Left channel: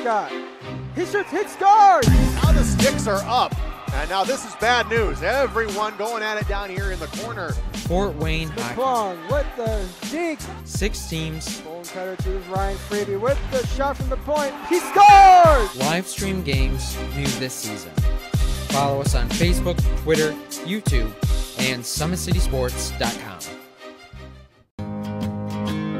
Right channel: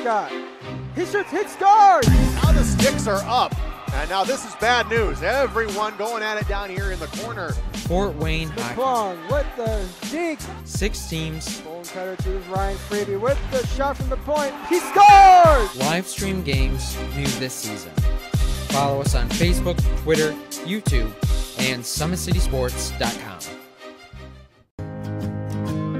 Scott. He shoots, hit, scores! Now the sticks are up. And now this is bad news. Everyone going at it down here in the corner. Fort Wayne High. McClung with the deke. 6 teams. Bone cutter to Ryan Freeby with the shot from the point. He scores! Live stream games new this season. Follow us on Facebook, Twitter, YouTube, and SummitCitySports.com.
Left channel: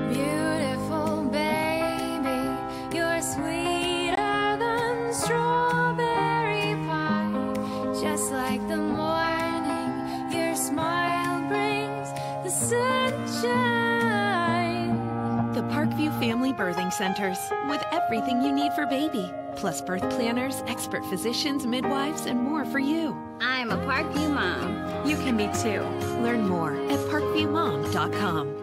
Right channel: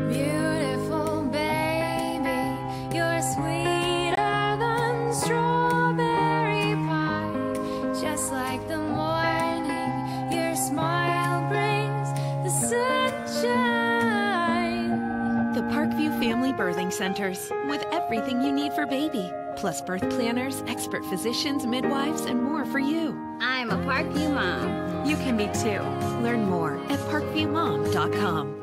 Beautiful baby, you're sweeter than strawberry pie. Just like the morning, your smile brings the sunshine. The Parkview Family Birthing Centers, with everything you need for baby, plus birth planners, expert physicians, midwives, and more for you. I'm a Parkview mom. You can be too. Learn more at parkviewmom.com.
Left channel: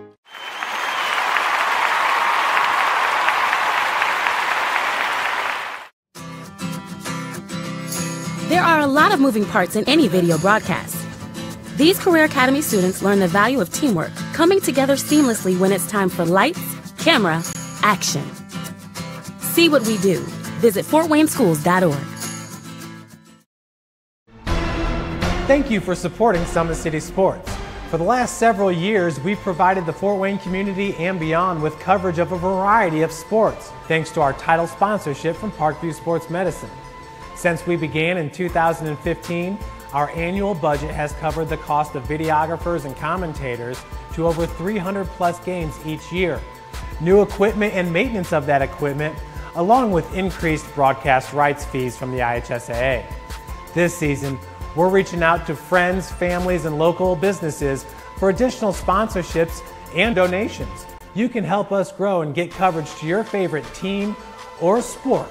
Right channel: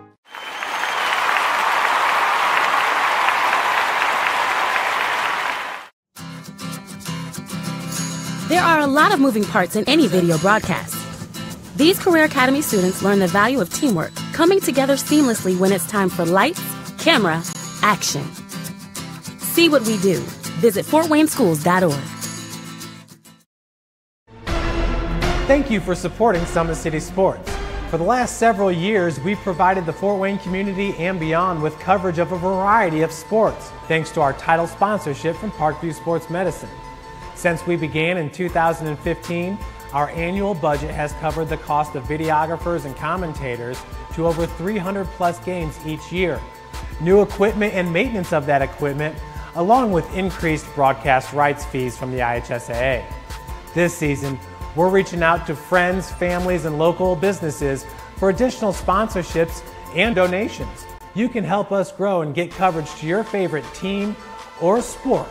There are a lot of moving parts in any video broadcast. These Career Academy students learn the value of teamwork, coming together seamlessly when it's time for lights, camera, action. See what we do. Visit fortwayneschools.org. Thank you for supporting Summit City Sports. For the last several years, we've provided the Fort Wayne community and beyond with coverage of a variety of sports, thanks to our title sponsorship from Parkview Sports Medicine. Since we began in 2015, our annual budget has covered the cost of videographers and commentators to over 300 plus games each year. New equipment and maintenance of that equipment, along with increased broadcast rights fees from the IHSAA. This season, we're reaching out to friends, families, and local businesses for additional sponsorships and donations. You can help us grow and get coverage to your favorite team or sport.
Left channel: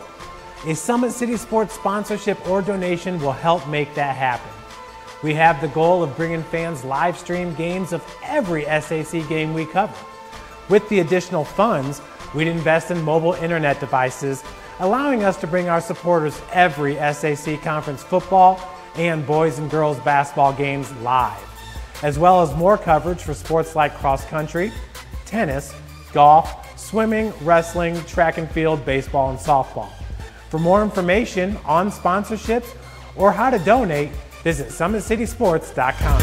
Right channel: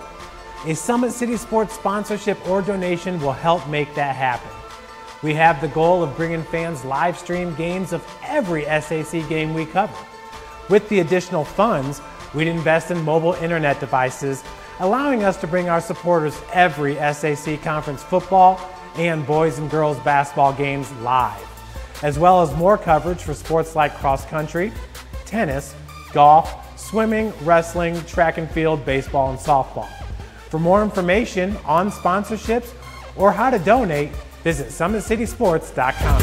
A Summit City Sports sponsorship or donation will help make that happen. We have the goal of bringing fans live stream games of every SAC game we cover. With the additional funds, we'd invest in mobile internet devices, allowing us to bring our supporters every SAC conference football and boys and girls basketball games live, as well as more coverage for sports like cross country, tennis, golf, swimming, wrestling, track and field, baseball, and softball. For more information on sponsorships or how to donate, visit SummitCitySports.com.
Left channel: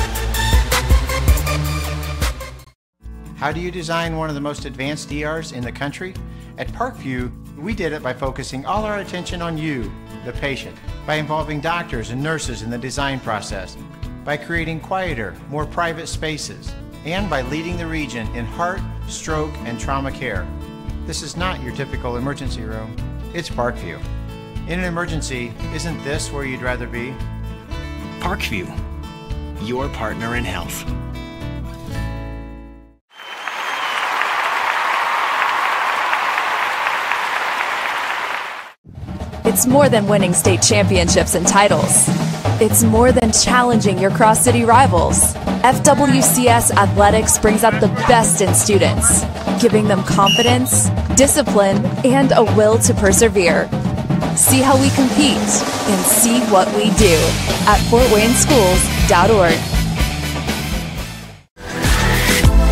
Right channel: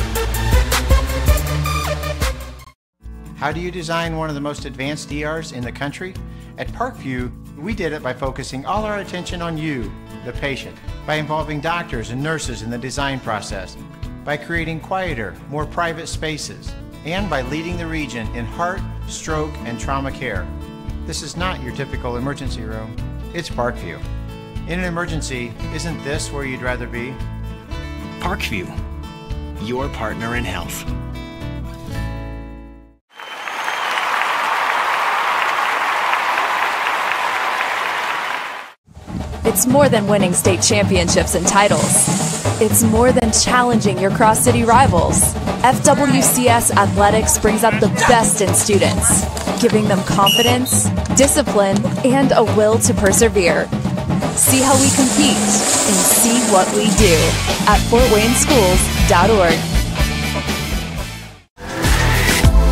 How do you design one of the most advanced ERs in the country? At Parkview, we did it by focusing all our attention on you, the patient, by involving doctors and nurses in the design process, by creating quieter, more private spaces, and by leading the region in heart, stroke, and trauma care. This is not your typical emergency room. It's Parkview. In an emergency, isn't this where you'd rather be? Parkview, your partner in health. It's more than winning state championships and titles. It's more than challenging your cross-city rivals. FWCS Athletics brings out the best in students, giving them confidence, discipline, and a will to persevere. See how we compete and see what we do at fortwayneschools.org.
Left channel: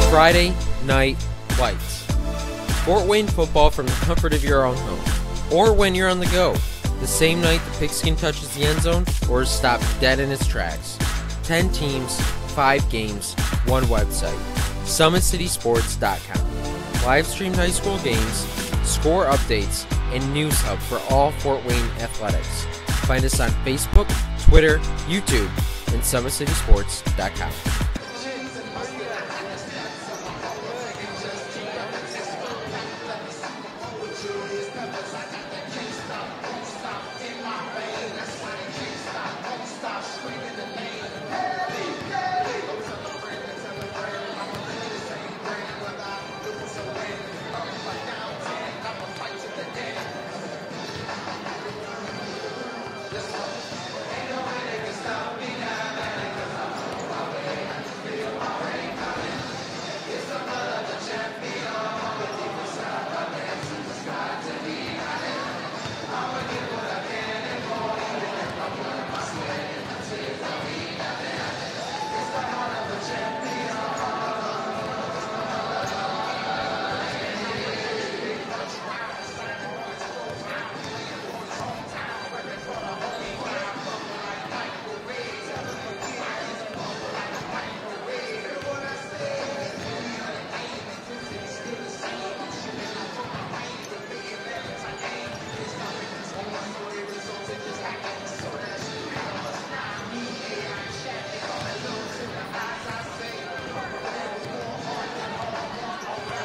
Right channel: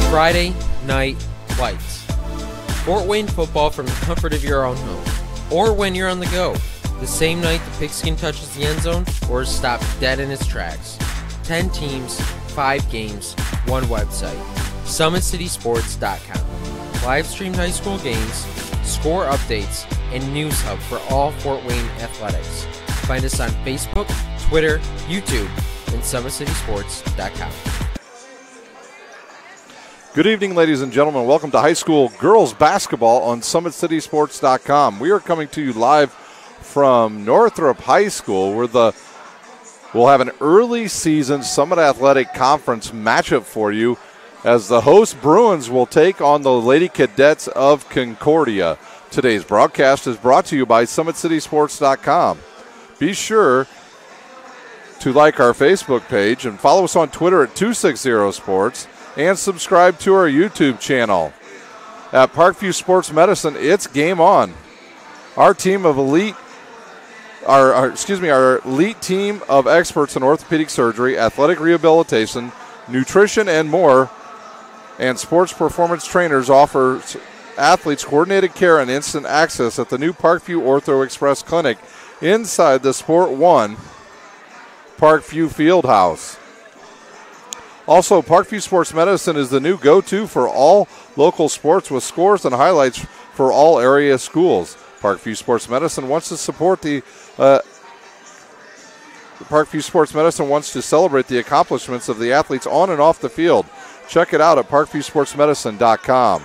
Friday Night Lights. Fort Wayne football from the comfort of your own home, or when you're on the go. The same night the pigskin touches the end zone or is stopped dead in its tracks. 10 teams, 5 games, 1 website. SummitCitySports.com. Live streamed high school games, score updates, and news hub for all Fort Wayne athletics. Find us on Facebook, Twitter, YouTube, and SummitCitySports.com. Good evening, ladies and gentlemen. Welcome to high school girls basketball on SummitCitySports.com. We are coming to you live from Northrop High School, where we'll have an early season Summit Athletic Conference matchup for you, as the host Bruins will take on the Lady Cadets of Concordia. Today's broadcast is brought to you by SummitCitySports.com. Be sure to like our Facebook page and follow us on Twitter at 260sports and subscribe to our YouTube channel. At Parkview Sports Medicine, it's game on. Our team of our elite team of experts in orthopedic surgery, athletic rehabilitation, nutrition, and more, and sports performance trainers offers athletes coordinated care and instant access at the new Parkview Ortho Express Clinic inside the Sport 1 Parkview Fieldhouse. Also, Parkview Sports Medicine is the new go-to for all local sports with scores and highlights for all area schools. Parkview Sports Medicine wants to support the Parkview Sports Medicine wants to celebrate the accomplishments of the athletes on and off the field. Check it out at parkviewsportsmedicine.com.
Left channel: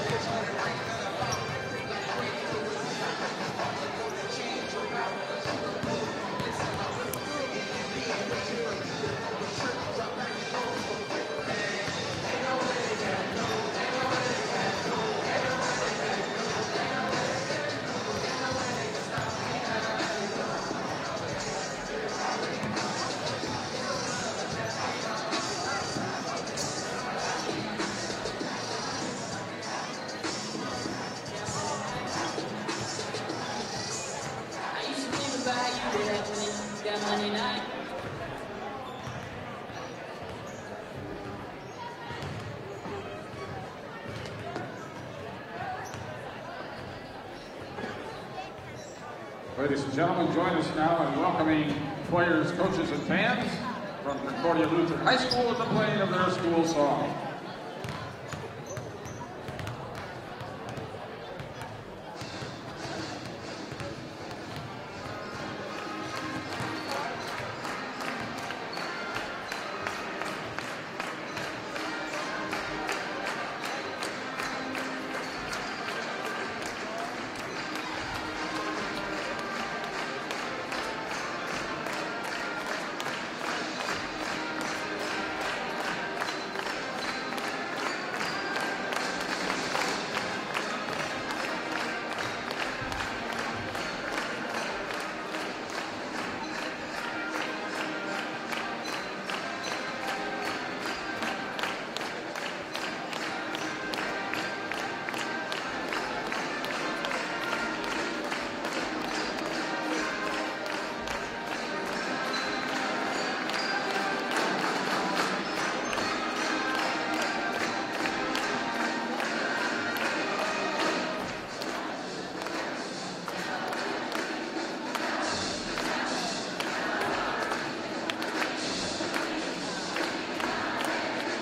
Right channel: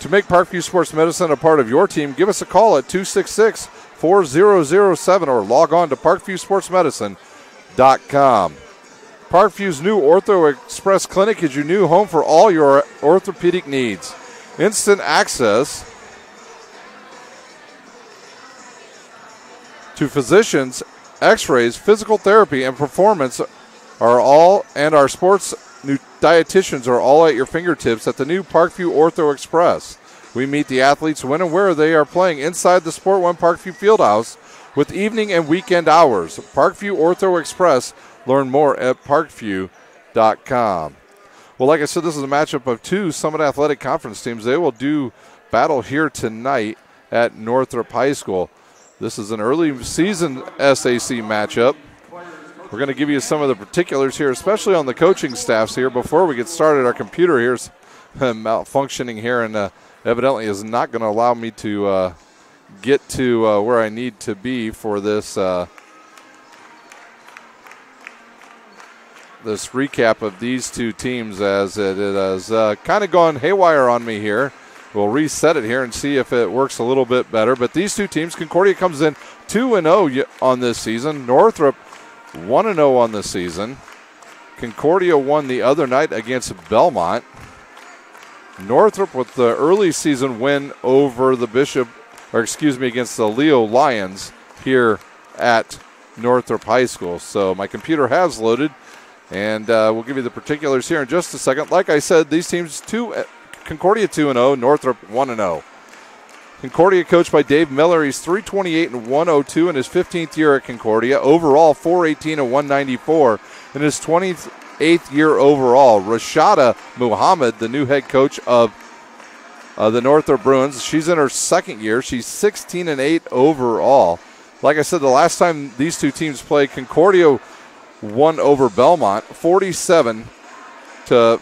To make Parkview Sports Medicine a part of your team, give us a call at 266-4007 or log on to parkviewsportsmedicine.com. Parkview's new Ortho Express Clinic is your new home for all your orthopedic needs. Instant access to physicians, x-rays, physical therapy, and performance are all, and our sports new dietitians are all at your fingertips at the new Parkview Ortho Express. We meet the athletes when and where they are playing inside the Sport 1 Parkview Fieldhouse with evening and weekend hours. Parkview Ortho Express. Learn more at parkview.com. Well, like I said, this is a matchup of two Summit Athletic Conference teams. They will do battle here tonight at Northrop High School. This is an early season SAC matchup. We're going to give you some of the particulars here, especially on the coaching staffs here. Before we get started, our computer here is malfunctioning here and evidently is not going to allow me to get to where I need to be for this this recap of these two teams, as it has kind of gone haywire on me here. We'll reset it here and see if it works a little bit better. But these two teams, Concordia comes in 2-0 on this season. Northrop 1-0 on this season. Concordia won the other night against Belmont. Northrop with the early season win over the against the Leo Lions here at Northrop High School. So my computer has loaded, and we'll give you the particulars here in just a second. Like I said, these teams, Concordia 2-0, Northrop 1-0. Concordia coached by Dave Miller. He's 328 and 102 in his 15th year at Concordia. Overall, 418 and 194 in his 28th year overall. Rashada Muhammad, the new head coach of the Northrop Bruins. She's in her second year. She's 16 and 8 overall. Like I said, the last time these two teams played, Concordia won over Belmont 47 to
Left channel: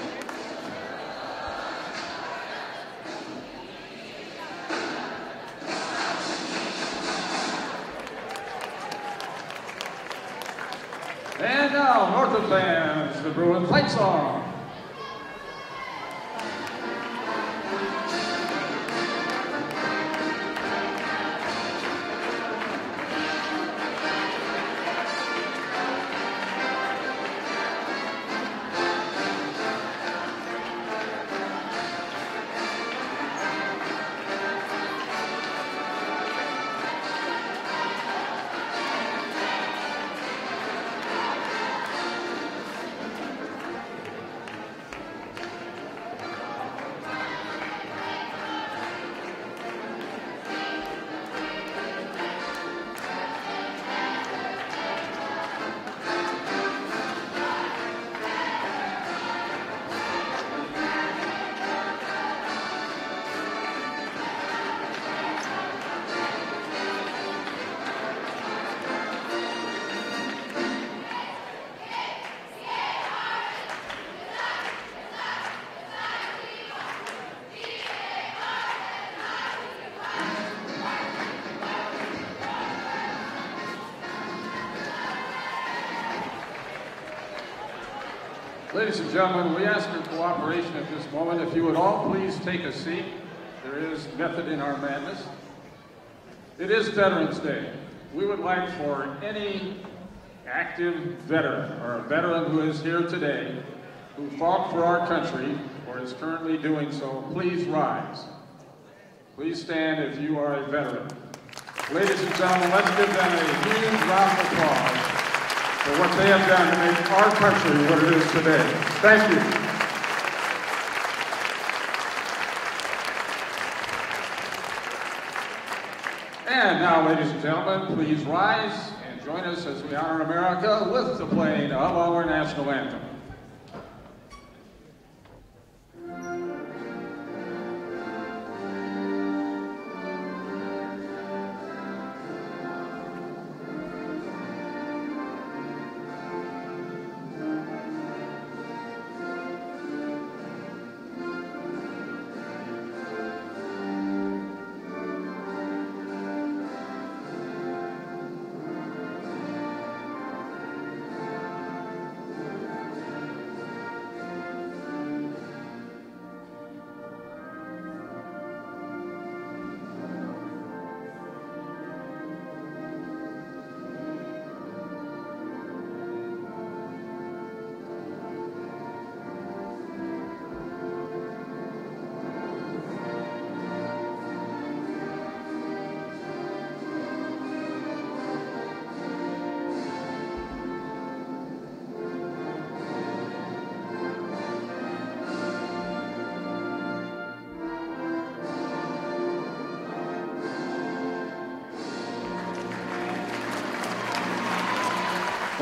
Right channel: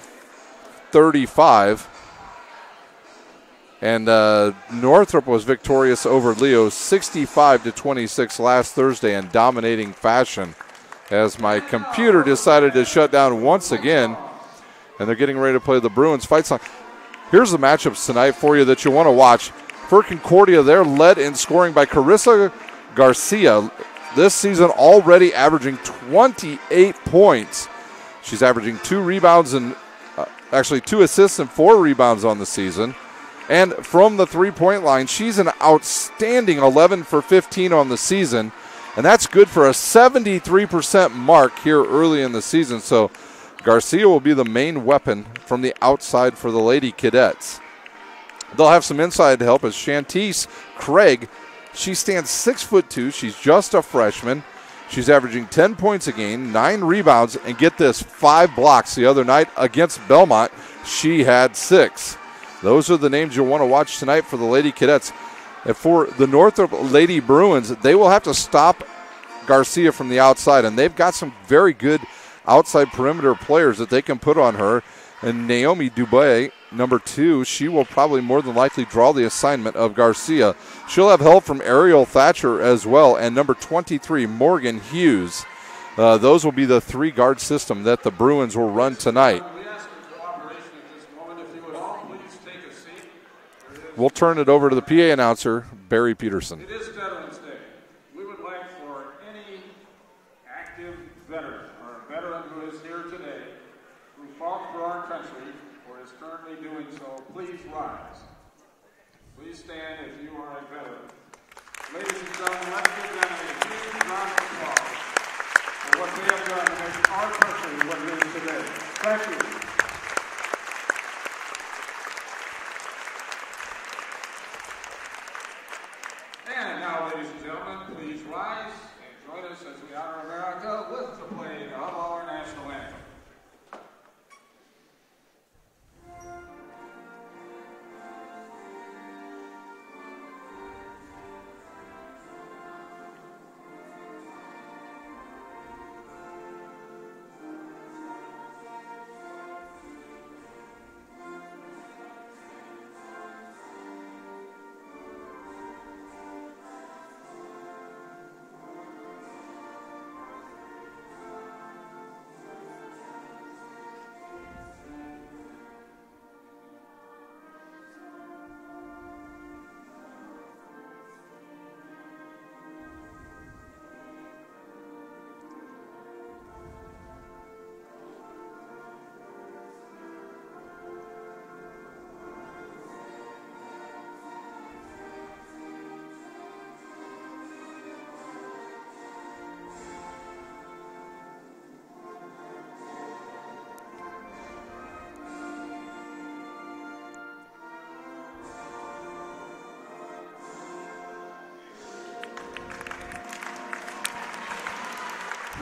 35. And Northrop was victorious over Leo 65 to 26 last Thursday in dominating fashion, as my computer decided to shut down once again. And they're getting ready to play the Bruins fight song. Here's the matchups tonight for you that you want to watch. For Concordia, they're led in scoring by Carissa Garcia, this season already averaging 28 points. She's averaging 2 rebounds and actually 2 assists and 4 rebounds on the season. And from the three-point line, she's an outstanding 11 for 15 on the season. And that's good for a 73% mark here early in the season. So Garcia will be the main weapon from the outside for the Lady Cadets. They'll have some inside help as Shantice Craig. She stands 6'2". She's just a freshman. She's averaging 10 points a game, 9 rebounds, and get this, 5 blocks. The other night against Belmont, she had 6. Those are the names you'll want to watch tonight for the Lady Cadets. And for the Northrop Lady Bruins, they will have to stop Garcia from the outside, and they've got some very good outside perimeter players that they can put on her. And Naomi Dubé, number 2, she will probably more than likely draw the assignment of Garcia. She'll have help from Ariel Thatcher as well, and number 23, Morgan Hughes. Those will be the 3-guard system that the Bruins will run tonight. We ask your cooperation at this moment. If you would all please take a seat. We'll turn it over to the PA announcer, Barry Peterson. It is Veterans Day. We would like for any active veteran or a veteran who is here today who fought for our country or is currently doing so, please rise. Please stand if you are a veteran. Ladies and gentlemen, let's give them a huge round of applause for what they have done to make our country what it is today. Thank you. And now, ladies and gentlemen, please rise and join us as we honor America with the playing of our national anthem.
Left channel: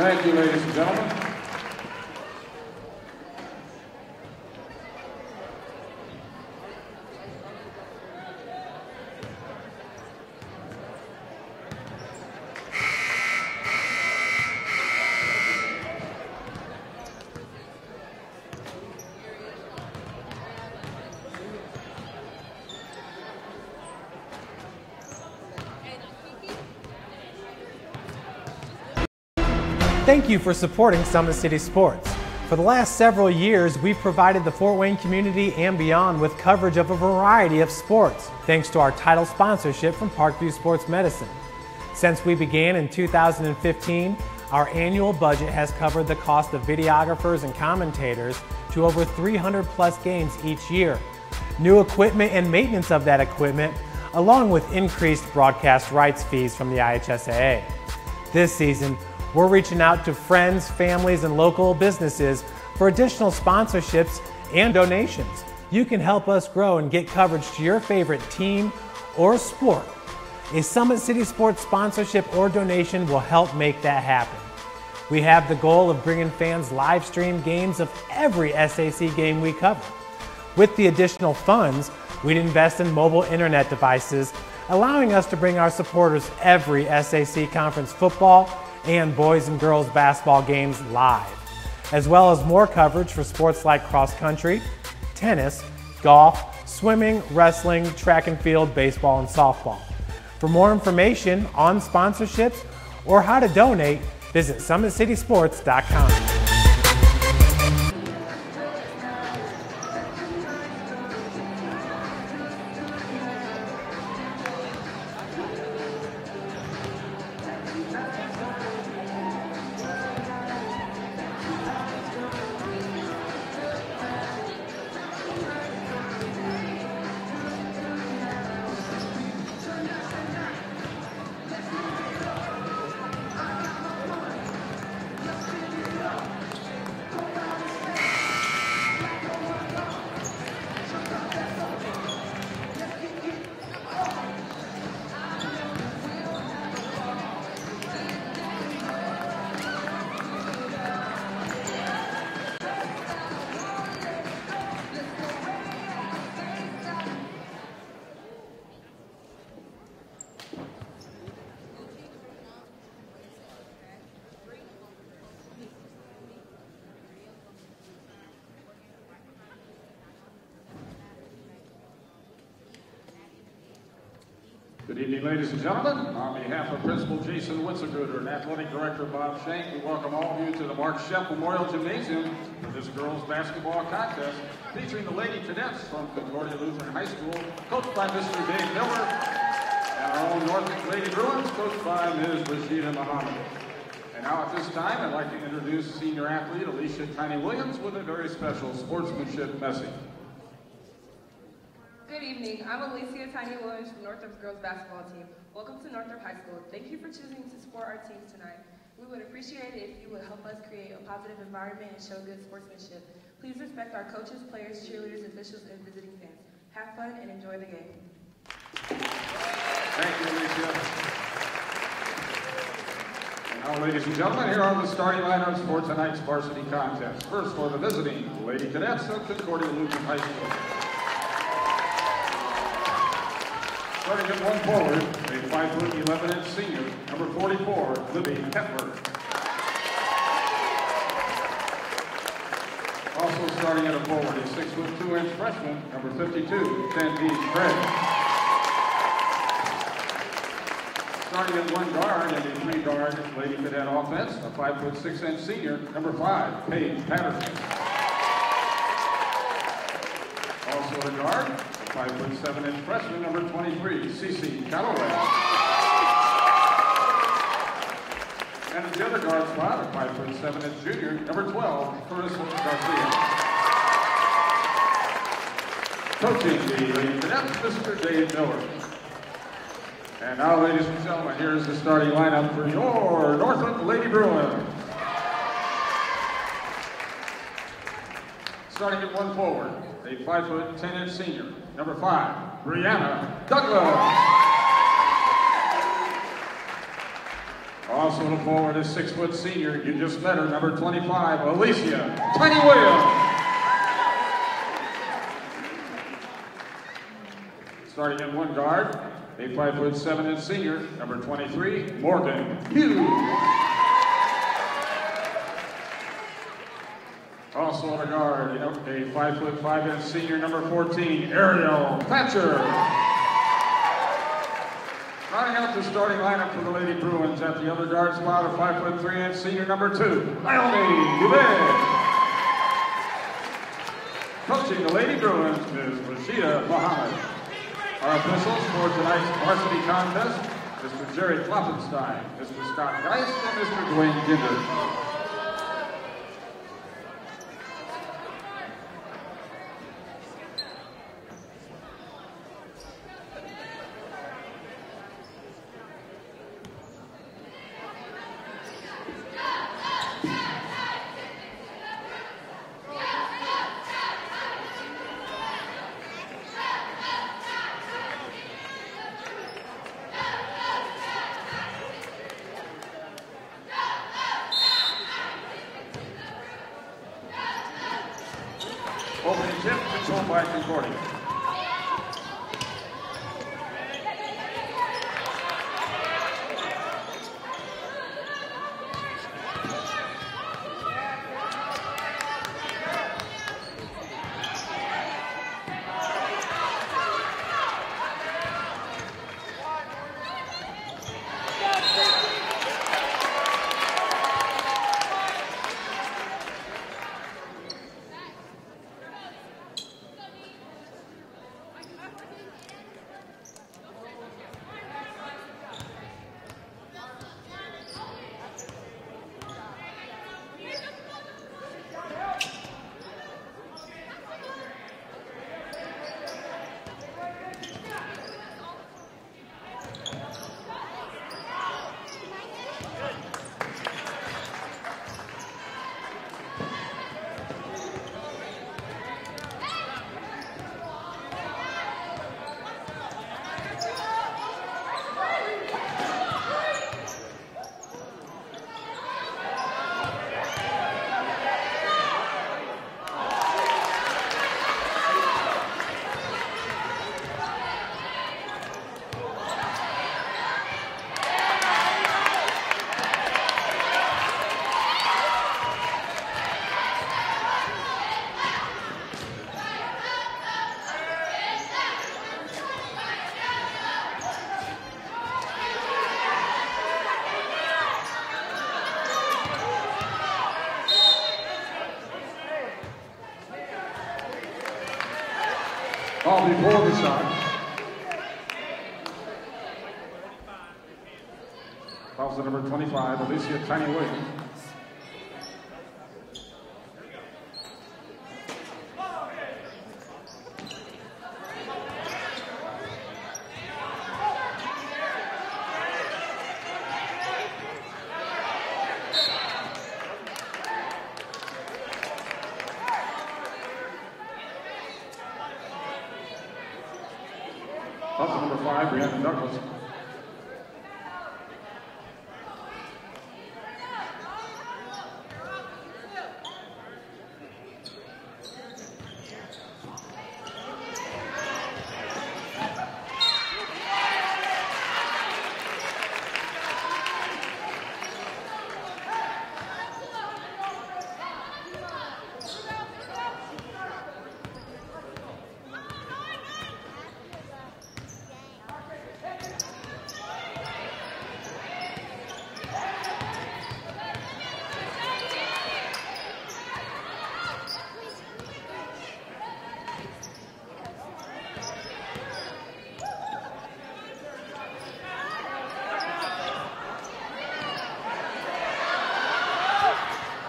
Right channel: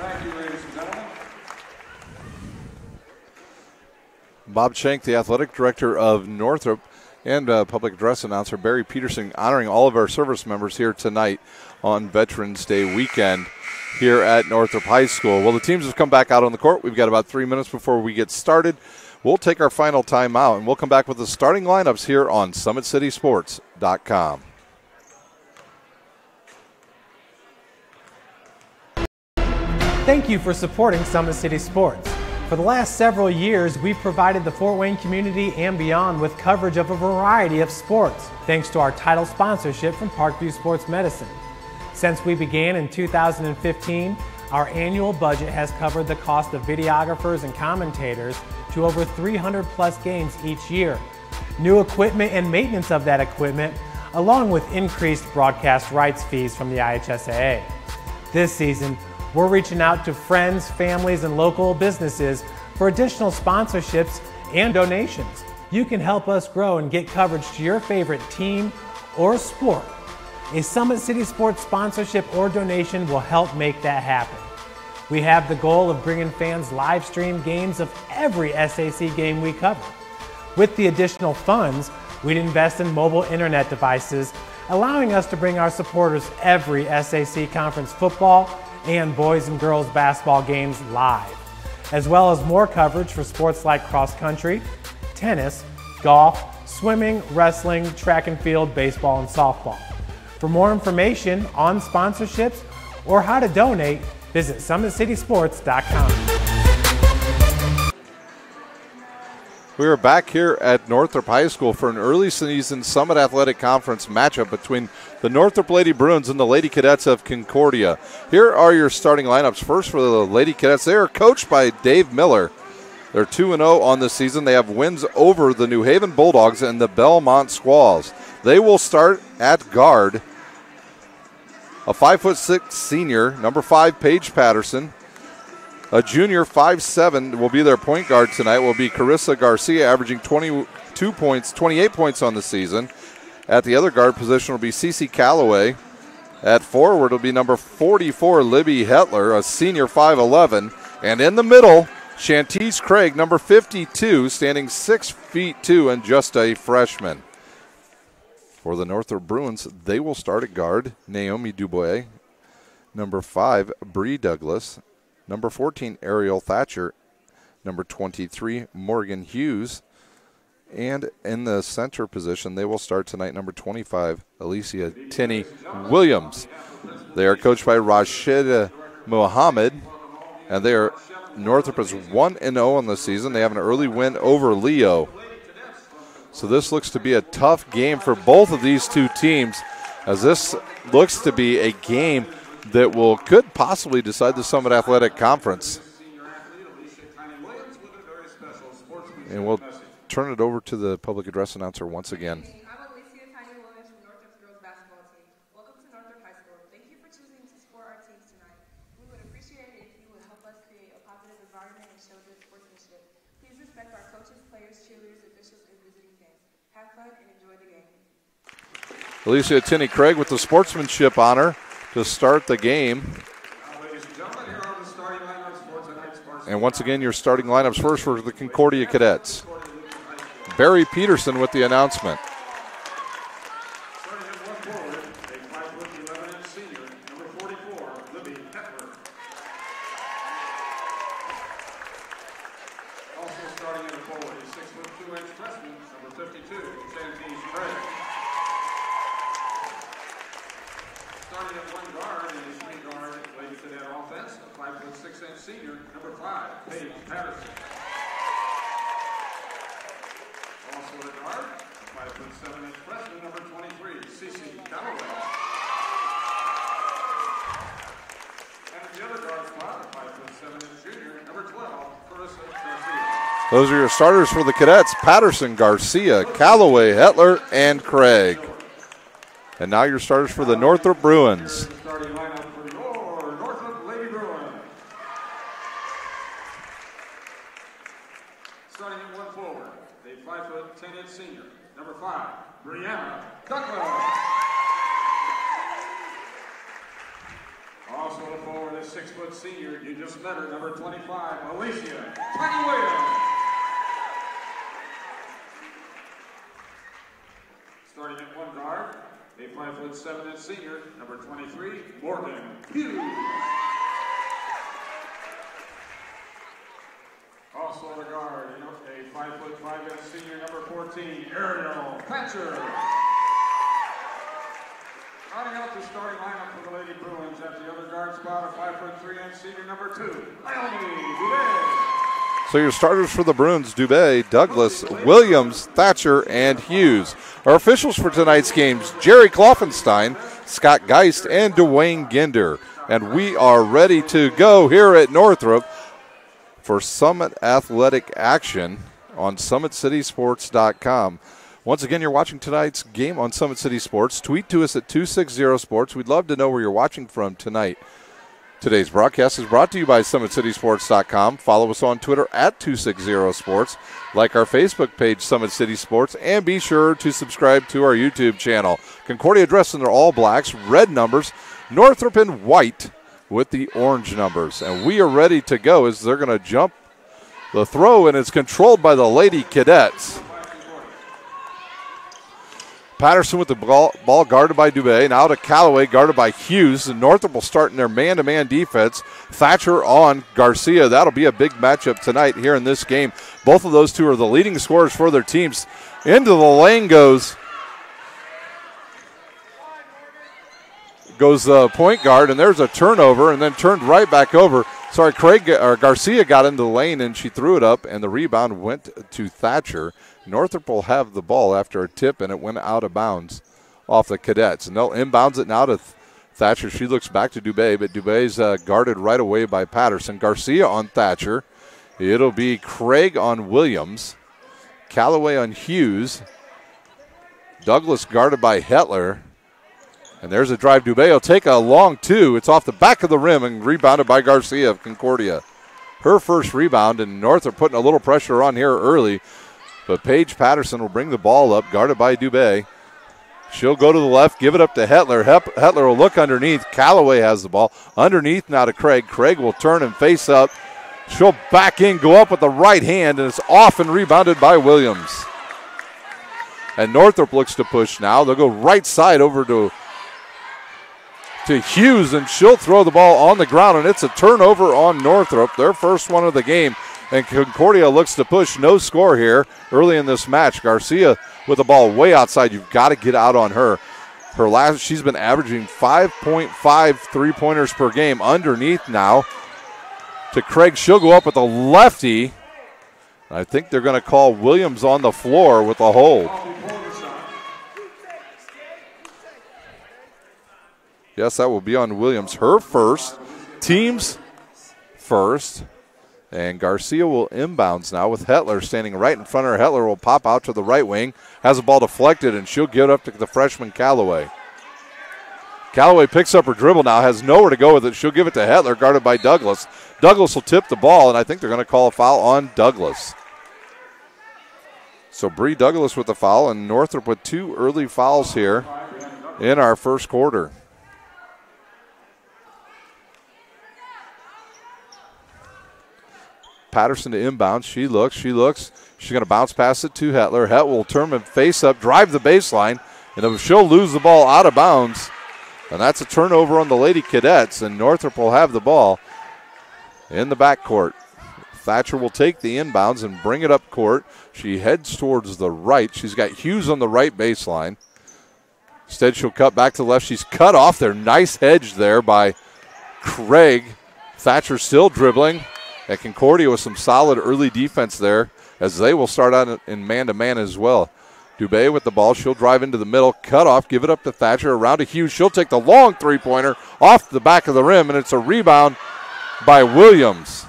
Thank you, ladies and gentlemen. Bob Schenk, the athletic director of Northrop, and public address announcer Barry Peterson honoring all of our service members here tonight on Veterans Day weekend here at Northrop High School. Well, the teams have come back out on the court. We've got about 3 minutes before we get started. We'll take our final timeout, and we'll come back with the starting lineups here on SummitCitySports.com. Thank you for supporting Summit City Sports. For the last several years, we've provided the Fort Wayne community and beyond with coverage of a variety of sports, thanks to our title sponsorship from Parkview Sports Medicine. Since we began in 2015, our annual budget has covered the cost of videographers and commentators to over 300 plus games each year. New equipment and maintenance of that equipment, along with increased broadcast rights fees from the IHSAA. This season, we're reaching out to friends, families, and local businesses for additional sponsorships and donations. You can help us grow and get coverage to your favorite team or sport. A Summit City Sports sponsorship or donation will help make that happen. We have the goal of bringing fans live stream games of every SAC game we cover. With the additional funds, we'd invest in mobile internet devices, allowing us to bring our supporters every SAC conference football and boys and girls basketball games live, as well as more coverage for sports like cross country, tennis, golf, swimming, wrestling, track and field, baseball, and softball. For more information on sponsorships or how to donate, visit SummitCitySports.com. We are back here at Northrop High School for an early season Summit Athletic Conference matchup between the Northrop Lady Bruins and the Lady Cadets of Concordia. Here are your starting lineups. First for the Lady Cadets, they are coached by Dave Miller. They're 2-0 on the season. They have wins over the New Haven Bulldogs and the Belmont Squalls. They will start at guard. A 5'6" senior, number 5, Paige Patterson. A junior, 5'7", will be their point guard tonight, will be Carissa Garcia, averaging 28 points on the season. At the other guard position will be Cece Calloway. At forward will be number 44, Libby Hetler, a senior, 5'11". And in the middle, Shantice Craig, number 52, standing 6'2" and just a freshman. For the Northrop Bruins, they will start at guard, Naomi Dubois. Number 5, Bree Douglas. Number 14, Ariel Thatcher. Number 23, Morgan Hughes. And in the center position, they will start tonight, number 25, Alicia Tinney Williams. They are coached by Rashid Mohammed, and they are Northrop is 1-0 on the season. They have an early win over Leo. So this looks to be a tough game for both of these two teams, as this looks to be a game that could possibly decide the Summit Athletic Conference. And we'll turn it over to the public address announcer once again. Good evening. I'm Alicia Tiny Williams from Northrop's girls basketball team. Welcome to Northrop High School. Thank you for choosing to support our teams tonight. We would appreciate it if you would help us create a positive environment and show good sportsmanship. Please respect our coaches, players, cheerleaders, officials, and visiting fans. Have fun and enjoy the game. Alicia Tinney Craig with the sportsmanship honor to start the game. Now, ladies and gentlemen, here are the starting lineups for tonight's varsity. And once again, your starting lineups first for the Concordia Cadets. Barry Peterson with the announcement. Starting at one forward, a 5'11" senior, number 44, Libby Hetler. Also starting at a forward, a 6'2" freshman, number 52, Shantice Craig. Starting at one guard and a 3-guard Lady Cadet offense, a 5'6" senior, number 5, Paige Patterson. Also a guard, a 5'7" freshman, number 23, Cece Calloway. And the other guard spot, a 5'7" junior, number 12, Carissa Garcia. Those are your starters for the Cadets: Patterson, Garcia, Calloway, Hetler, and Craig. And now your starters for the Northrop Bruins. Here's the starting lineup for your Northrop Lady Bruins. Starting at one forward, a 5'10" senior, number 5, Brianna Douglas. Also on the forward is 6-foot senior. You just met her, number 25, Alicia Tiny Williams. Starting at one guard, a 5'7" senior, number 23, Morgan Hughes. Also on the guard, a 5'5" senior, number 14, Ariel Thatcher. Rounding out the starting lineup for the Lady Bruins at the other guard spot, a 5'3" senior, number 2, Mahoney Dubé. So your starters for the Bruins, Dubé, Douglas, Williams, Thatcher, and Hughes. Our officials for tonight's games, Jerry Kloffenstein, Scott Geist, and Dwayne Ginder. And we are ready to go here at Northrop for Summit Athletic action on SummitCitySports.com. Once again, you're watching tonight's game on Summit City Sports. Tweet to us at 260 Sports. We'd love to know where you're watching from tonight. Today's broadcast is brought to you by SummitCitySports.com. Follow us on Twitter at 260 Sports. Like our Facebook page, Summit City Sports. And be sure to subscribe to our YouTube channel. Concordia dressed in their all blacks, red numbers. Northrop in white with the orange numbers. And we are ready to go as they're going to jump the throw, and it's controlled by the Lady Cadets. Patterson with the ball guarded by Dubé. Now to Callaway, guarded by Hughes. And Northrop will start in their man-to-man defense. Thatcher on Garcia. That'll be a big matchup tonight here in this game. Both of those two are the leading scorers for their teams. Into the lane goes the point guard, and there's a turnover, and then turned right back over. Sorry, Garcia got into the lane, and she threw it up, and the rebound went to Thatcher. Northrop will have the ball after a tip, and it went out of bounds off the Cadets. And they'll inbounds it now to Thatcher. She looks back to Dubé, but Dubé's guarded right away by Patterson. Garcia on Thatcher. It'll be Craig on Williams. Callaway on Hughes. Douglas guarded by Hetler. And there's a drive. Dubé will take a long two. It's off the back of the rim and rebounded by Garcia of Concordia. Her first rebound, and Northrop putting a little pressure on here early. But Paige Patterson will bring the ball up, guarded by Dubé. She'll go to the left, give it up to Hetler. Hetler will look underneath. Callaway has the ball. Underneath now to Craig. Craig will turn and face up. She'll back in, go up with the right hand, and it's off and rebounded by Williams. And Northrop looks to push now. They'll go right side over to Hughes, and she'll throw the ball on the ground, and it's a turnover on Northrop, their first one of the game. And Concordia looks to push. No score here early in this match. Garcia with the ball way outside. You've got to get out on her. She's been averaging 5.5 three-pointers per game. Underneath now to Craig. She'll go up with a lefty. I think they're going to call Williams on the floor with a hold. Yes, that will be on Williams. Her first. Team's first. And Garcia will inbounds now with Hetler standing right in front of her. Hetler will pop out to the right wing. Has the ball deflected, and she'll give it up to the freshman Callaway. Callaway picks up her dribble now, has nowhere to go with it. She'll give it to Hetler, guarded by Douglas. Douglas will tip the ball, and I think they're going to call a foul on Douglas. So Bree Douglas with the foul, and Northrop with two early fouls here in our first quarter. Patterson to inbound. She looks. She's going to bounce past it to Hetler. Het will turn and face up, drive the baseline, and she'll lose the ball out of bounds. And that's a turnover on the Lady Cadets, and Northrop will have the ball in the backcourt. Thatcher will take the inbounds and bring it up court. She heads towards the right. She's got Hughes on the right baseline. Instead, she'll cut back to the left. She's cut off there. Nice hedge there by Craig. Thatcher still dribbling. At Concordia with some solid early defense there, as they will start out in man-to-man as well. Dubé with the ball. She'll drive into the middle, cut off, give it up to Thatcher, around to Hughes. She'll take the long three-pointer off the back of the rim, and it's a rebound by Williams.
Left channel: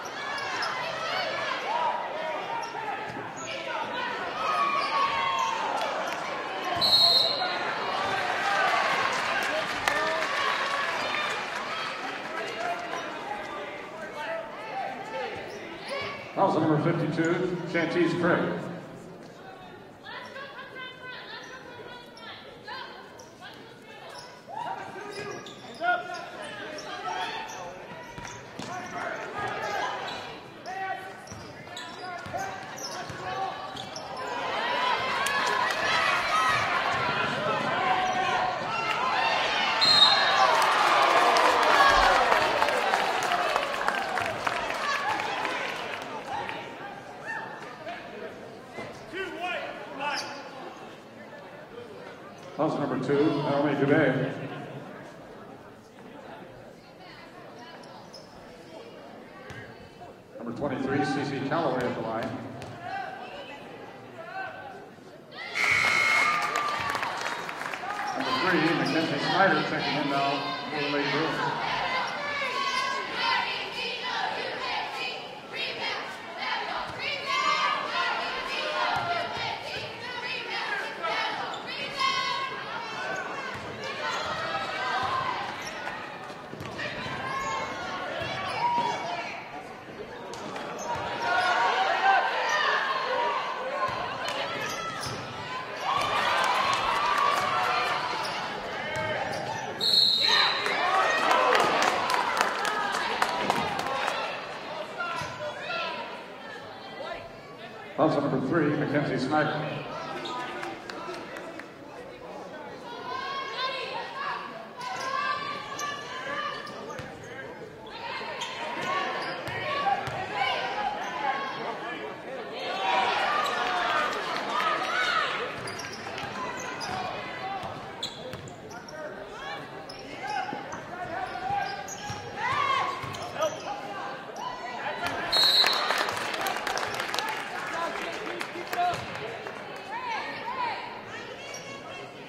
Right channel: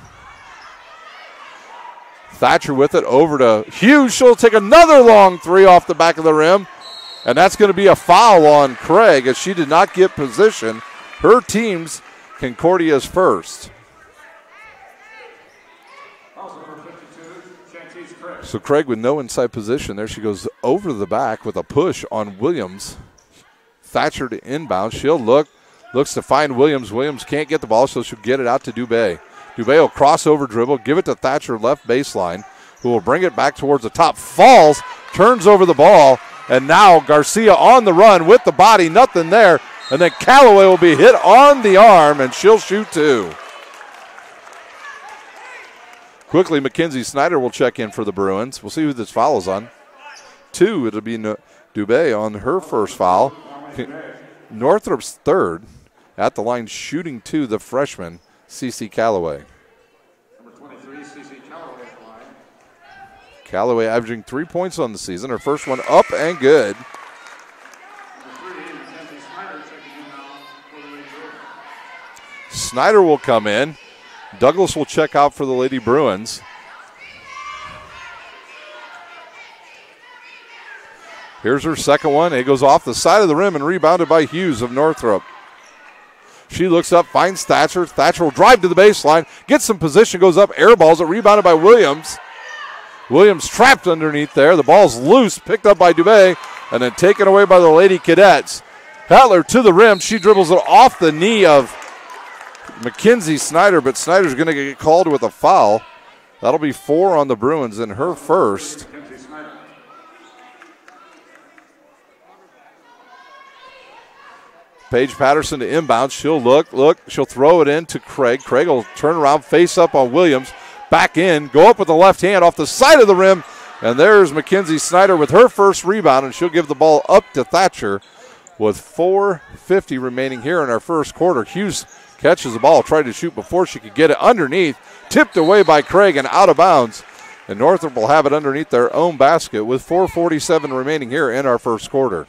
Thatcher with it over to Hughes. She'll take another long three off the back of the rim, and that's going to be a foul on Craig as she did not get position. Her team's Concordia's first. Number 52, Chantice Craig. So Craig with no inside position. There she goes over the back with a push on Williams. Thatcher to inbound. She'll look, Looks to find Williams. Williams can't get the ball, so she'll get it out to Dubé. Dubé will cross over dribble, give it to Thatcher left baseline, who will bring it back towards the top. Falls, turns over the ball, and now Garcia on the run with the body. Nothing there. And then Callaway will be hit on the arm, and she'll shoot 2. Quickly, Mackenzie Snyder will check in for the Bruins. We'll see who this foul is on. 2, it'll be Dubé on her first foul. Northrop's third. At the line, shooting 2, the freshman, CeCe Callaway. Number 23, CeCe Callaway at the line. Callaway averaging 3 points on the season. Her first one up and good. Number 3, Mackenzie Snyder checking in now for the Lady Bruins. Snyder will come in. Douglas will check out for the Lady Bruins. Here's her second one. It goes off the side of the rim and rebounded by Hughes of Northrop. She looks up, finds Thatcher. Thatcher will drive to the baseline, gets some position, goes up, airballs it, rebounded by Williams. Williams trapped underneath there. The ball's loose, picked up by Dubé, and then taken away by the Lady Cadets. Hetler to the rim. She dribbles it off the knee of Mackenzie Snyder, but Snyder's going to get called with a foul. That'll be 4 on the Bruins and her first. Paige Patterson to inbound. She'll look. She'll throw it in to Craig. Craig will turn around, face up on Williams. Back in, go up with the left hand off the side of the rim. And there's Mackenzie Snyder with her first rebound, and she'll give the ball up to Thatcher with 4:50 remaining here in our first quarter. Hughes catches the ball, tried to shoot before she could get it underneath. Tipped away by Craig and out of bounds. And Northrop will have it underneath their own basket with 4:47 remaining here in our first quarter.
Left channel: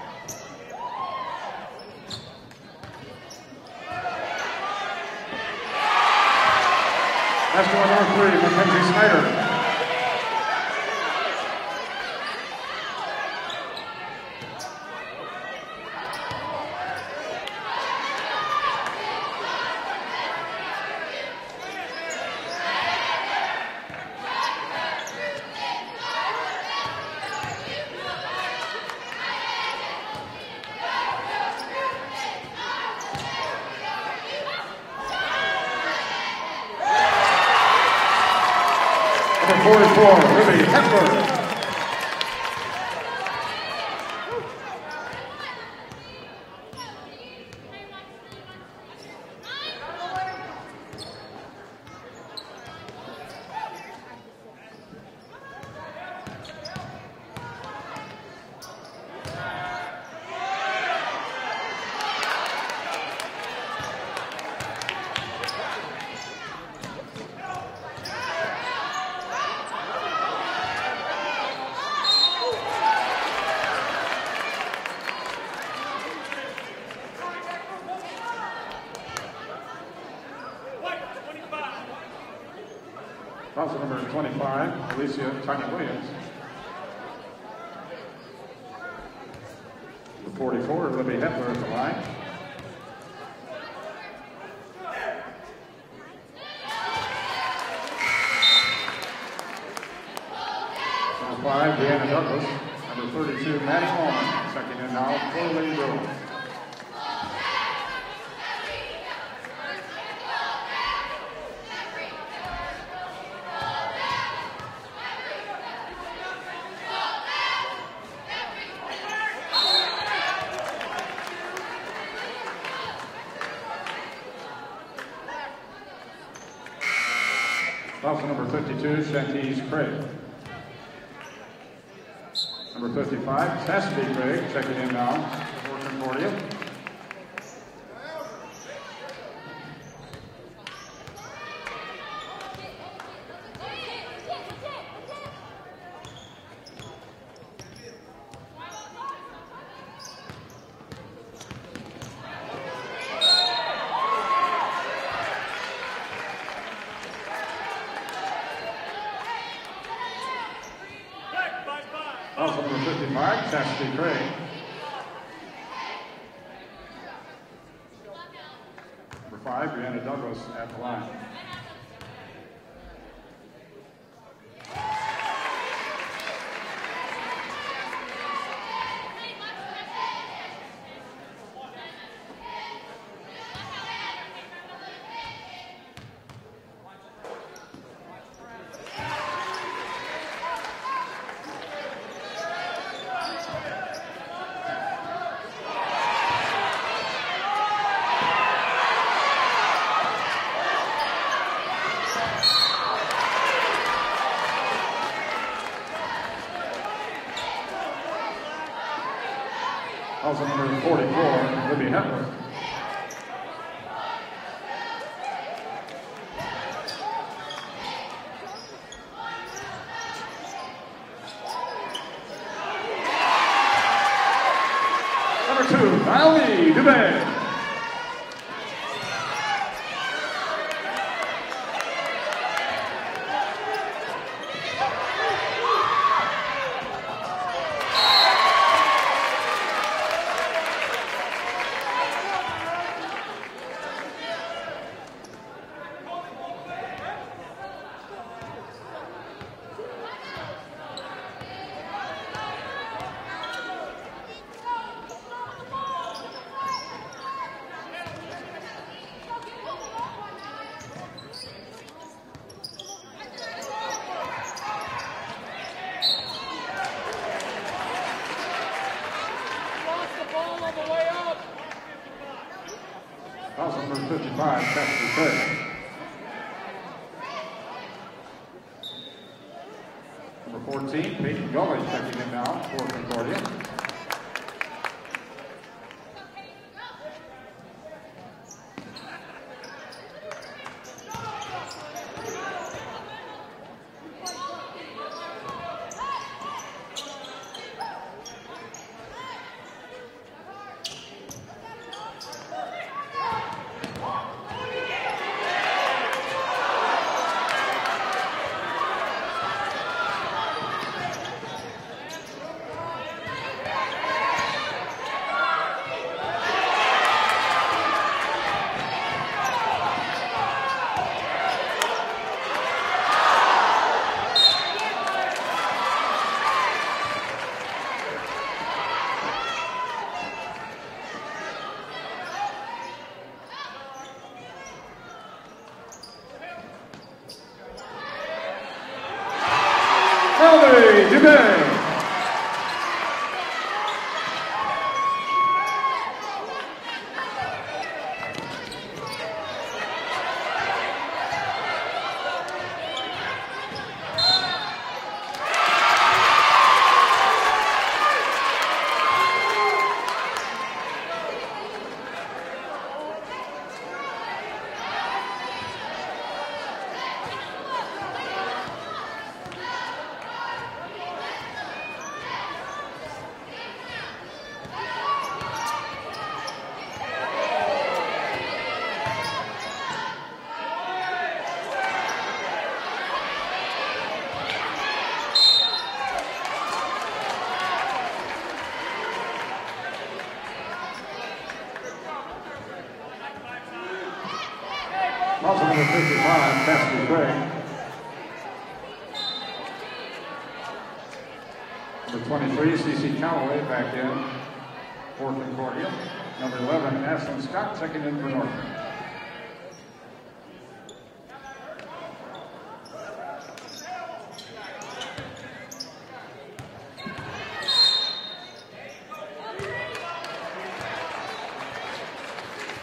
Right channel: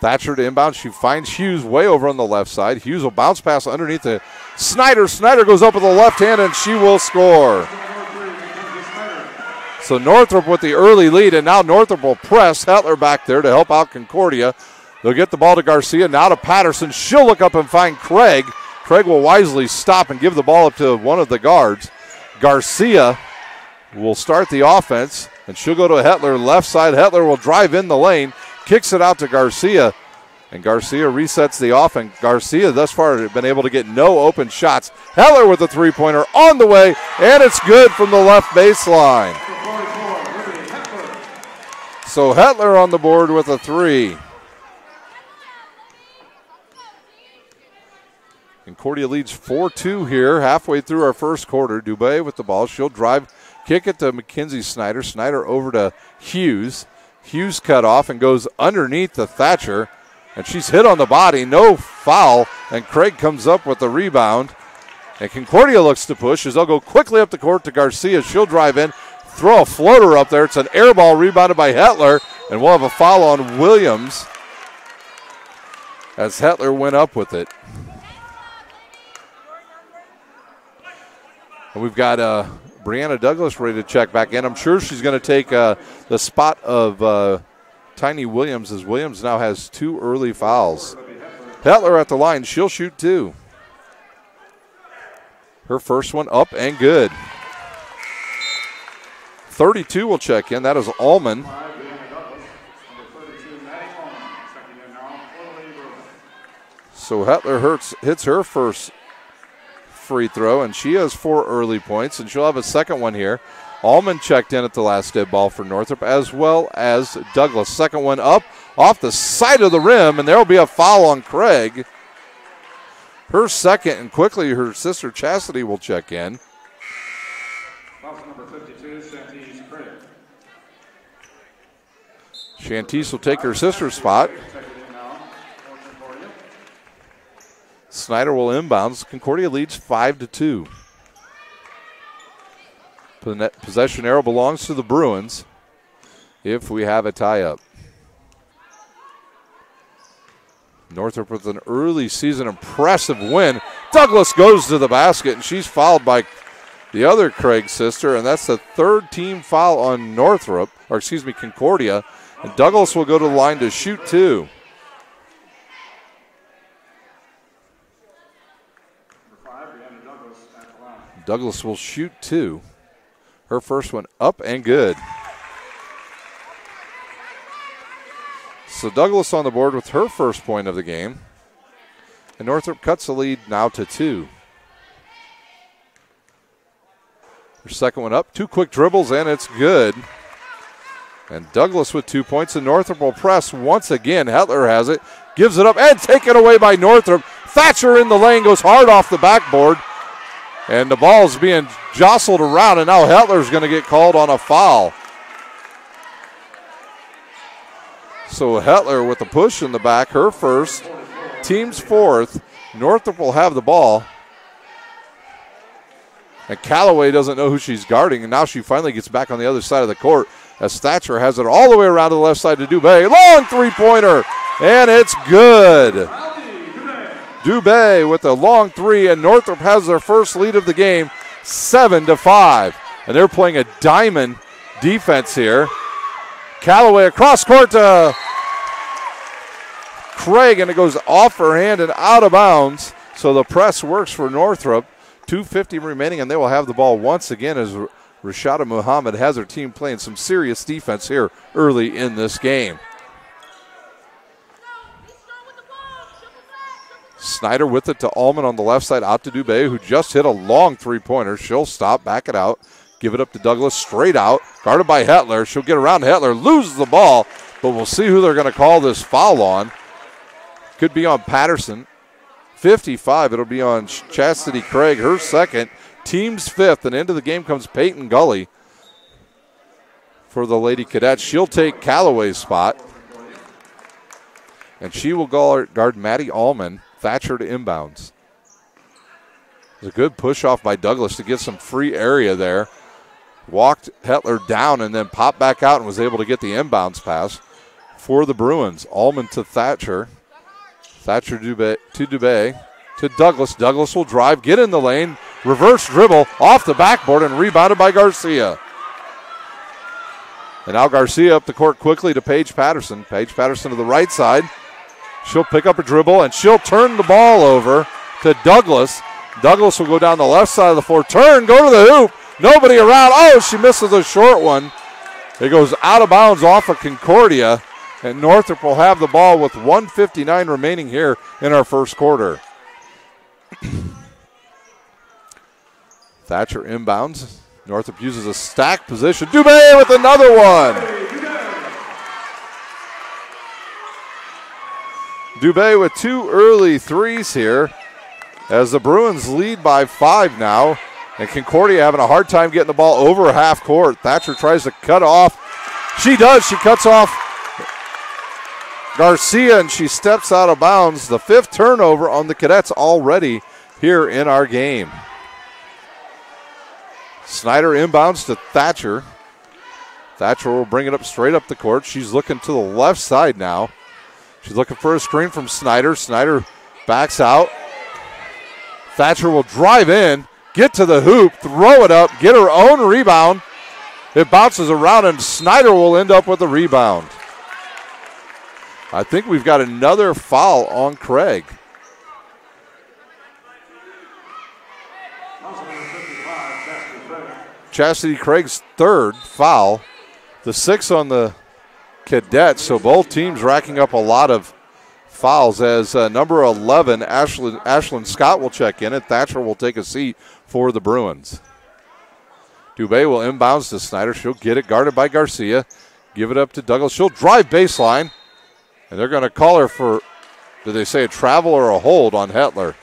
Thatcher to inbound. She finds Hughes way over on the left side. Hughes will bounce pass underneath to Snyder. Snyder goes up with the left hand, and she will score. So Northrop with the early lead, and now Northrop will press Hetler back there to help out Concordia. They'll get the ball to Garcia, now to Patterson. She'll look up and find Craig. Craig will wisely stop and give the ball up to one of the guards. Garcia will start the offense, and she'll go to Hetler left side. Hetler will drive in the lane. Kicks it out to Garcia, and Garcia resets the offense. Garcia thus far has been able to get no open shots. Heller with a three-pointer on the way, and it's good from the left baseline. So Hetler on the board with a 3. Concordia leads 4-2 here, halfway through our first quarter. Dubé with the ball. She'll drive, kick it to Mackenzie Snyder. Snyder over to Hughes. Hughes cut off and goes underneath the Thatcher, and she's hit on the body, no foul, and Craig comes up with the rebound. And Concordia looks to push as they'll go quickly up the court to Garcia. She'll drive in, throw a floater up there. It's an air ball rebounded by Hetler, and we'll have a foul on Williams as Hetler went up with it. And we've got Brianna Douglas ready to check back in. I'm sure she's going to take the spot of Tiny Williams, as Williams now has 2 early fouls. Hetler at the line. She'll shoot 2. Her first one up and good. 32 will check in. That is Allman. 5, Brianna Douglas. Number 32, Maddie Allman. Checking in now for Lady Bruins. So Hetler hits her first free throw, and she has 4 early points, and she'll have a second one here. Allman checked in at the last dead ball for Northrop, as well as Douglas. Second one up off the side of the rim, and there will be a foul on Craig. Her second, and quickly her sister Chastity will check in. Foul for number 52, Shantice Craig. Shantice will take her sister's spot. Checking in now for Concordia. Snyder will inbounds. Concordia leads 5-2. The possession arrow belongs to the Bruins if we have a tie-up. Northrop with an early season impressive win. Douglas goes to the basket, and she's fouled by the other Craig sister, and that's the 3rd team foul on Concordia. And Douglas will go to the line to shoot 2. Brianna Douglas at the line. Douglas will shoot 2. Her first one up and good. So Douglas on the board with her first point of the game. And Northrop cuts the lead now to 2. Her second one up. 2 quick dribbles, and it's good. And Douglas with 2 points, and Northrop will press once again. Hetler has it, gives it up, and taken away by Northrop. Thatcher in the lane, goes hard off the backboard. And the ball is being jostled around, and now Hetler's going to get called on a foul. So Hetler with the push in the back, her first, team's fourth. Northrop will have the ball. And Callaway doesn't know who she's guarding, and now she finally gets back on the other side of the court as Thatcher has it all the way around to the left side to Dubé. Long three-pointer, and it's good. Dubé with a long three, and Northrop has their first lead of the game, 7-5. And they're playing a diamond defense here. Callaway across court to Craig, and it goes off her hand and out of bounds. So the press works for Northrop. 2:50 remaining, and they will have the ball once again as Rashada Muhammad has her team playing some serious defense here early in this game. Snyder with it to Allman on the left side, out to Dubé, who just hit a long three-pointer. She'll stop, back it out, give it up to Douglas, straight out, guarded by Hetler. She'll get around Hetler, loses the ball, but we'll see who they're going to call this foul on. Could be on Patterson. 55, it'll be on Chastity Craig, her second, team's fifth, and into the game comes Peyton Gully for the Lady Cadets. She'll take Callaway's spot, and she will guard Maddie Allman. Thatcher to inbounds. A good push off by Douglas to get some free area there. Walked Hetler down and then popped back out and was able to get the inbounds pass for the Bruins. Allman to Thatcher. Thatcher to Dubé to Douglas. Douglas will drive, get in the lane, reverse dribble off the backboard and rebounded by Garcia. And now Garcia up the court quickly to Paige Patterson. Paige Patterson to the right side. She'll pick up a dribble and she'll turn the ball over to Douglas. Douglas will go down the left side of the floor, turn, go to the hoop. Nobody around. Oh, she misses a short one. It goes out of bounds off of Concordia. And Northrop will have the ball with 1:59 remaining here in our first quarter. Thatcher inbounds. Northrop uses a stack position. Dubé with another one. Dubé with 2 early threes here as the Bruins lead by 5 now. And Concordia having a hard time getting the ball over half court. Thatcher tries to cut off. She does. She cuts off Garcia, and she steps out of bounds. The 5th turnover on the Cadets already here in our game. Snyder inbounds to Thatcher. Thatcher will bring it up straight up the court. She's looking to the left side now. She's looking for a screen from Snyder. Snyder backs out. Thatcher will drive in, get to the hoop, throw it up, get her own rebound. It bounces around, and Snyder will end up with the rebound. I think we've got another foul on Craig. Chastity Craig's 3rd foul. The 6th on the Cadets, so both teams racking up a lot of fouls as number 11, Ashlyn Scott, will check in, and Thatcher will take a seat for the Bruins. Dubé will inbounds to Snyder. She'll get it, guarded by Garcia. Give it up to Douglas. She'll drive baseline. And they're going to call her for, did they say a travel or a hold on Hetler?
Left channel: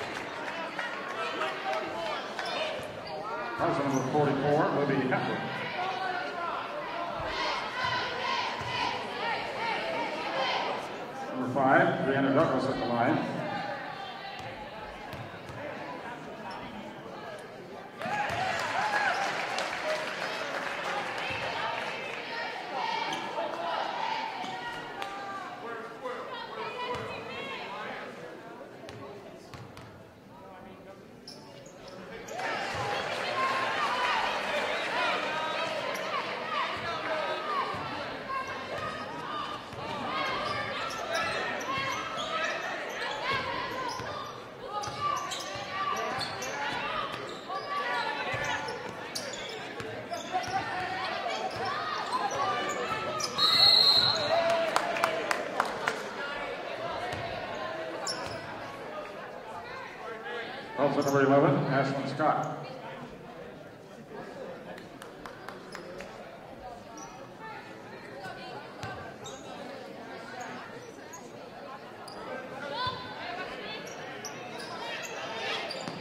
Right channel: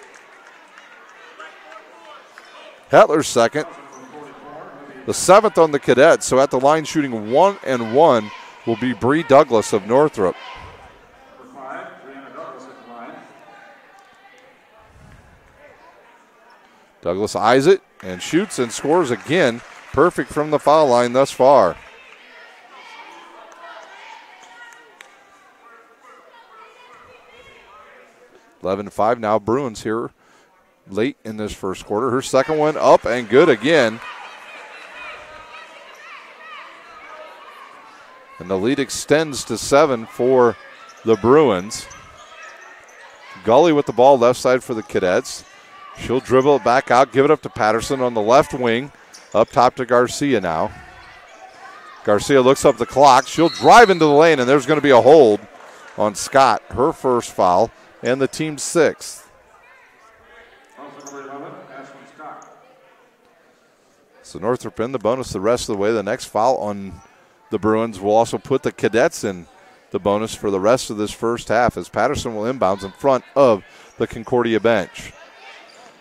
Hetler's second. The 7th on the Cadets. So at the line shooting 1 and 1 will be Bree Douglas of Northrop. Number 5, Brianna Douglas at the line. Douglas eyes it and shoots and scores again. Perfect from the foul line thus far. 11-5 now. Bruins here late in this first quarter. Her second one up and good again. And the lead extends to 7 for the Bruins. Gully with the ball left side for the Cadets. She'll dribble it back out, give it up to Patterson on the left wing. Up top to Garcia now. Garcia looks up the clock. She'll drive into the lane, and there's going to be a hold. on Scott, her first foul, and the team's 6th. Also number 11, Ashlyn Scott. So Northrop in the bonus the rest of the way. The next foul on the Bruins will also put the Cadets in the bonus for the rest of this first half as Patterson will inbounds in front of the Concordia bench.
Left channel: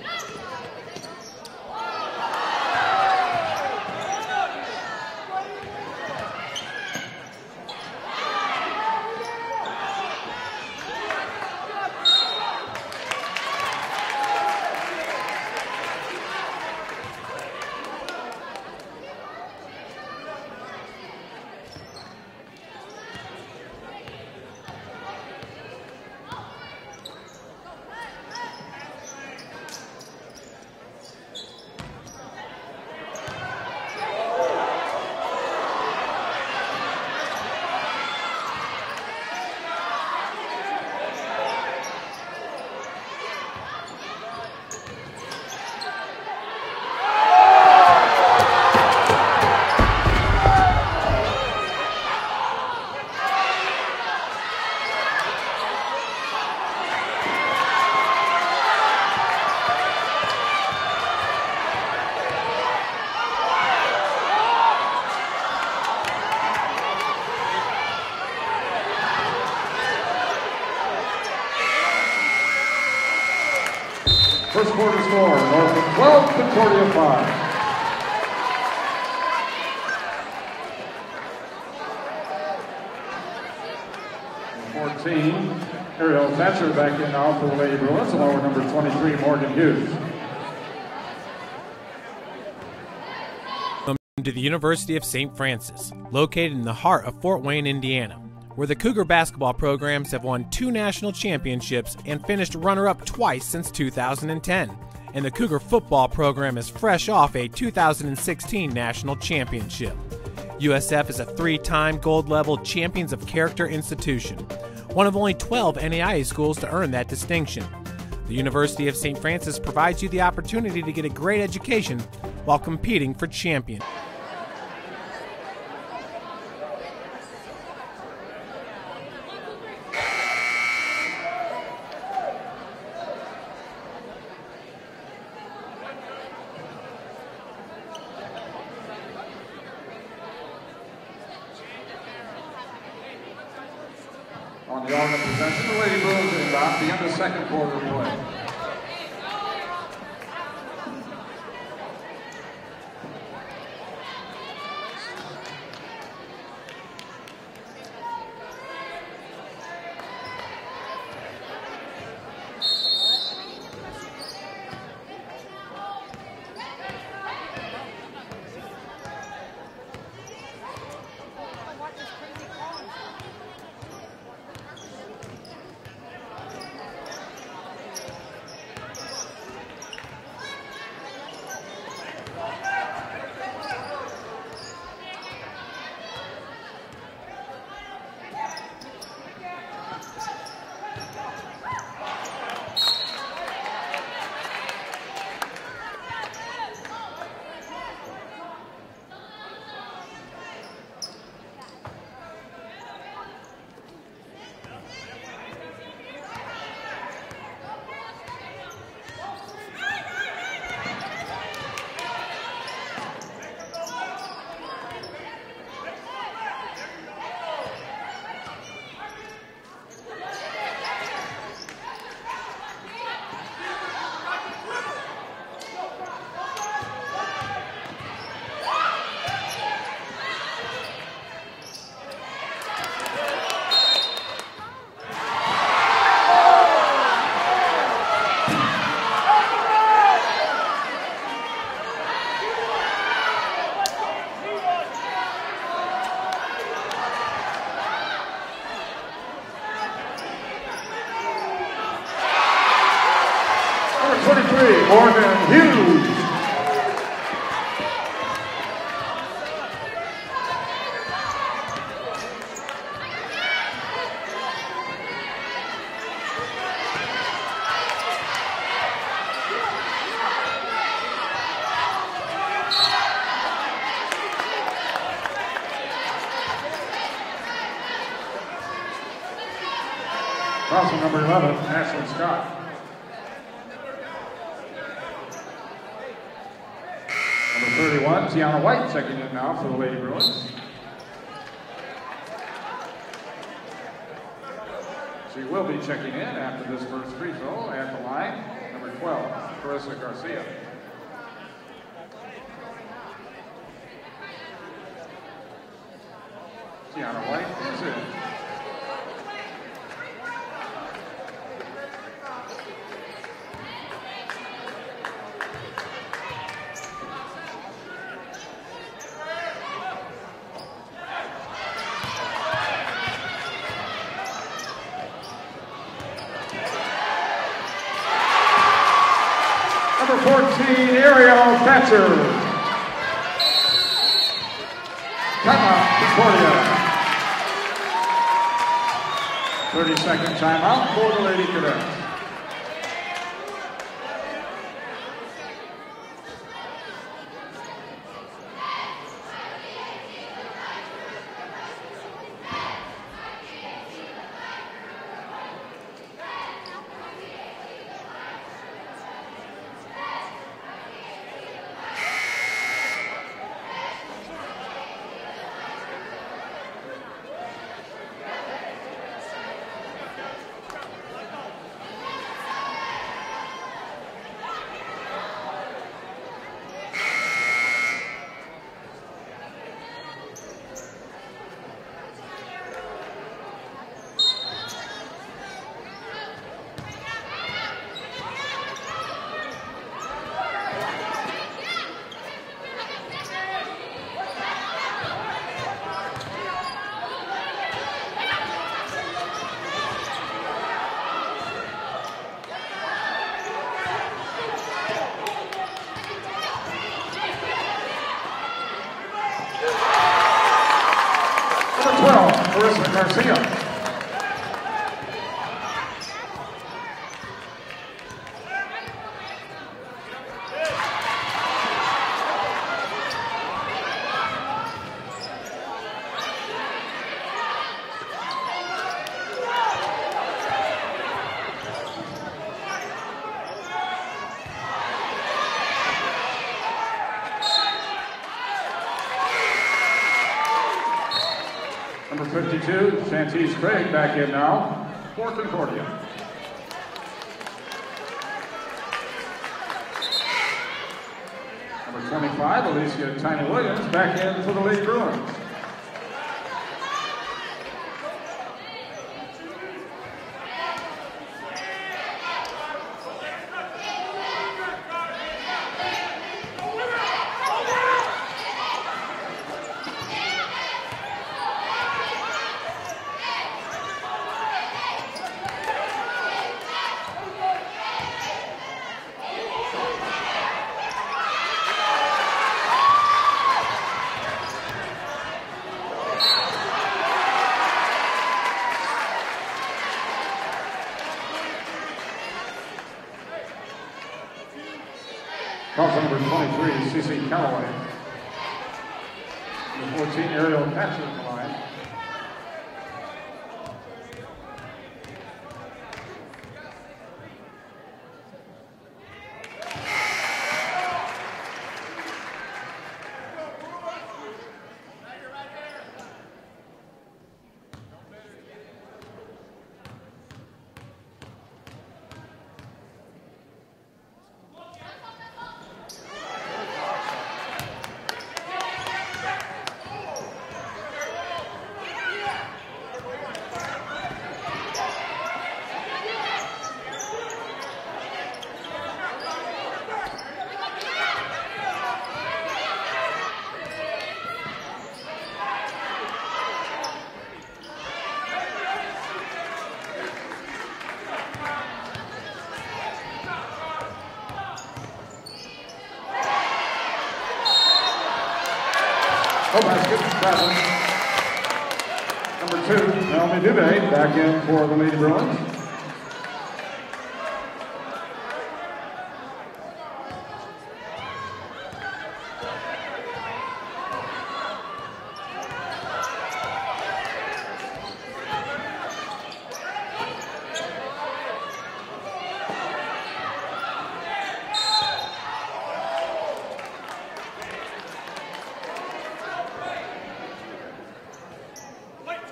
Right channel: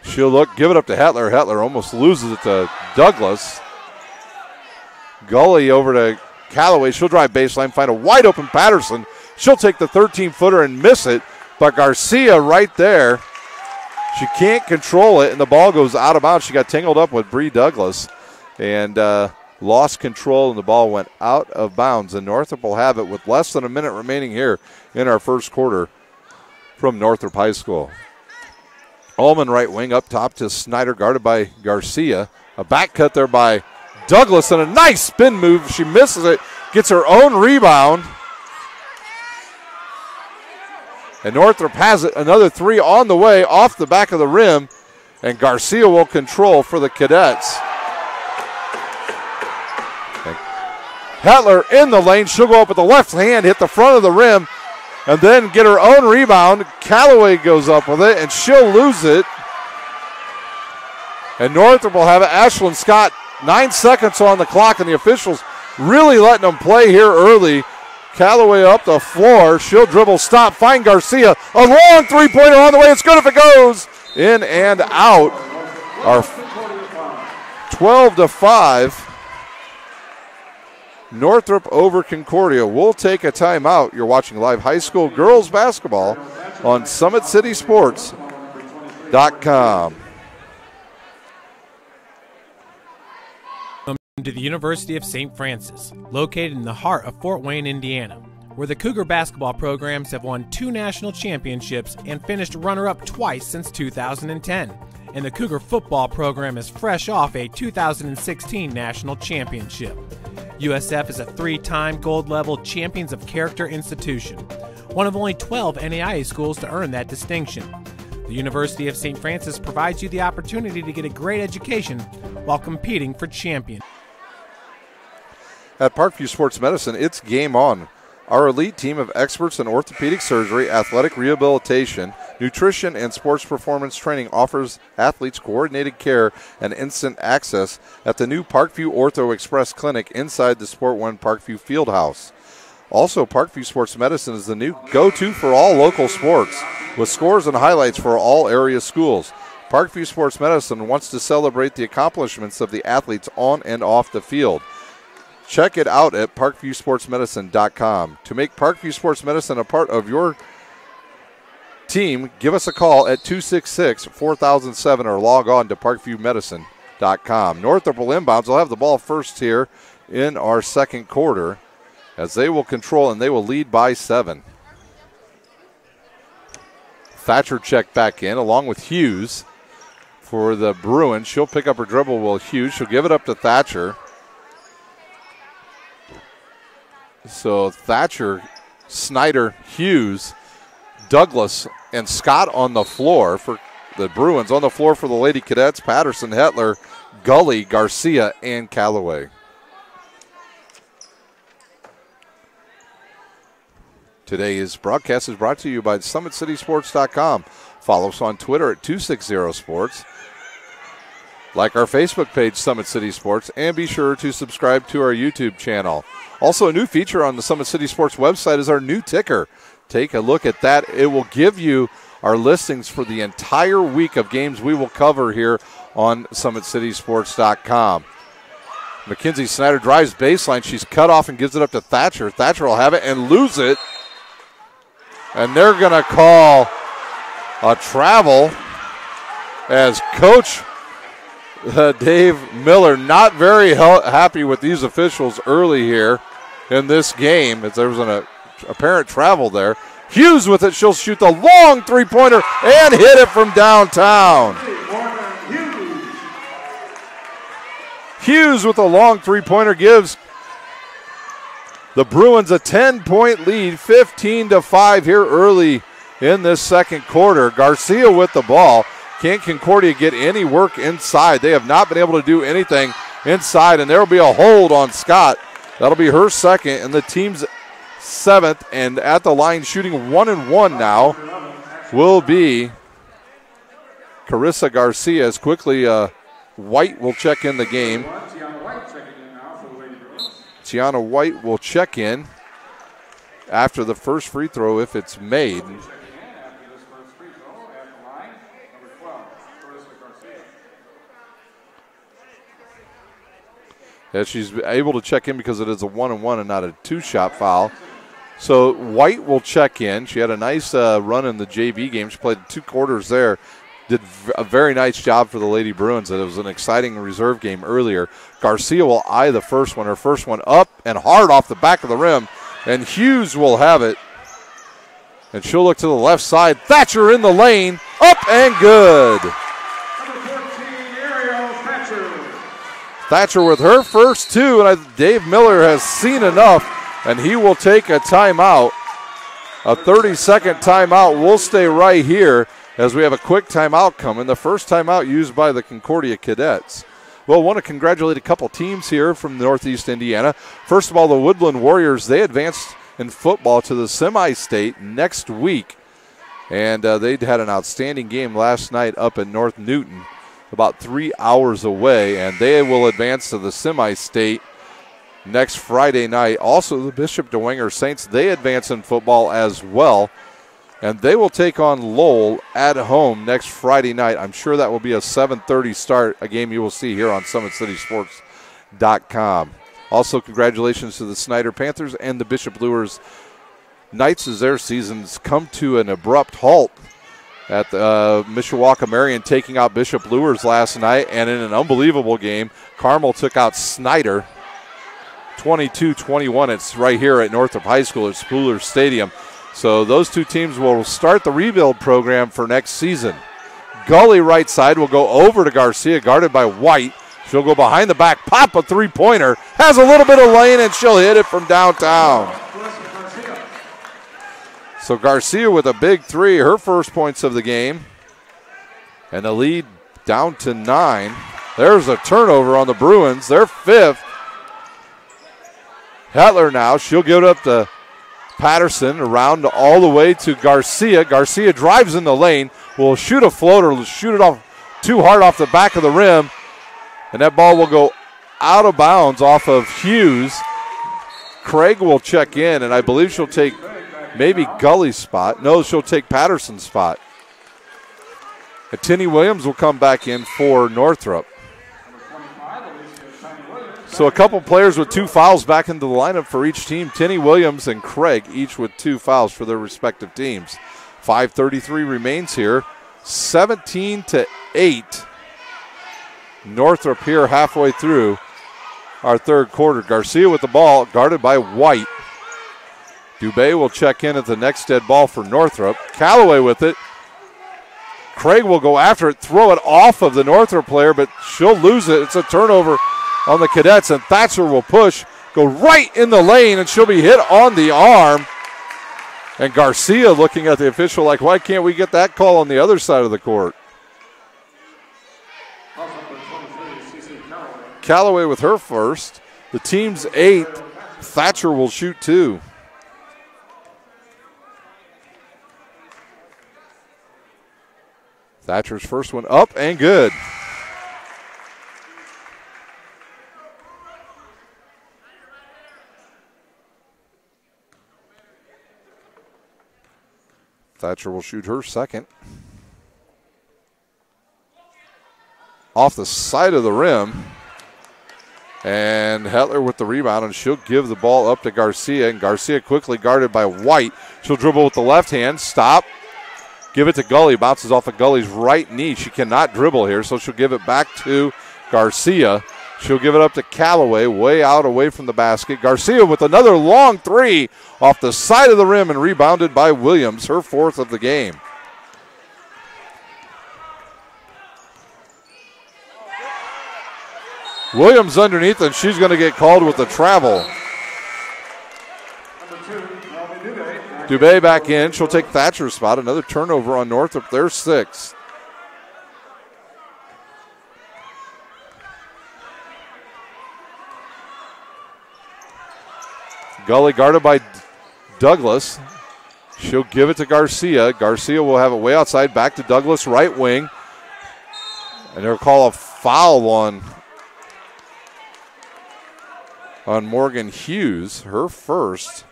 She'll look, give it up to Hetler. Hetler almost loses it to Douglas. Gully over to Callaway. She'll drive baseline, find a wide open Patterson. She'll take the 13-footer and miss it, but Garcia right there. She can't control it, and the ball goes out of bounds. She got tangled up with Bree Douglas and lost control, and the ball went out of bounds. And Northrop will have it with less than a minute remaining here in our first quarter from Northrop High School. Ullman right wing up top to Snyder, guarded by Garcia. A back cut there by Douglas, and a nice spin move. She misses it, gets her own rebound. And Northrop has it, another 3 on the way, off the back of the rim, and Garcia will control for the Cadets. Hetler in the lane, she'll go up with the left hand, hit the front of the rim, and then get her own rebound. Callaway goes up with it, and she'll lose it. And Northrop will have it. Ashlyn Scott, 9 seconds on the clock, and the officials really letting them play here early. Callaway up the floor. She'll dribble, stop, find Garcia. A long three-pointer on the way. It's good if it goes. In and out. 12-5. Northrop over Concordia. We'll take a timeout. You're watching live high school girls basketball on SummitCitySports.com. To the University of St. Francis, located in the heart of Fort Wayne, Indiana, where the Cougar basketball programs have won 2 national championships and finished runner-up twice since 2010. And the Cougar football program is fresh off a 2016 national championship. USF is a 3-time gold-level Champions of Character institution, one of only 12 NAIA schools to earn that distinction. The University of St. Francis provides you the opportunity to get a great education while competing for champion. At Parkview Sports Medicine, it's game on. Our elite team of experts in orthopedic surgery, athletic rehabilitation, nutrition, and sports performance training offers athletes coordinated care and instant access at the new Parkview Ortho Express Clinic inside the Sport One Parkview Fieldhouse. Also, Parkview Sports Medicine is the new go-to for all local sports, with scores and highlights for all area schools. Parkview Sports Medicine wants to celebrate the accomplishments of the athletes on and off the field. Check it out at parkviewsportsmedicine.com. To make Parkview Sports Medicine a part of your team, give us a call at 266-4007 or log on to parkviewmedicine.com. Northrop will inbounds. They'll have the ball first here in our second quarter as they will control and they will lead by 7. Thatcher checked back in along with Hughes for the Bruins. She'll pick up her dribble with Hughes. She'll give it up to Thatcher. So Thatcher, Snyder, Hughes, Douglas, and Scott on the floor for the Bruins. On the floor for the Lady Cadets, Patterson, Hetler, Gully, Garcia, and Callaway. Today's broadcast is brought to you by SummitCitySports.com. Follow us on Twitter at 260sports. Like our Facebook page, Summit City Sports, and be sure to subscribe to our YouTube channel. Also, a new feature on the Summit City Sports website is our new ticker. Take a look at that. It will give you our listings for the entire week of games we will cover here on SummitCitySports.com. Mackenzie Snyder drives baseline. She's cut off and gives it up to Thatcher. Thatcher will have it and lose it. And they're going to call a travel as Coach Dave Miller not very happy with these officials early here in this game, as there was an apparent travel there. Hughes with it. She'll shoot the long three-pointer and hit it from downtown. Hughes with a long three-pointer gives the Bruins a 10-point lead, 15-5 here early in this second quarter. Garcia with the ball. Can't Concordia get any work inside? They have not been able to do anything inside, and there will be a hold on Scott. That'll be her second and the team's 7th, and at the line shooting 1-1 now will be Carissa Garcia. As quickly White will check in the game. Tiana White checking in now for the Lady Bruins. Tiana White will check in after the first free throw if it's made. Will be checking in after this first free throw at the line, number 12, Carissa Garcia. Yeah, she's able to check in because it is a 1-on-1 and not a 2-shot foul. So White will check in. She had a nice run in the JV game. She played 2 quarters there. Did a very nice job for the Lady Bruins. It was an exciting reserve game earlier. Garcia will eye the first one. Her first one up and hard off the back of the rim. And Hughes will have it. And she'll look to the left side. Thatcher in the lane. Up and good. Number 14, Ariel Thatcher. Thatcher with her first 2, and Dave Miller has seen enough, and he will take a timeout. A 30-second timeout. We'll stay right here as we have a quick timeout coming. The first timeout used by the Concordia Cadets. Well, I want to congratulate a couple teams here from Northeast Indiana. First of all, the Woodland Warriors, they advanced in football to the semi-state next week. And they had an outstanding game last night up in North Newton, about 3 hours away, and they will advance to the semi-state next Friday night. Also, the Bishop DeWinger Saints, they advance in football as well, and they will take on Lowell at home next Friday night. I'm sure that will be a 7:30 start, a game you will see here on SummitCitySports.com. Also, congratulations to the Snyder Panthers and the Bishop Lures Knights as their seasons come to an abrupt halt at Mishawaka Marion taking out Bishop Lures last night, and in an unbelievable game, Carmel took out Snyder 22-21. It's right here at Northrop High School at Spooler Stadium. So those two teams will start the rebuild program for next season. Gully right side will go over to Garcia, guarded by White. She'll go behind the back, pop a three-pointer, has a little bit of lane, and she'll hit it from downtown. So Garcia with a big 3, her first points of the game. And the lead down to 9. There's a turnover on the Bruins, their 5th. Hetler now, she'll give it up to Patterson, around all the way to Garcia. Garcia drives in the lane, will shoot a floater, shoot it off too hard off the back of the rim. And that ball will go out of bounds off of Hughes. Craig will check in, and I believe she'll take maybe Gully's spot. No, she'll take Patterson's spot. Tinny Williams will come back in for Northrop. So a couple players with 2 fouls back into the lineup for each team. Tinny Williams and Craig, each with 2 fouls for their respective teams. 5:33 remains here. 17-8. Northrop here halfway through our third quarter. Garcia with the ball, guarded by White. Dubé will check in at the next dead ball for Northrop. Callaway with it. Craig will go after it, throw it off of the Northrop player, but she'll lose it. It's a turnover on the Cadets, and Thatcher will push, go right in the lane, and she'll be hit on the arm. And Garcia looking at the official like, why can't we get that call on the other side of the court? Number 23, C.C. Callaway. Callaway with her first. The team's 8. Thatcher will shoot 2. Thatcher's first one up and good. Thatcher will shoot her second. Off the side of the rim. And Hetler with the rebound, and she'll give the ball up to Garcia. And Garcia quickly guarded by White. She'll dribble with the left hand, stop. Give it to Gully, bounces off of Gully's right knee. She cannot dribble here, so she'll give it back to Garcia. She'll give it up to Callaway, way out away from the basket. Garcia with another long 3 off the side of the rim and rebounded by Williams, her 4th of the game. Williams underneath, and she's going to get called with the travel. Dubé back in. She'll take Thatcher's spot. Another turnover on Northrop. They're 6. Gully guarded by Douglas. She'll give it to Garcia. Garcia will have it way outside, back to Douglas, right wing. And they'll call a foul on Morgan Hughes, her first.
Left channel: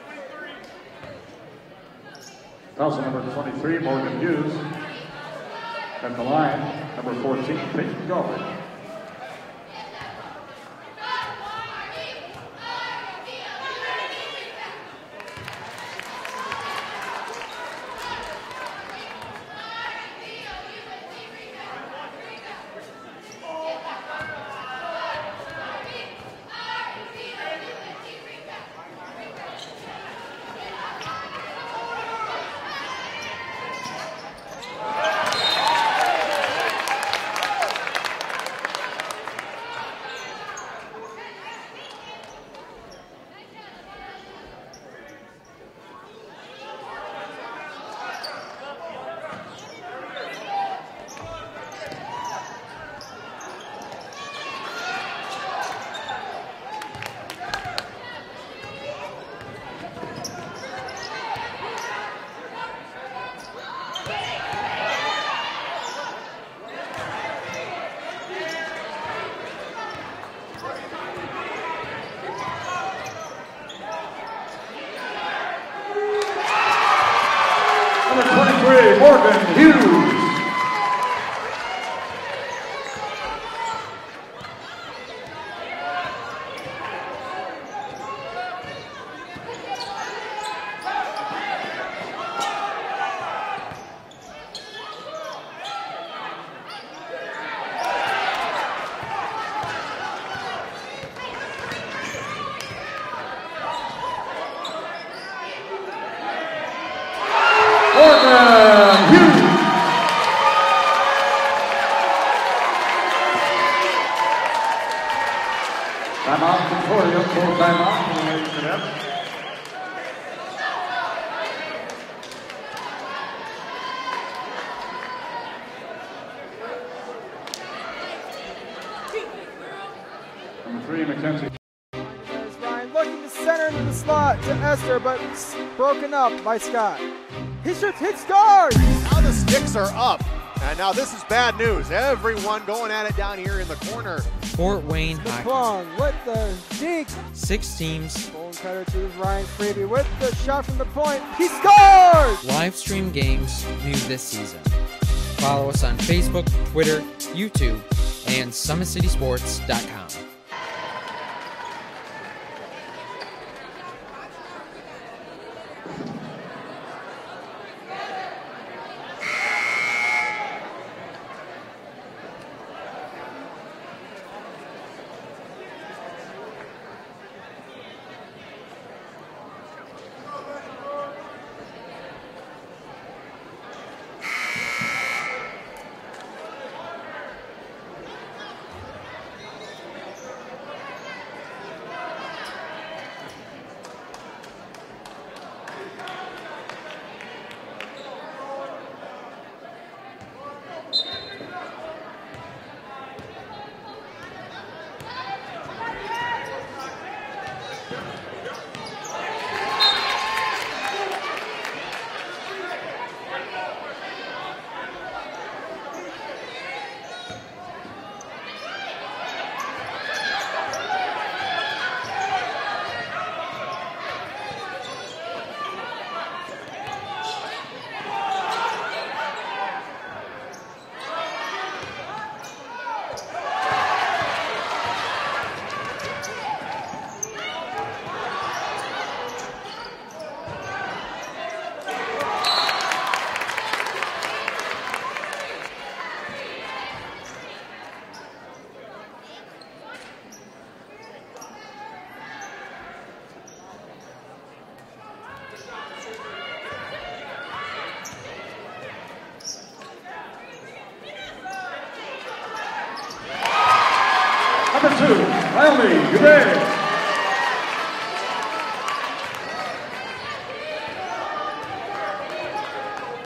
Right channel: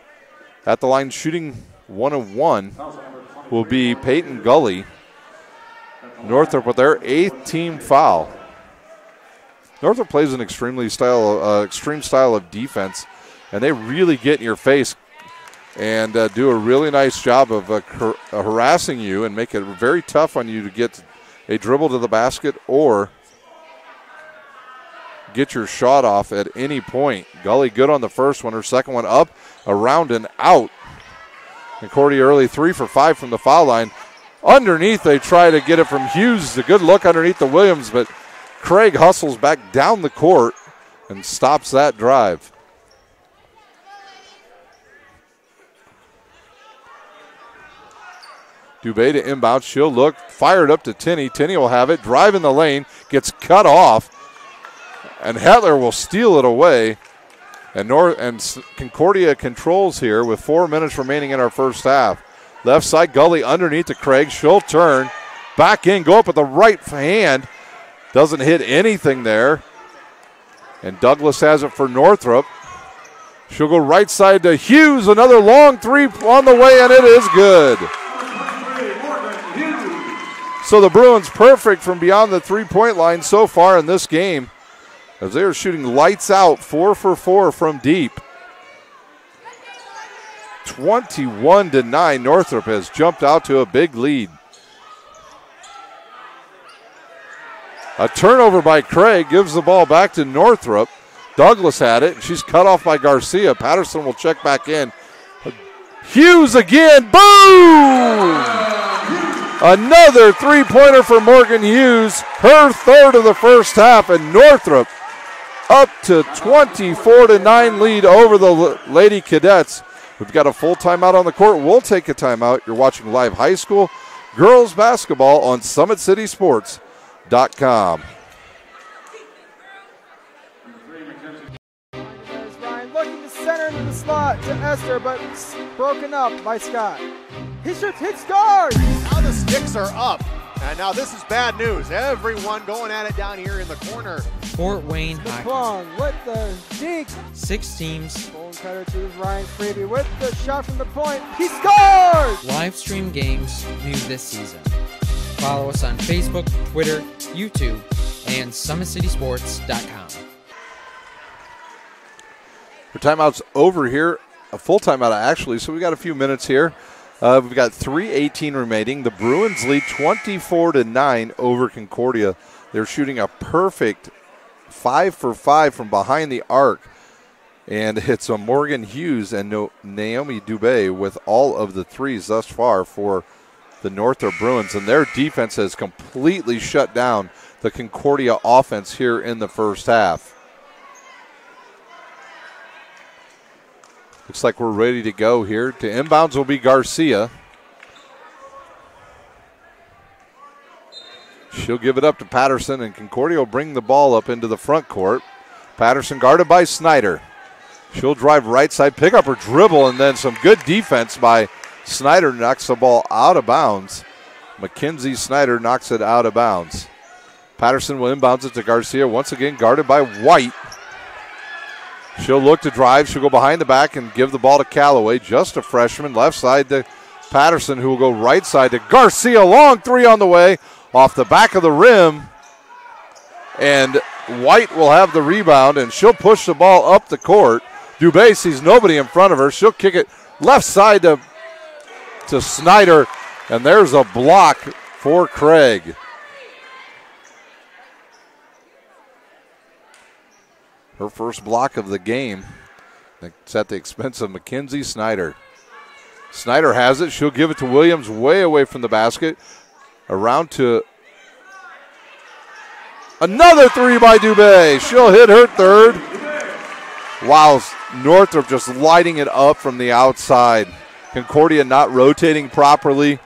At the line shooting 1 of 1 will be Peyton Gully. Northrop with their 8th team foul. Northrop plays an extreme style of defense, and they really get in your face and do a really nice job of harassing you and make it very tough on you to get a dribble to the basket or get your shot off at any point. Gully good on the first one. Her second one up, around and out. Concordia early 3 for 5 from the foul line. Underneath, they try to get it from Hughes. A good look underneath the Williams, but Craig hustles back down the court and stops that drive. Dubé to inbound. She'll look, fired up to Tinney. Tinney will have it, drive in the lane, gets cut off, and Hetler will steal it away. And Concordia controls here with 4 minutes remaining in our first half. Left side, Gully underneath to Craig. She'll turn, back in, go up with the right hand. Doesn't hit anything there. And Douglas has it for Northrop. She'll go right side to Hughes. Another long three on the way, and it is good. Number 23, Morgan Hughes. So the Bruins perfect from beyond the three-point line so far in this game, as they are shooting lights out, 4 for 4 from deep. 21-9, Northrop has jumped out to a big lead. A turnover by Craig gives the ball back to Northrop. Douglas had it. She's cut off by Garcia. Patterson will check back in. Hughes again. Boom! Another three-pointer for Morgan Hughes. Her third of the first half, and Northrop up to 24-9 lead over the Lady Cadets. We've got a full timeout on the court. We'll take a timeout. You're watching live high school girls basketball on SummitCitySports.com. Number 3, McKenzie. There's Ryan looking to center into the slot to Esther, but it's broken up by Scott. He shoots, hits, scores! Now the sticks are up. And now this is bad news. Everyone going at it down here in the corner. Fort Wayne hockey. Plum with the deke. 6 teams. Bone cutter to Ryan Freeby with the shot from the point. He scores! Live stream games new this season. Follow us on Facebook, Twitter, YouTube, and SummitCitySports.com. The timeout's over here. A full timeout, actually, so we got a few minutes here. We've got 3:18 remaining. The Bruins lead 24-9 over Concordia. They're shooting a perfect 5 for 5 from behind the arc. And it's a Morgan Hughes and Naomi Dubé with all of the threes thus far for the Northrop Bruins. And their defense has completely shut down the Concordia offense here in the first half. Looks like we're ready to go here. To inbounds will be Garcia. She'll give it up to Patterson, and Concordia will bring the ball up into the front court. Patterson guarded by Snyder. She'll drive right side, pick up her dribble, and then some good defense by Snyder knocks the ball out of bounds. Mackenzie Snyder knocks it out of bounds. Patterson will inbounds it to Garcia, once again guarded by White. She'll look to drive. She'll go behind the back and give the ball to Callaway, just a freshman. Left side to Patterson, who will go right side to Garcia. Long three on the way, off the back of the rim. And White will have the rebound, and she'll push the ball up the court. Dubé sees nobody in front of her. She'll kick it left side to Snyder, and there's a block for Craig. Her first block of the game. It's at the expense of Mackenzie Snyder. Snyder has it. She'll give it to Williams way away from the basket. Around to another three by Dubé. She'll hit her third. Wow, Northrop just lighting it up from the outside. Concordia not rotating properly.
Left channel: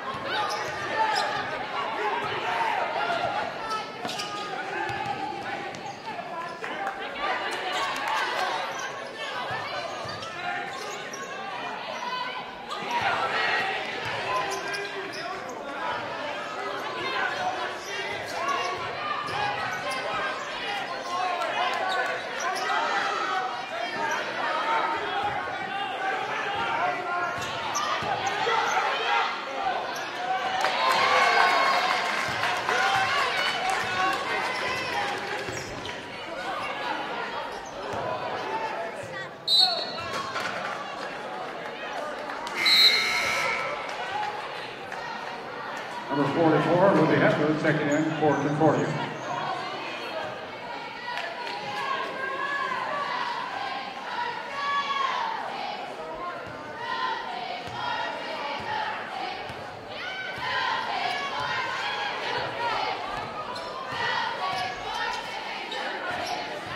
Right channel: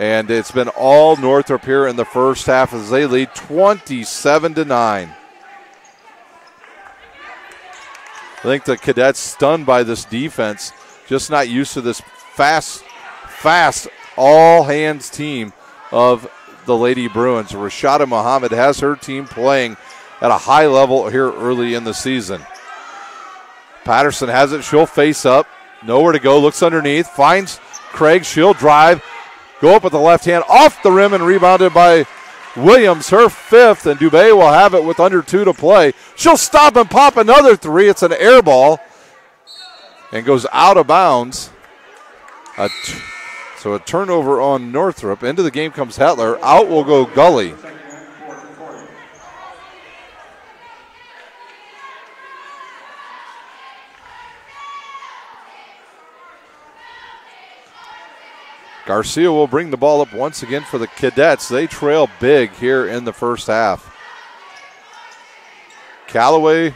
And it's been all Northrop here in the first half as they lead 27-9. I think the Cadets stunned by this defense. just not used to this fast, all-hands team of the Lady Bruins. Rashada Muhammad has her team playing at a high level here early in the season. Patterson has it. She'll face up. Nowhere to go. Looks underneath. Finds Craig. She'll drive. Go up with the left hand. Off the rim and rebounded by Williams. Her fifth. And Dubé will have it with under 2 to play. She'll stop and pop another 3. It's an air ball. And goes out of bounds. So a turnover on Northrop. Into the game comes Hetler. Out will go Gully. Garcia will bring the ball up once again for the Cadets. They trail big here in the first half. Callaway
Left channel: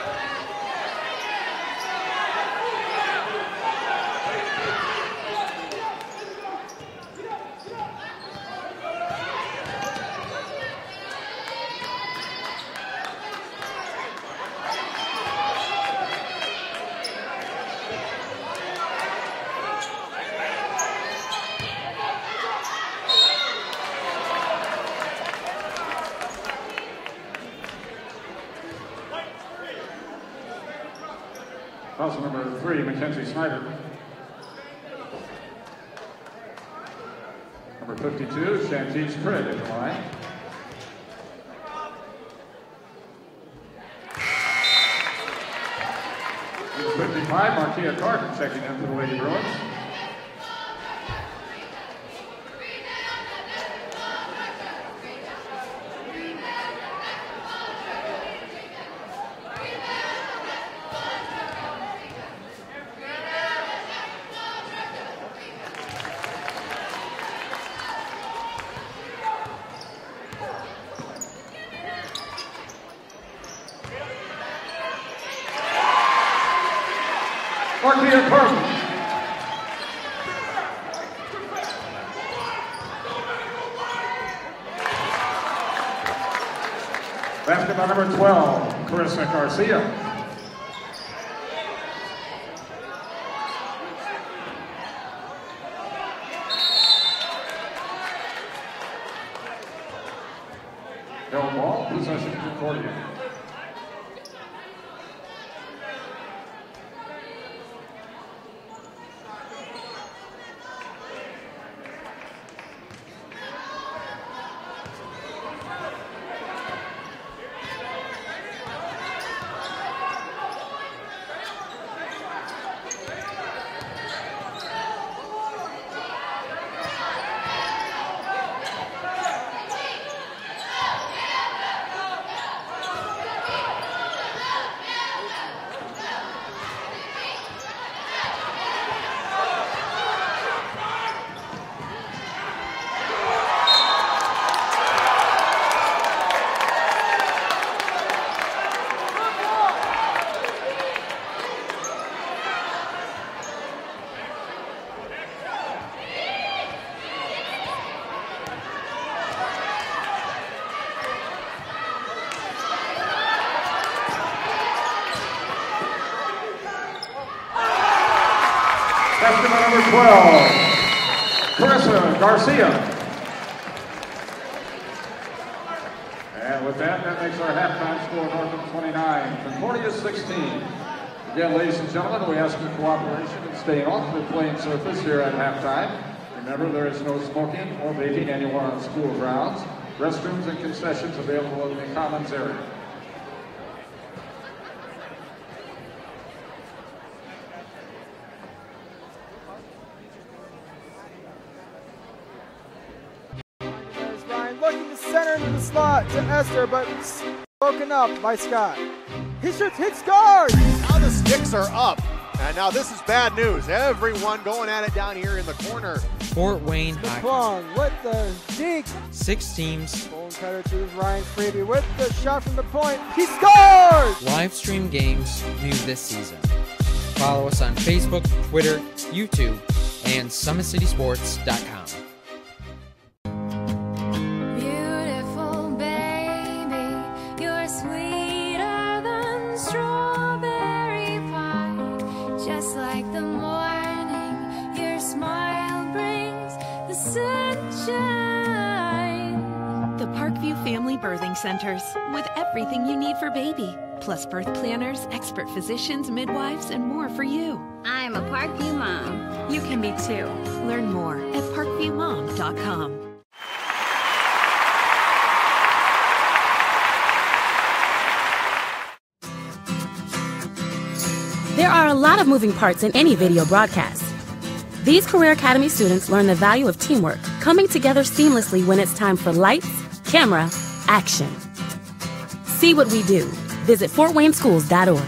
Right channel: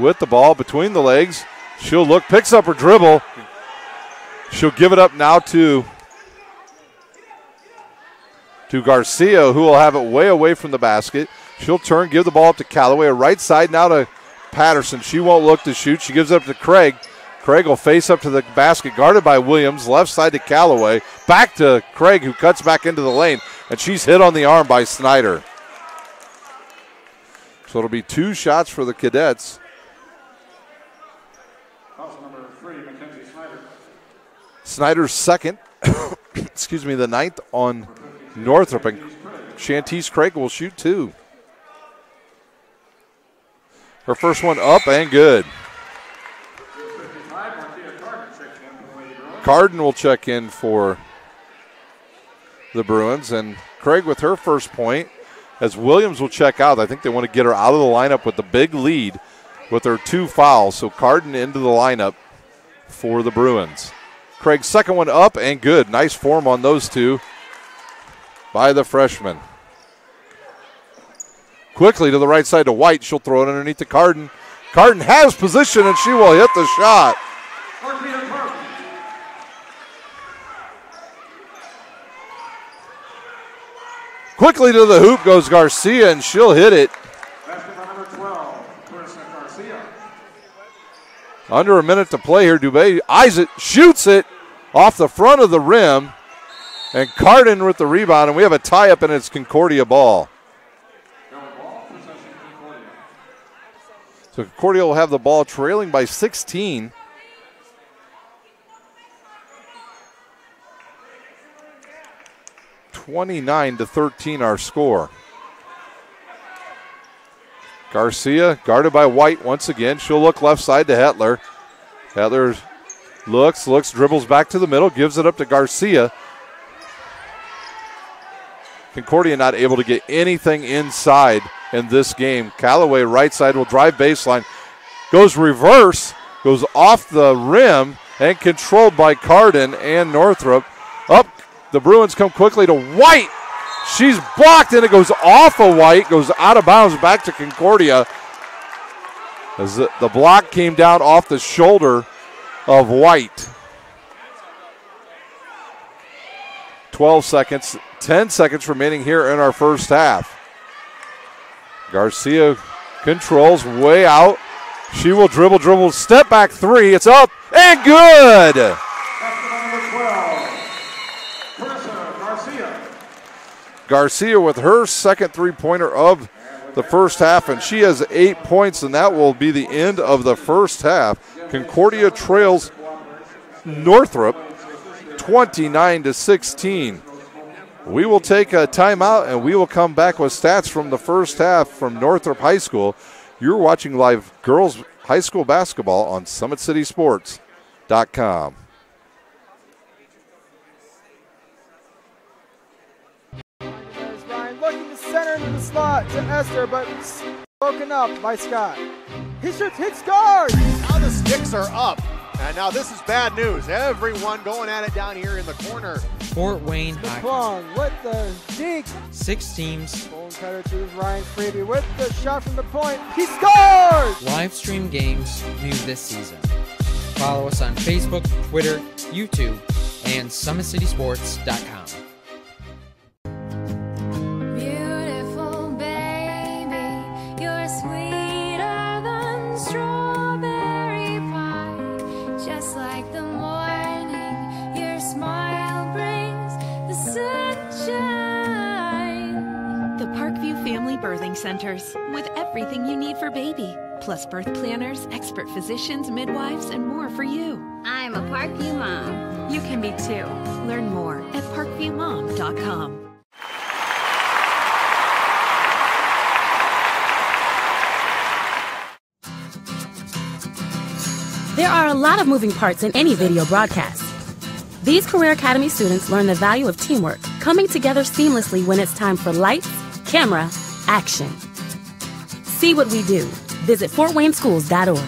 with the ball between the legs. She'll look, picks up her dribble. She'll give it up now to Garcia, who will have it way away from the basket. She'll turn, give the ball up to Callaway. Right side now to Patterson. She won't look to shoot. She gives it up to Craig. Craig will face up to the basket, guarded by Williams. Left side to Callaway. Back to Craig, who cuts back into the lane. And she's hit on the arm by Snyder. So it'll be 2 shots for the Cadets. Also number 3, Mackenzie Snyder. Snyder's second. Excuse me, the 9th on Northrop. Shantice Craig will shoot 2. Her first one up and good. 55, Markia Carden checking in for the Lady Bruins. Carden will check in for the Bruins, and Craig with her first point, as Williams will check out. I think they want to get her out of the lineup with the big lead with her 2 fouls. So Carden into the lineup for the Bruins. Craig's second one up and good. Nice form on those 2 by the freshman. Quickly to the right side to White. She'll throw it underneath to Carden. Carden has position, and she will hit the shot. Markia Carden. Quickly to the hoop goes Garcia, and she'll hit it. Basket by number 12, Carissa Garcia. Under a minute to play here. Dubé eyes it, shoots it off the front of the rim, and Carden with the rebound, and we have a tie-up, and it's Concordia ball. Ball, possession Concordia. So Concordia will have the ball trailing by 16. (29-13) our score. Garcia guarded by White once again. She'll look left side to Hetler. Hetler looks, dribbles back to the middle, gives it up to Garcia. Concordia not able to get anything inside in this game. Callaway right side will drive baseline. Goes reverse, goes off the rim, and controlled by Carden and Northrop. Up, the Bruins come quickly to White. She's blocked, and it goes off of White, goes out of bounds back to Concordia. As the block came down off the shoulder of White. 12 seconds, 10 seconds remaining here in our first half. Garcia controls way out. She will dribble, step back 3. It's up and good. Basket by number 12, Carissa Garcia. Garcia with her second 3-pointer of the first half, and she has 8 points, and that will be the end of the first half. Concordia trails Northrop 29-16. We will take a timeout, and we will come back with stats from the first half from Northrop High School. You're watching live girls high school basketball on SummitCitySports.com. Ryan looking to center into the slot to Esther, but broken up by Scott. He shoots, hits, guard! Now the sticks are up. And now this is bad news. Everyone going at it down here in the corner. Fort Wayne Hockey. With the deke. 6 teams. Bone cutter to Ryan Freeby with the shot from the point. He scores! Live stream games new this season. Follow us on Facebook, Twitter, YouTube, and SummitCitySports.com. Beautiful baby, you're sweeter than strawberry pie, just like the morning The Parkview Family Birthing Centers, with everything you need for baby, plus birth planners, expert physicians, midwives, and more for you. I'm a Parkview mom. You can be too. Learn more at parkviewmom.com. There are a lot of moving parts in any video broadcast. These Career Academy students learn the value of teamwork, coming together seamlessly when it's time for lights, camera, action. See what we do. Visit fortwayneschools.org.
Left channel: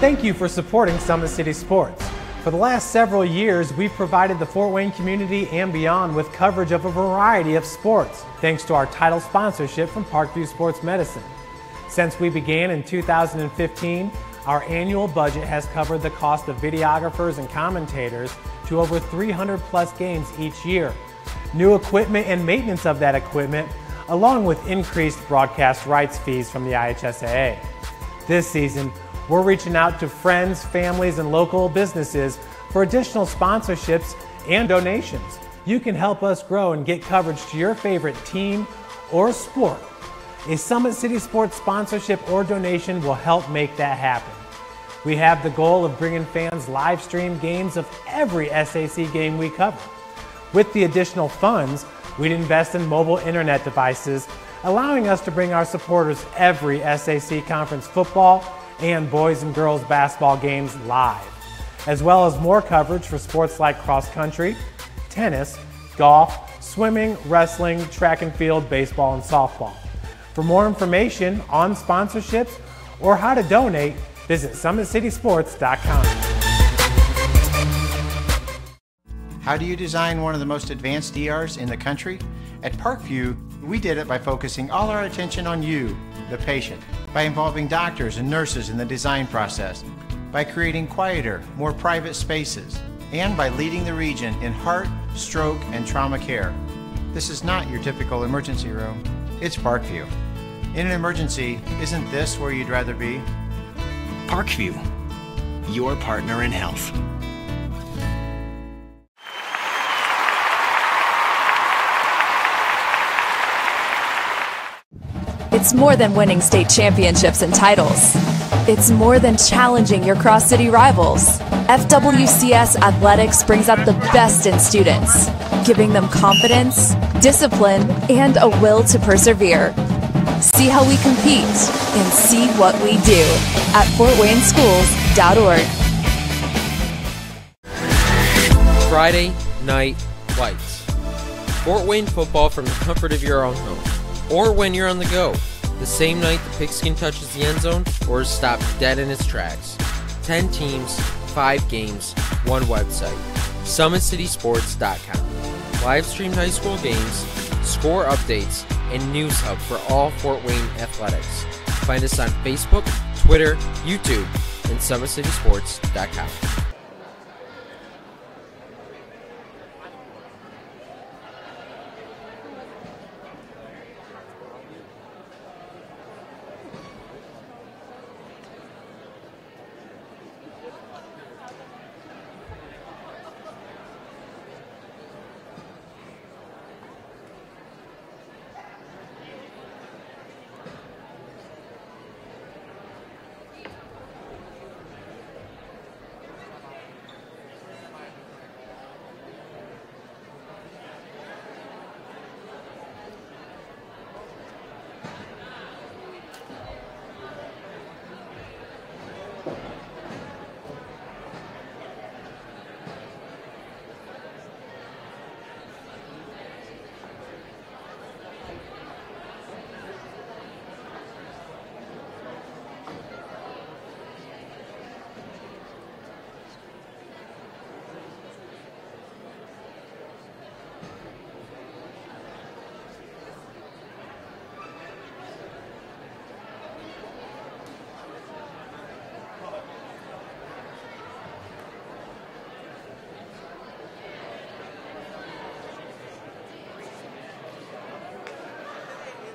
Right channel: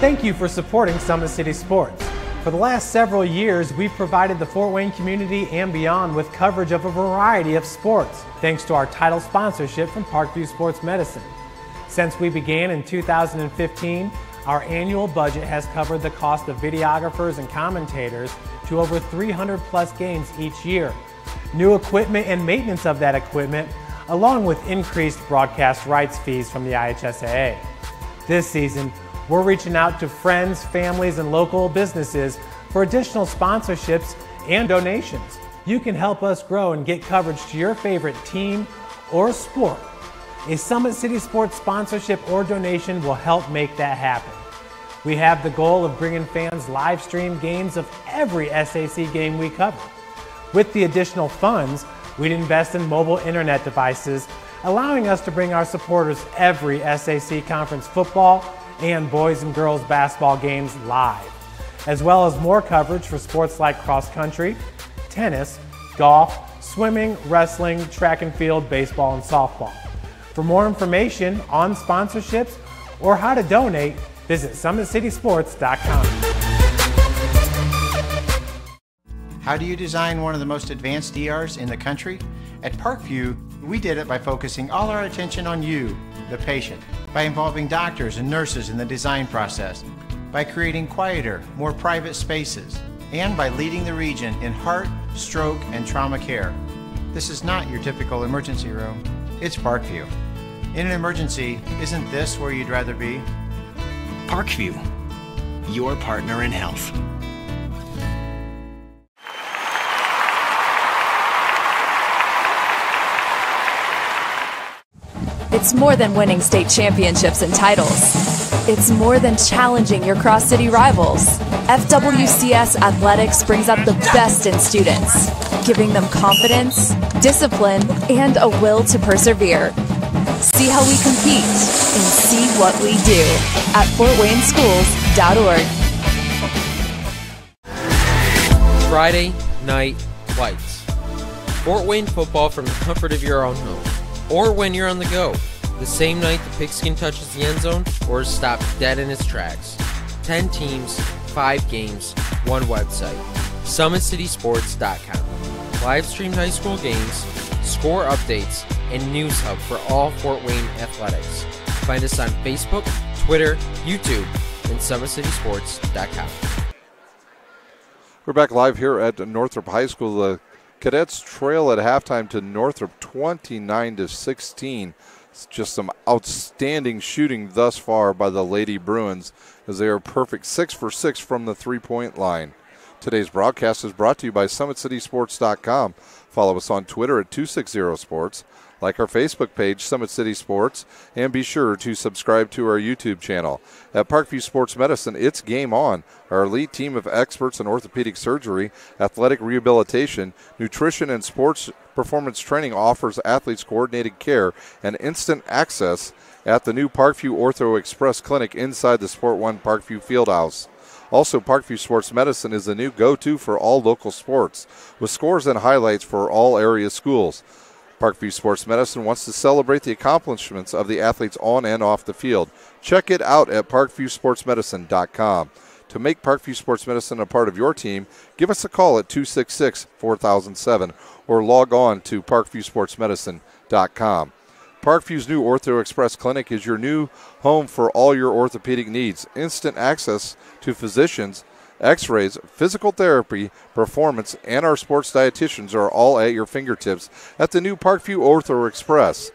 Thank you for supporting Summit City Sports. For the last several years, we've provided the Fort Wayne community and beyond with coverage of a variety of sports, thanks to our title sponsorship from Parkview Sports Medicine. Since we began in 2015, our annual budget has covered the cost of videographers and commentators to over 300 plus games each year. New equipment and maintenance of that equipment, along with increased broadcast rights fees from the IHSAA. This season, we're reaching out to friends, families, and local businesses for additional sponsorships and donations. You can help us grow and get coverage to your favorite team or sport. A Summit City Sports sponsorship or donation will help make that happen. We have the goal of bringing fans live stream games of every SAC game we cover. With the additional funds, we'd invest in mobile internet devices, allowing us to bring our supporters every SAC conference football and boys and girls basketball games live, as well as more coverage for sports like cross country, tennis, golf, swimming, wrestling, track and field, baseball, and softball. For more information on sponsorships or how to donate, visit SummitCitySports.com. How do you design one of the most advanced ERs in the country? At Parkview, we did it by focusing all our attention on you, the patient, by involving doctors and nurses in the design process, by creating quieter, more private spaces, and by leading the region in heart, stroke, and trauma care. This is not your typical emergency room. It's Parkview. In an emergency, isn't this where you'd rather be? Parkview, your partner in health. It's more than winning state championships and titles. It's more than challenging your cross-city rivals. FWCS Athletics brings out the best in students, giving them confidence, discipline, and a will to persevere. See how we compete and see what we do at fortwayneschools.org. Friday Night Lights. Fort Wayne football from the comfort of your own home, or when you're on the go. The same night the pigskin touches the end zone or is stopped dead in its tracks. 10 teams, 5 games, 1 website. SummitCitySports.com. Live streamed high school games, score updates, and news hub for all Fort Wayne athletics. Find us on Facebook, Twitter, YouTube, and SummitCitySports.com. We're back live here at Northrop High School. The Cadets trail at halftime to Northrop 29-16. It's just some outstanding shooting thus far by the Lady Bruins, as they are perfect 6 for 6 from the three-point line. Today's broadcast is brought to you by SummitCitySports.com. Follow us on Twitter at 260sports. Like our Facebook page, Summit City Sports, and be sure to subscribe to our YouTube channel. At Parkview Sports Medicine, it's game on. Our elite team of experts in orthopedic surgery, athletic rehabilitation, nutrition, and sports performance training offers athletes coordinated care and instant access at the new Parkview Ortho Express Clinic inside the Sport One Parkview Fieldhouse. Also, Parkview Sports Medicine is the new go-to for all local sports, with scores and highlights for all area schools. Parkview Sports Medicine wants to celebrate the accomplishments of the athletes on and off the field. Check it out at parkviewsportsmedicine.com. To make Parkview Sports Medicine a part of your team, give us a call at 266-4007 or log on to parkviewsportsmedicine.com. Parkview's new Ortho Express Clinic is your new home for all your orthopedic needs. Instant access to physicians, x-rays, physical therapy, performance, and our sports dietitians are all at your fingertips at the new Parkview Ortho Express.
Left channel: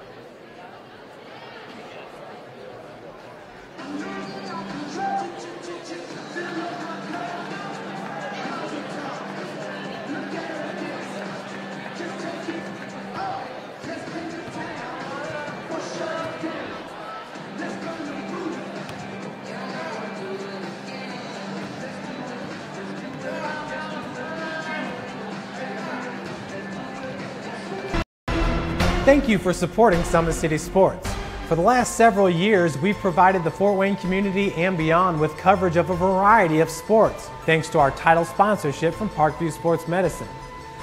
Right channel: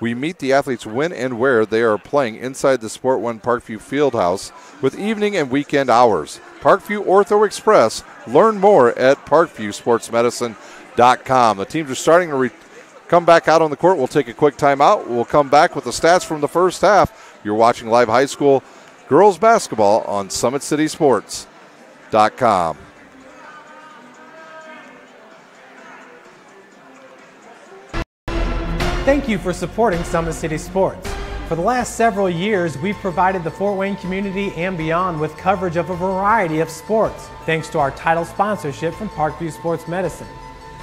We meet the athletes when and where they are playing inside the Sport One Parkview Fieldhouse with evening and weekend hours. Parkview Ortho Express. Learn more at parkviewsportsmedicine.com. The teams are starting to come back out on the court. We'll take a quick timeout. We'll come back with the stats from the first half. You're watching live high school girls basketball on SummitCitySports.com. Thank you for supporting Summit City Sports. For the last several years, we've provided the Fort Wayne community and beyond with coverage of a variety of sports, thanks to our title sponsorship from Parkview Sports Medicine.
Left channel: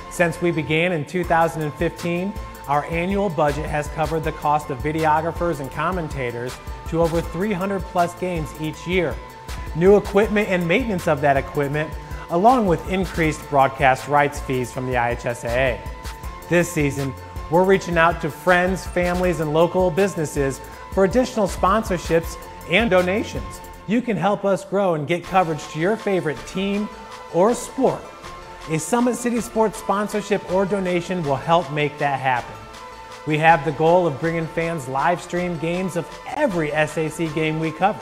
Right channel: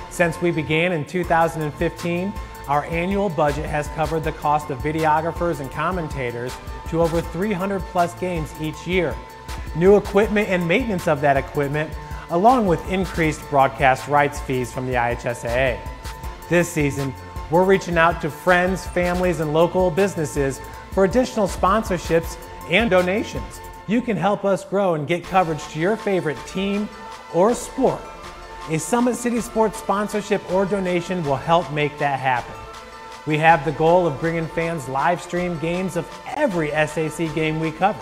Since we began in 2015, our annual budget has covered the cost of videographers and commentators to over 300 plus games each year. New equipment and maintenance of that equipment, along with increased broadcast rights fees from the IHSAA. This season, we're reaching out to friends, families, and local businesses for additional sponsorships and donations. You can help us grow and get coverage to your favorite team or sport. A Summit City Sports sponsorship or donation will help make that happen. We have the goal of bringing fans live stream games of every SAC game we cover.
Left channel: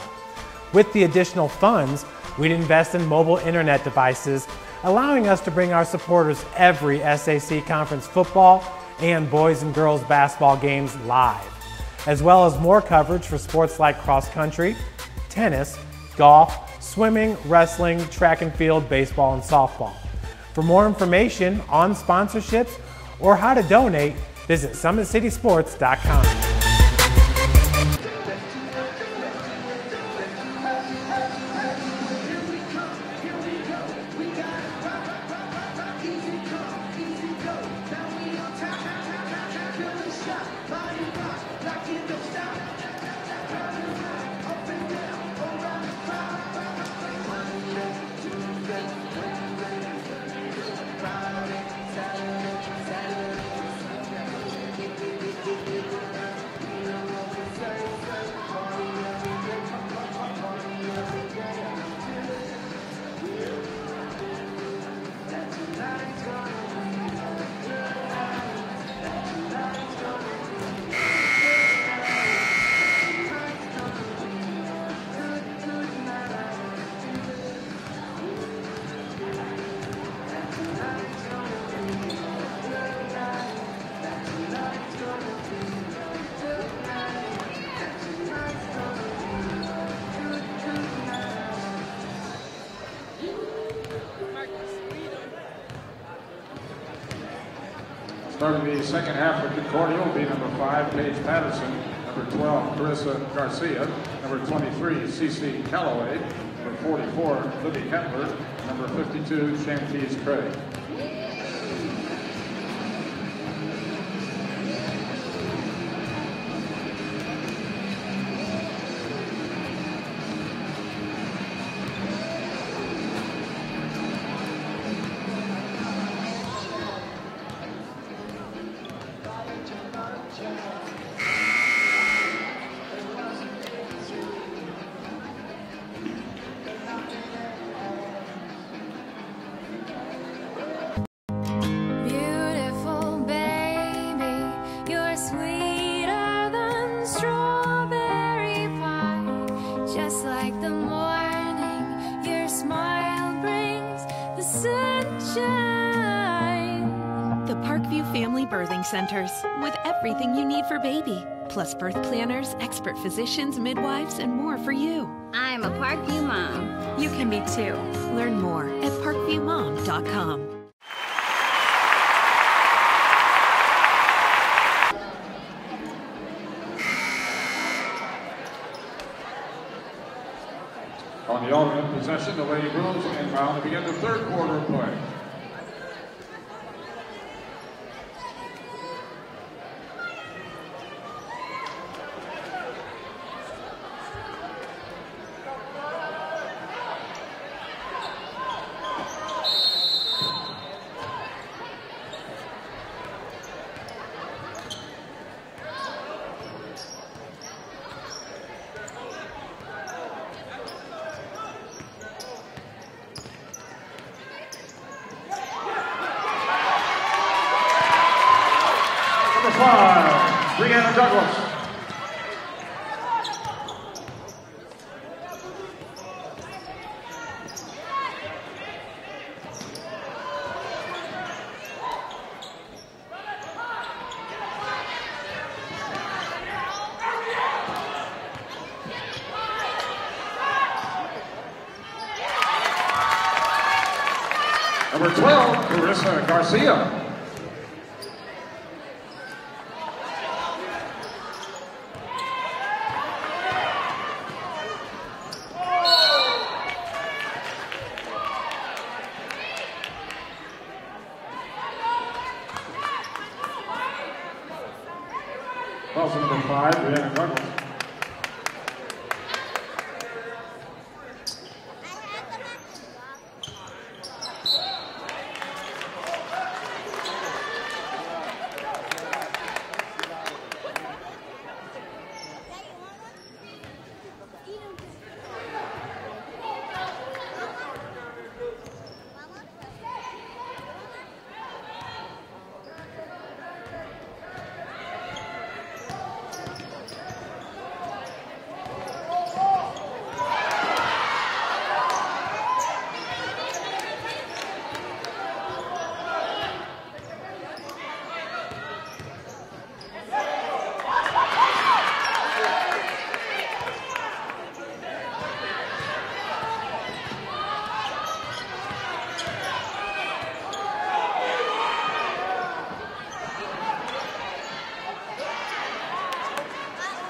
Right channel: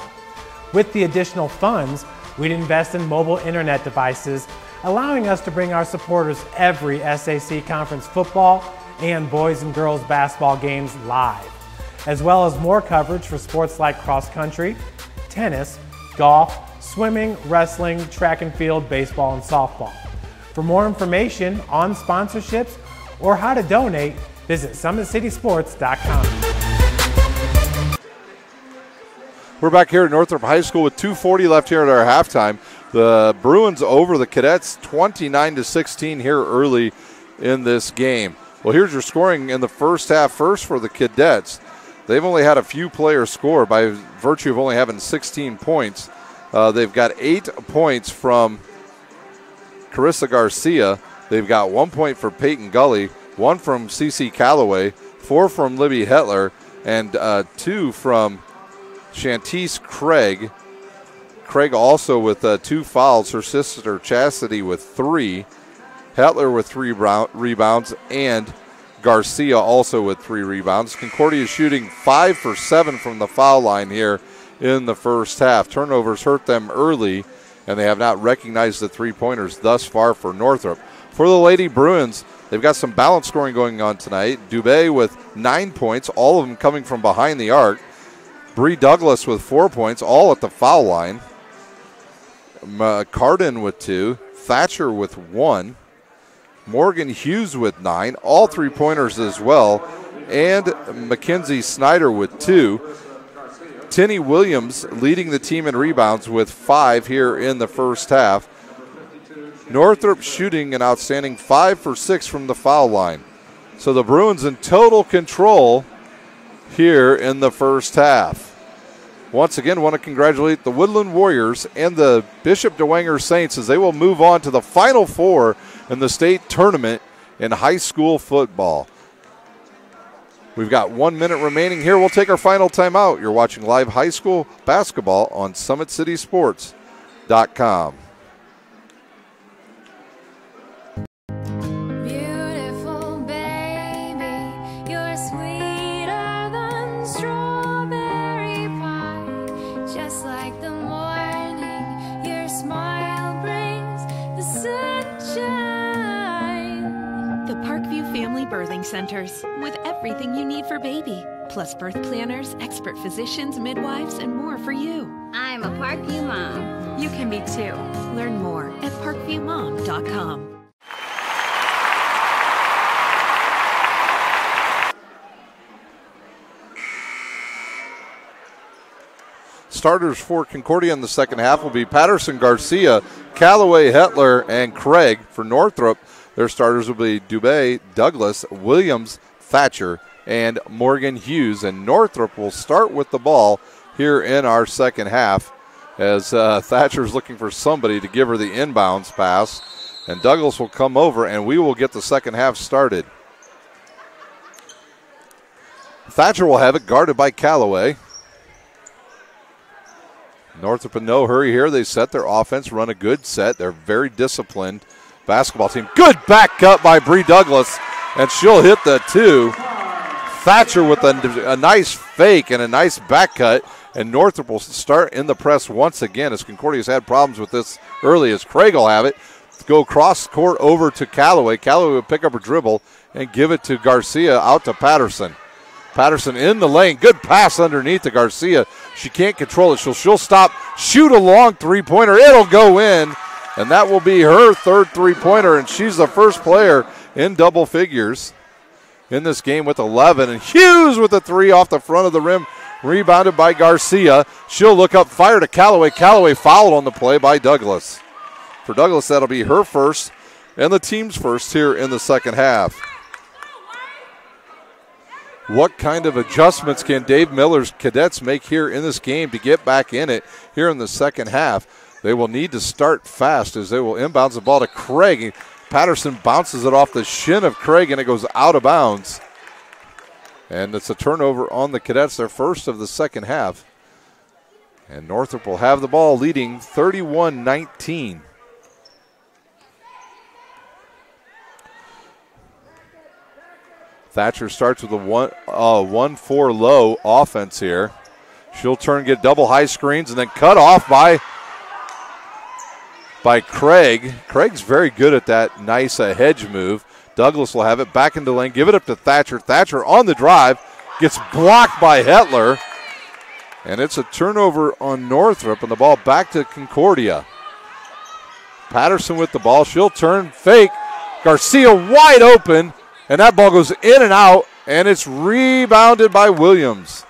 With the additional funds, we'd invest in mobile internet devices, allowing us to bring our supporters every SAC conference football and boys and girls basketball games live, as well as more coverage for sports like cross country, tennis, golf, swimming, wrestling, track and field, baseball, and softball. For more information on sponsorships or how to donate, visit SummitCitySports.com. We're back here at Northrop High School with 2:40 left here at our halftime. The Bruins over the Cadets 29-16 here early in this game. Well, here's your scoring in the first half. First for the Cadets, they've only had a few players score by virtue of only having 16 points. They've got 8 points from Carissa Garcia. They've got 1 point for Peyton Gully, 1 from Cece Calloway, 4 from Libby Hetler, and 2 from Shantice Craig. Craig also with 2 fouls, her sister Chastity with 3. Hetler with 3 rebounds, and Garcia also with 3 rebounds. Concordia is shooting 5 for 7 from the foul line here in the first half. Turnovers hurt them early, and they have not recognized the 3-pointers thus far for Northrop. For the Lady Bruins, they've got some balanced scoring going on tonight. Dubé with 9 points, all of them coming from behind the arc. Bree Douglas with 4 points, all at the foul line. Cardin with 2, Thatcher with 1. Morgan Hughes with 9, all 3-pointers as well, and Mackenzie Snyder with 2. Tinny Williams leading the team in rebounds with 5 here in the first half. Northrop shooting an outstanding 5 for 6 from the foul line. So the Bruins in total control here in the first half. Once again, want to congratulate the Woodland Warriors and the Bishop DeWanger Saints as they will move on to the Final Four in the state tournament in high school football. We've got 1 minute remaining here. We'll take our final timeout. You're watching live high school basketball on SummitCitySports.com. Beautiful baby, you're sweeter than strawberry pie. Just like the morning, your smile brings the sunshine. The Parkview Family Birthing Centers, with everything you need for baby, plus birth planners, expert physicians, midwives, and more for you. I'm a Parkview mom. You can be too. Learn more at parkviewmom.com. Starters for Concordia in the second half will be Patterson, Garcia, Callaway, Hetler, and Craig. For Northrop, their starters will be Dubé, Douglas, Williams, Thatcher, and Morgan Hughes. And Northrop will start with the ball here in our second half as Thatcher's looking for somebody to give her the inbounds pass. And Douglas will come over, and we will get the second half started. Thatcher will have it, guarded by Callaway. Northrop in no hurry here. They set their offense, run a good set. They're very disciplined basketball team. Good back cut by Bree Douglas, and she'll hit the 2. Thatcher with a nice fake and a nice back cut, and Northrop will start in the press once again as Concordia's had problems with this early as Craig will have it. go across court over to Callaway. Callaway would pick up a dribble and give it to Garcia out to Patterson. Patterson in the lane. Good pass underneath to Garcia. She can't control it. She'll stop, shoot a long three-pointer. It'll go in, and that will be her third three-pointer, and she's the first player in double figures in this game with 11. And Hughes with a three off the front of the rim, rebounded by Garcia. She'll look up, fire to Callaway. Callaway fouled on the play by Douglas. For Douglas, that'll be her first and the team's first here in the second half. What kind of adjustments can Dave Miller's Cadets make here in this game to get back in it here in the second half? They will need to start fast as they will inbounds the ball to Craig. Patterson bounces it off the shin of Craig and it goes out of bounds. And it's a turnover on the Cadets, their first of the second half. And Northrop will have the ball leading 31-19. Thatcher starts with a 1-4 low offense here. She'll turn, get double high screens, and then cut off by Craig. Craig's very good at that nice hedge move. Douglas will have it back into lane, give it up to Thatcher. Thatcher on the drive, gets blocked by Hetler. And it's a turnover on Northrop, and the ball back to Concordia. Patterson with the ball, she'll turn, fake. Garcia wide open. And that ball goes in and out, and it's rebounded by Williams.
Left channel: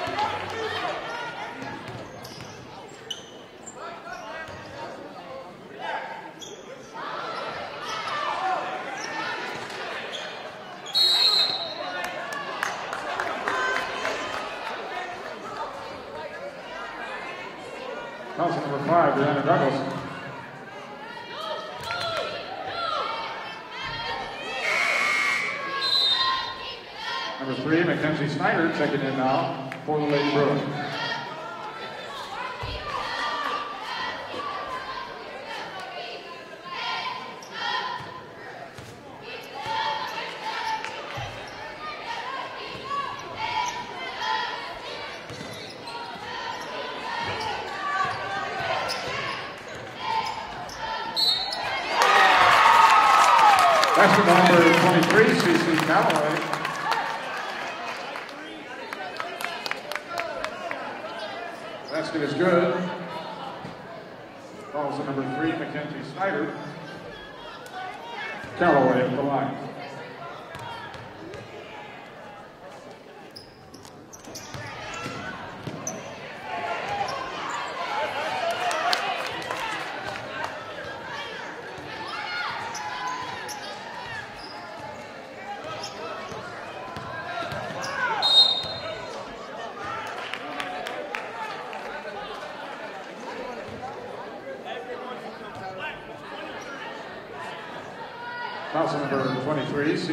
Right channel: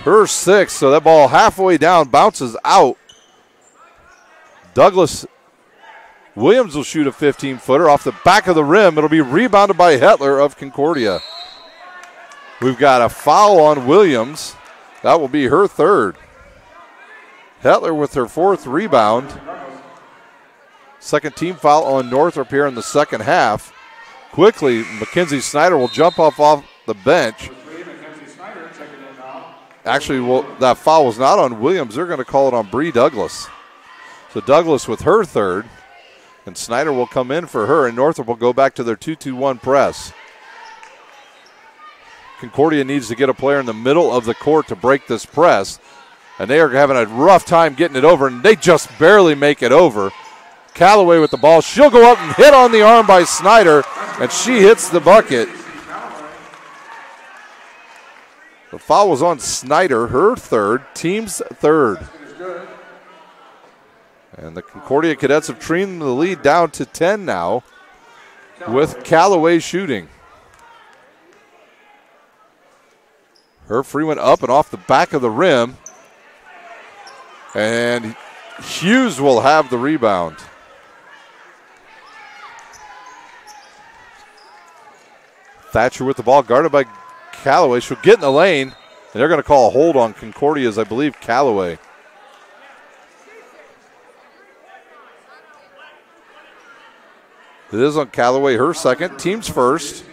Her sixth, so that ball halfway down bounces out. Williams will shoot a 15-footer off the back of the rim. It'll be rebounded by Hetler of Concordia. We've got a foul on Williams. That will be her third. Hetler with her fourth rebound. Second team foul on Northrop here in the second half. Quickly, Mackenzie Snyder will jump off the bench. Mackenzie Snyder checking in now. Actually, that foul was not on Williams. They're going to call it on Bree Douglas. So Douglas with her third, and Snyder will come in for her, and Northrop will go back to their 2-2-1 press. Concordia needs to get a player in the middle of the court to break this press, and they are having a rough time getting it over, and they just barely make it over. Callaway with the ball. She'll go up and hit on the arm by Snyder, and she hits the bucket. The foul was on Snyder, her third, team's third. And the Concordia Cadets have trimmed the lead down to 10 now with Callaway shooting. Her free went up and off the back of the rim. And Hughes will have the rebound. Thatcher with the ball, guarded by Callaway. She'll get in the lane, and they're going to call a hold on Concordia's, I believe, Callaway. It is on Callaway, her second, team's first.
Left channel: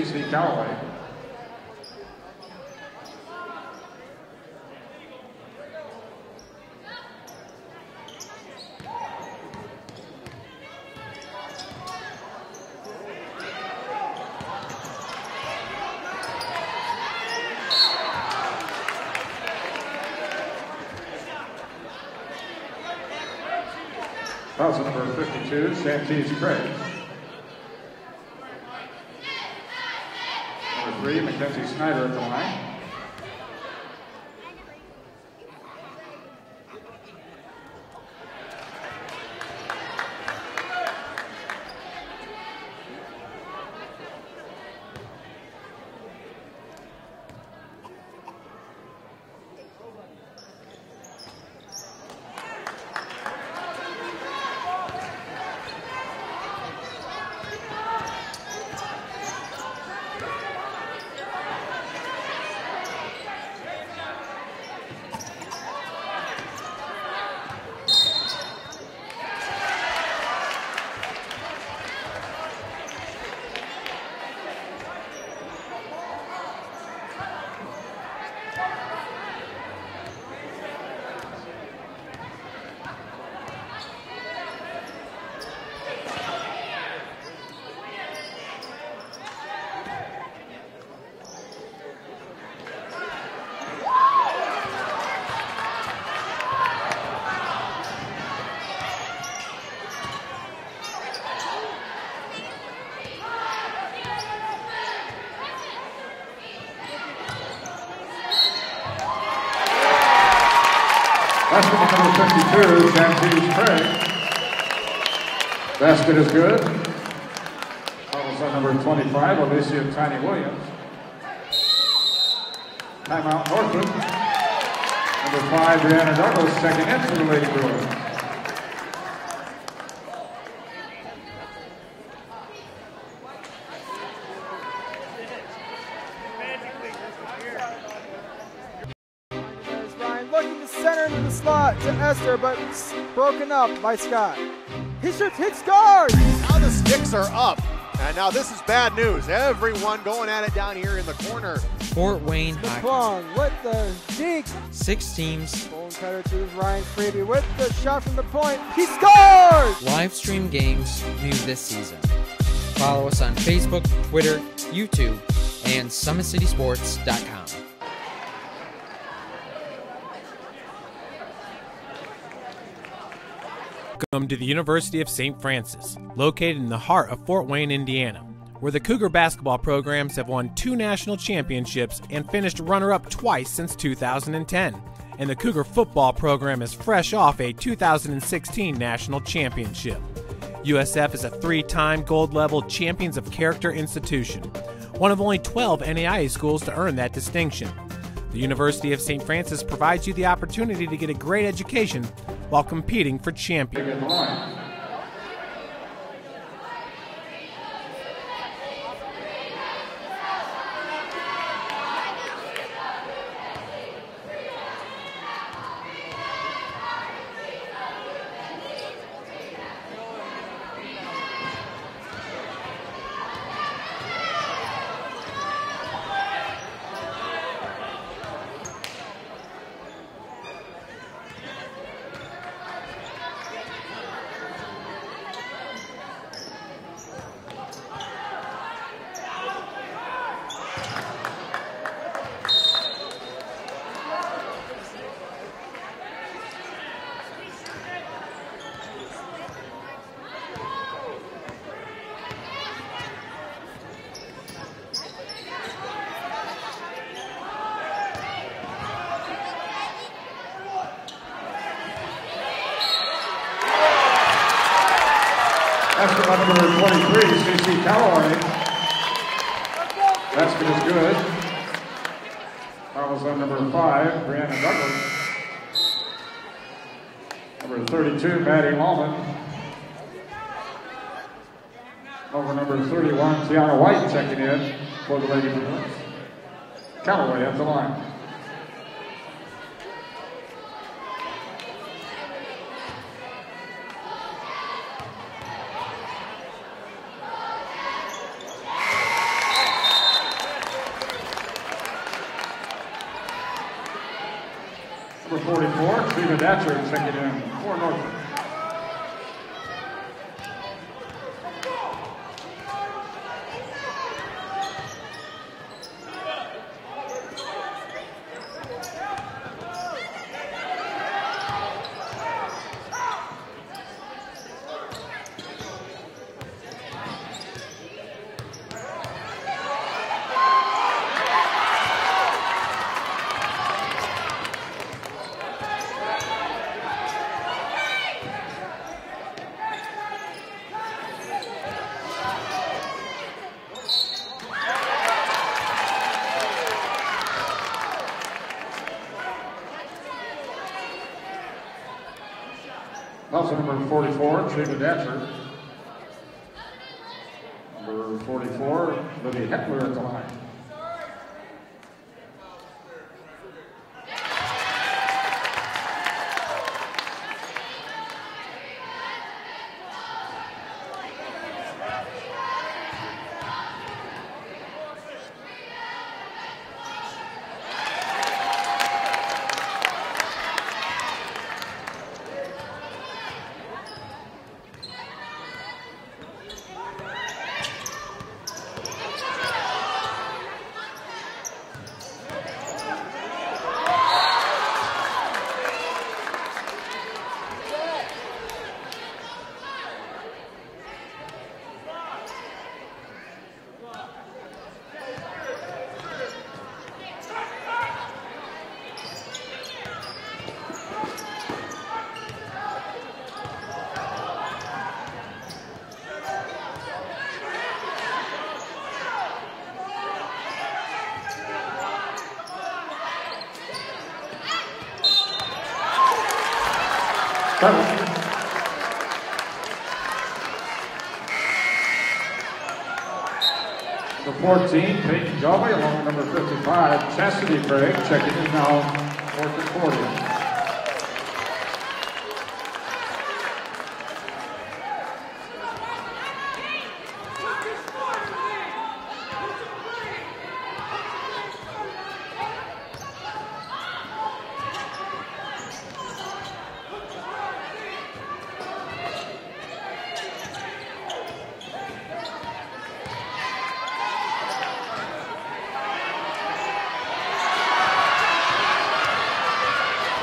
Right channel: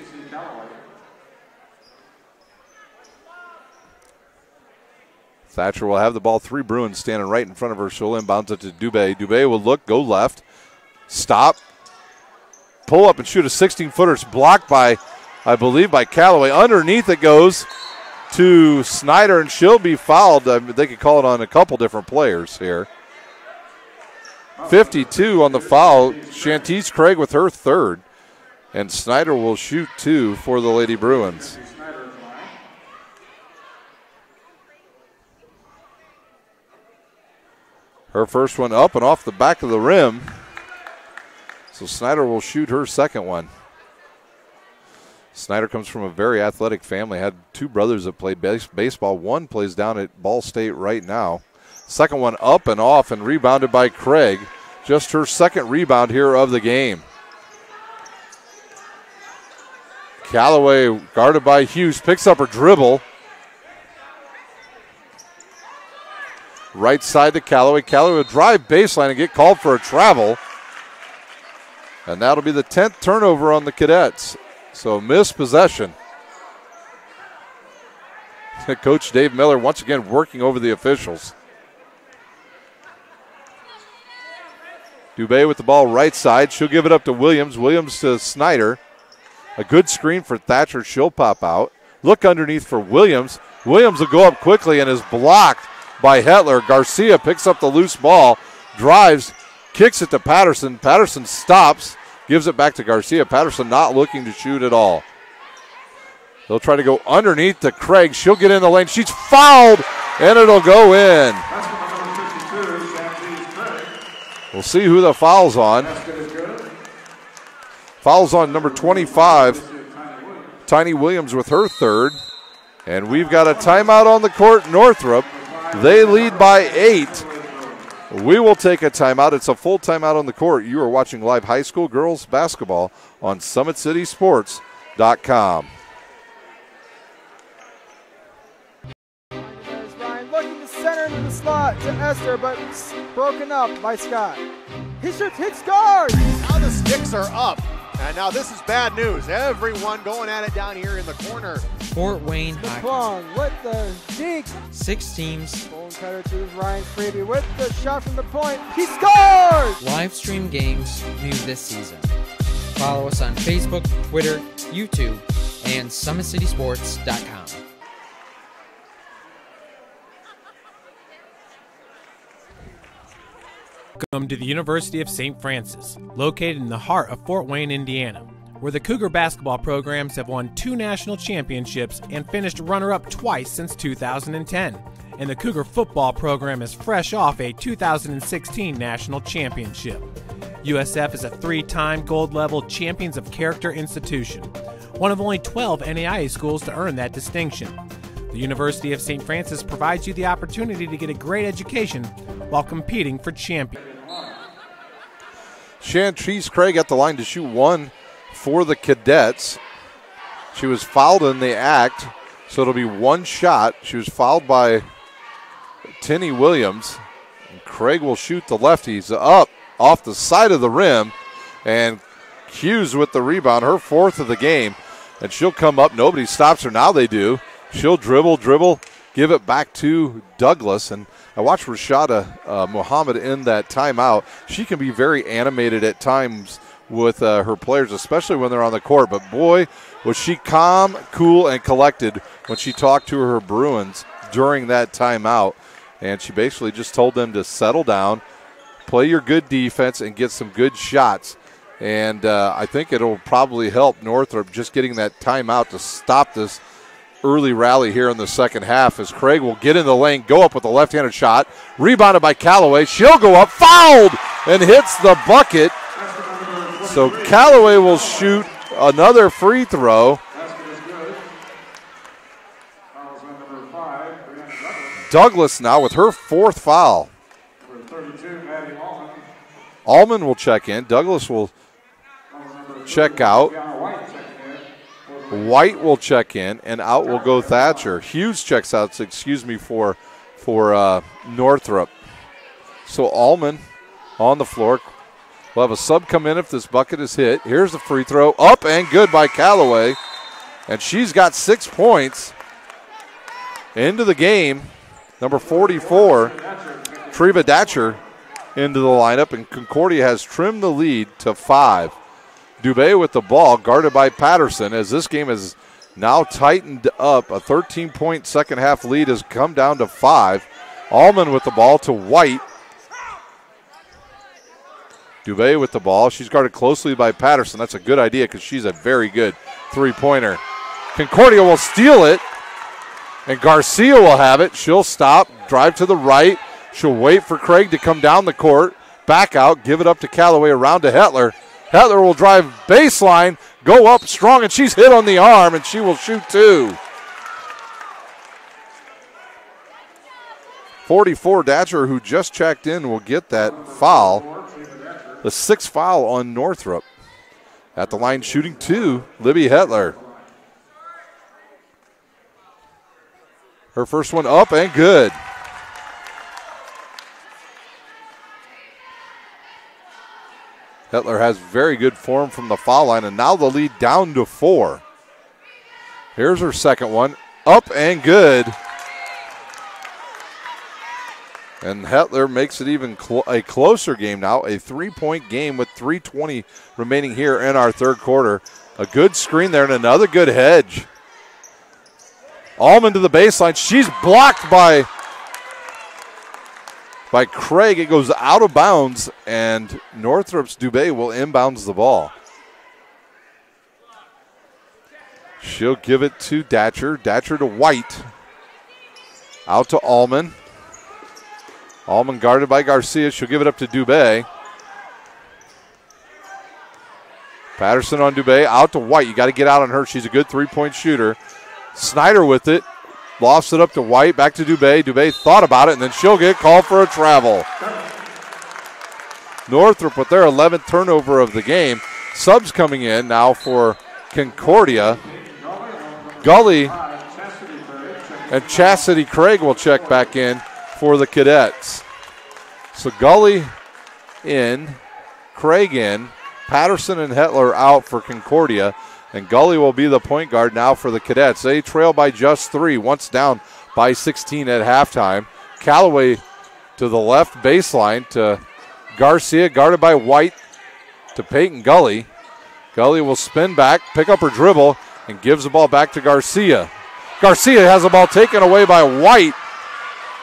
Thatcher will have the ball. Three Bruins standing right in front of her. She'll inbounds it to Dubé. Dubé will look, go left, stop, pull up and shoot a 16-footer. It's blocked by, I believe, by Callaway. Underneath it goes to Snyder, and she'll be fouled. They could call it on a couple different players here. 52 on the foul. Shantice Craig with her third. And Snyder will shoot two for the Lady Bruins. Her first one up and off the back of the rim. So Snyder will shoot her second one. Snyder comes from a very athletic family. Had two brothers that played baseball. One plays down at Ball State right now. Second one up and off and rebounded by Craig. Just her second rebound here of the game. Callaway guarded by Hughes, picks up her dribble. Right side to Callaway. Callaway will drive baseline and get called for a travel. And that'll be the 10th turnover on the Cadets. So missed possession. Coach Dave Miller once again working over the officials. Dubé with the ball right side. She'll give it up to Williams. Williams to Snyder. A good screen for Thatcher. She'll pop out. Look underneath for Williams. Williams will go up quickly and is blocked by Hetler. Garcia picks up the loose ball, drives, kicks it to Patterson. Patterson stops, gives it back to Garcia. Patterson not looking to shoot at all. They'll try to go underneath to Craig. She'll get in the lane. She's fouled, and it'll go in. Basket number 52, Santini Craig. We'll see who the foul's on. Basket is good. Foul's on number 25, Tiny Williams with her third. And we've got a timeout on the court, Northrop. They lead by 8. We will take a timeout. It's a full timeout on the court. You are watching live high school girls basketball on SummitCitySports.com. Ryan looking to center into the slot to Esther, but broken up by Scott. He shoots, hits guard. Now the sticks are up. And now this is bad news. Everyone going at it down here in the corner. Fort Wayne High. Plong with the dink. 6 teams. Bone cutter to Ryan Freeby with the shot from the point. He scores! Live stream games new this season. Follow us on Facebook, Twitter, YouTube, and SummitCitySports.com. Welcome to the University of St. Francis, located in the heart of Fort Wayne, Indiana, where the Cougar basketball programs have won 2 national championships and finished runner-up twice since 2010. And the Cougar football program is fresh off a 2016 national championship. USF is a 3-time gold-level Champions of Character institution, one of only 12 NAIA schools to earn that distinction. The University of St. Francis provides you the opportunity to get a great education while competing for champions. Chantrice Craig at the line to shoot 1 for the Cadets. She was fouled in the act, so it'll be 1 shot. She was fouled by Tinny Williams. Craig will shoot the lefties up off the side of the rim, and Hughes with the rebound, her 4th of the game, and she'll come up. Nobody stops her. Now they do. She'll dribble, give it back to Douglas, and I watched Rashada Muhammad in that timeout. She can be very animated at times with her players, especially when they're on the court. But boy, was she calm, cool, and collected when she talked to her Bruins during that timeout. And she basically just told them to settle down, play your good defense, and get some good shots. And I think it'll probably help Northrop just getting that timeout to stop this early rally here in the second half, as Craig will get in the lane, go up with a left-handed shot, rebounded by Callaway. She'll go up, fouled, and hits the bucket. So Callaway will shoot another free throw. Basket is good. Fouls on number 5, Brianna Douglas. Douglas now with her 4th foul. Number 32, Maddie Allman. Allman will check in. Douglas will check out. White checking in. White will check in, and out will go Thatcher. Hughes checks out, for Northrop. So Allman on the floor. We'll have a sub come in if this bucket is hit. Here's the free throw, up and good by Callaway. And she's got 6 points into the game. Number 44, Treva Datcher into the lineup, and Concordia has trimmed the lead to 5. Dubé with the ball, guarded by Patterson, as this game is now tightened up. A 13-point second half lead has come down to 5. Allman with the ball to White. Dubé with the ball. She's guarded closely by Patterson. That's a good idea because she's a very good three-pointer. Concordia will steal it, and Garcia will have it. She'll stop, drive to the right. She'll wait for Craig to come down the court, back out, give it up to Callaway, around to Hetler. Hetler will drive baseline, go up strong, and she's hit on the arm, and she will shoot 2. 44, Datcher, who just checked in, will get that foul. The 6th foul on Northrop. At the line shooting 2, Libby Hetler. Her first one up and good. Hetler has very good form from the foul line, and now the lead down to 4. Here's her second one, up and good. And Hetler makes it even a closer game now, a 3-point game with 3:20 remaining here in our third quarter. A good screen there and another good hedge. Allman to the baseline. She's blocked by by Craig. It goes out of bounds, and Northrop's Dubé will inbounds the ball. She'll give it to Datcher. Datcher to White. Out to Allman. Allman guarded by Garcia. She'll give it up to Dubé. Patterson on Dubé. Out to White. You got to get out on her. She's a good three-point shooter. Snyder with it. Lofts it up to White. Back to Dubé. Dubé thought about it, and then she'll get called for a travel. Northrop with their 11th turnover of the game. Subs coming in now for Concordia. Gully and Chastity Craig will check back in for the Cadets. So Gully in, Craig in, Patterson and Hetler out for Concordia, and Gully will be the point guard now for the Cadets. They trail by just 3, once down by 16 at halftime. Callaway to the left baseline to Garcia, guarded by White, to Peyton Gully. Gully will spin back, pick up her dribble, and gives the ball back to Garcia. Garcia has the ball taken away by White.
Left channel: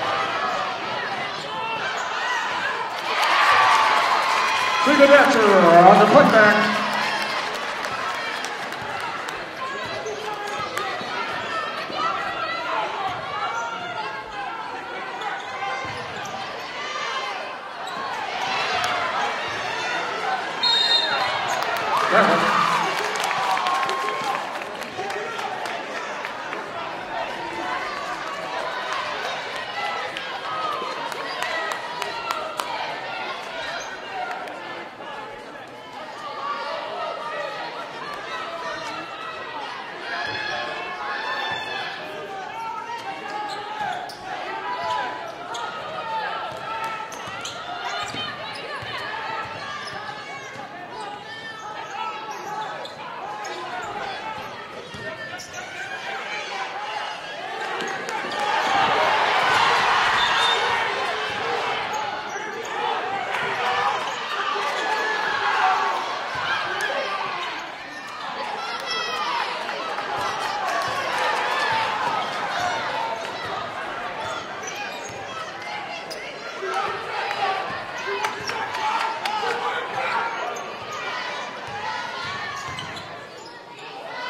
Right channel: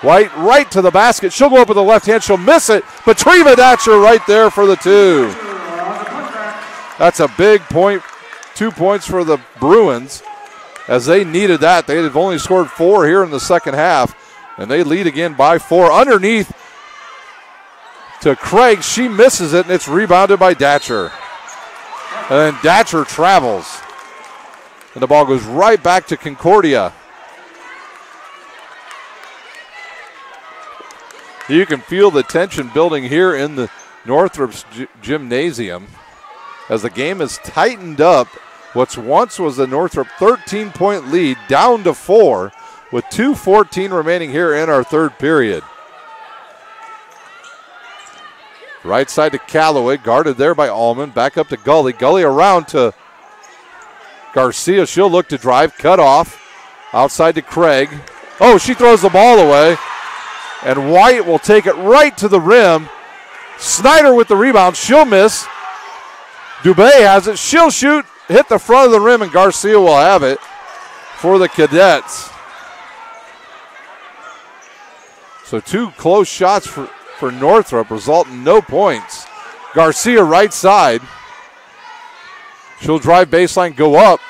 White right to the basket. She'll go up with the left hand. She'll miss it. But Treva Datcher right there for the 2. That's a big point. 2 points for the Bruins as they needed that. They've only scored 4 here in the second half, and they lead again by 4. Underneath to Craig. She misses it, and it's rebounded by Datcher. And then Datcher travels. And the ball goes right back to Concordia. You can feel the tension building here in the Northrop's gymnasium as the game has tightened up. What once was the Northrop 13-point lead down to 4 with 2:14 remaining here in our third period. Right side to Callaway, guarded there by Allman. Back up to Gully. Gully around to Garcia. She'll look to drive, cut off. Outside to Craig. Oh, she throws the ball away. And White will take it right to the rim. Snyder with the rebound. She'll miss. Dubé has it. She'll shoot, hit the front of the rim, and Garcia will have it for the Cadets. So 2 close shots for Northrop result in no points. Garcia right side. She'll drive baseline, go up.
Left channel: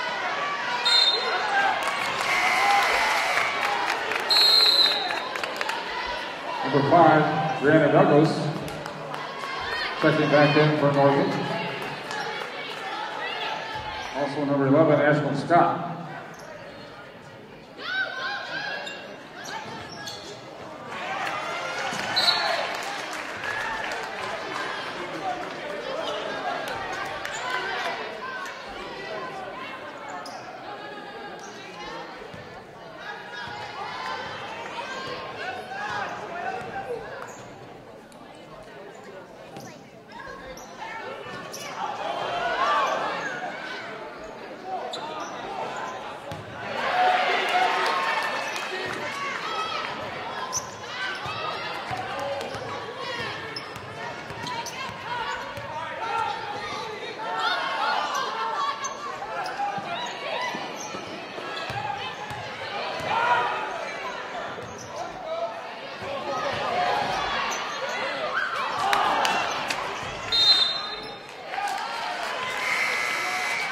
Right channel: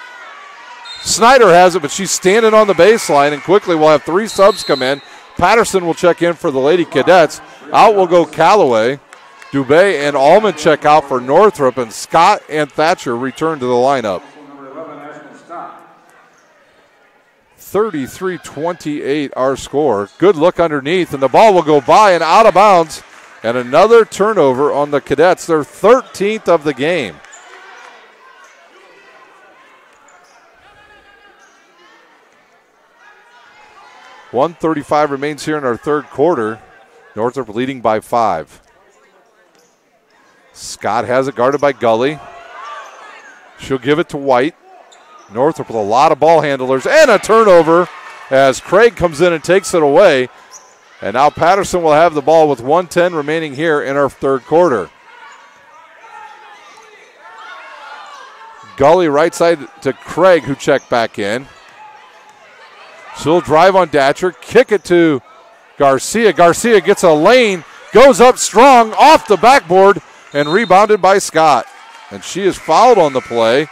Snyder has it, but she's standing on the baseline, and quickly we'll have 3 subs come in. Patterson will check in for the Lady Cadets. Out will go Callaway. Dubé and Allman check out for Northrop, and Scott and Thatcher return to the lineup. Also number 11, Ashland Scott. 33-28 our score. Good look underneath, and the ball will go by and out of bounds. And another turnover on the Cadets, their 13th of the game. .135 remains here in our third quarter. Northrop leading by 5. Scott has it guarded by Gully. She'll give it to White. Northrop with a lot of ball handlers and a turnover as Craig comes in and takes it away. And now Patterson will have the ball with 1:10 remaining here in our third quarter. Gully right side to Craig, who checked back in. She'll drive on Datcher, kick it to Garcia. Garcia gets a lane, goes up strong off the backboard, and rebounded by Scott. And she is fouled on the play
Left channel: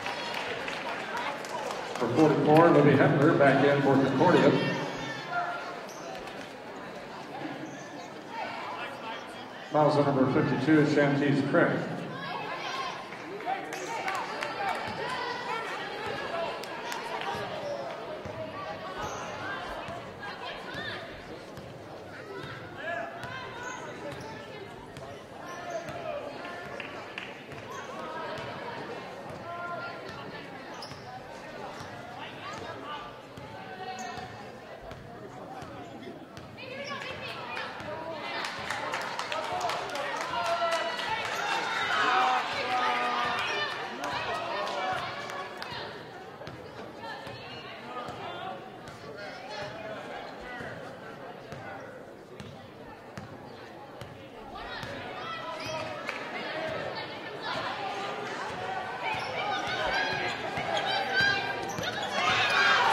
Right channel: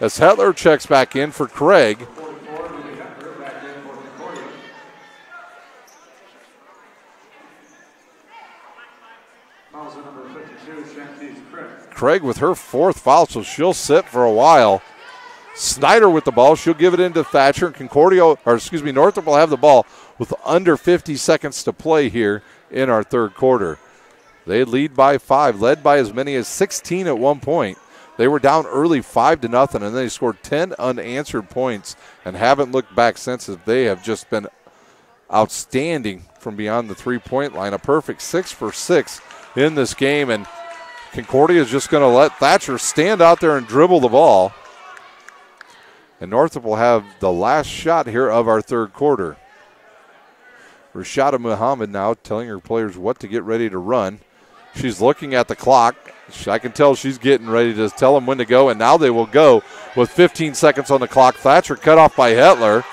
as Hetler checks back in for Craig. For 44, Libby Hetler back in for Concordia. Fouls on number 52, Shantice Craig. Craig with her 4th foul, so she'll sit for a while. Snyder with the ball. She'll give it into Thatcher. And Northrop will have the ball with under 50 seconds to play here in our third quarter. They lead by 5, led by as many as 16 at one point. They were down early 5-0, and then they scored 10 unanswered points and haven't looked back since. They have just been outstanding from beyond the 3-point line. A perfect 6 for 6 in this game, and Concordia is just going to let Thatcher stand out there and dribble the ball. And Northrop will have the last shot here of our third quarter. Rashada Muhammad now telling her players what to get ready to run. She's looking at the clock. I can tell she's getting ready to tell them when to go, and now they will go with 15 seconds on the clock. Thatcher cut off by Hetler.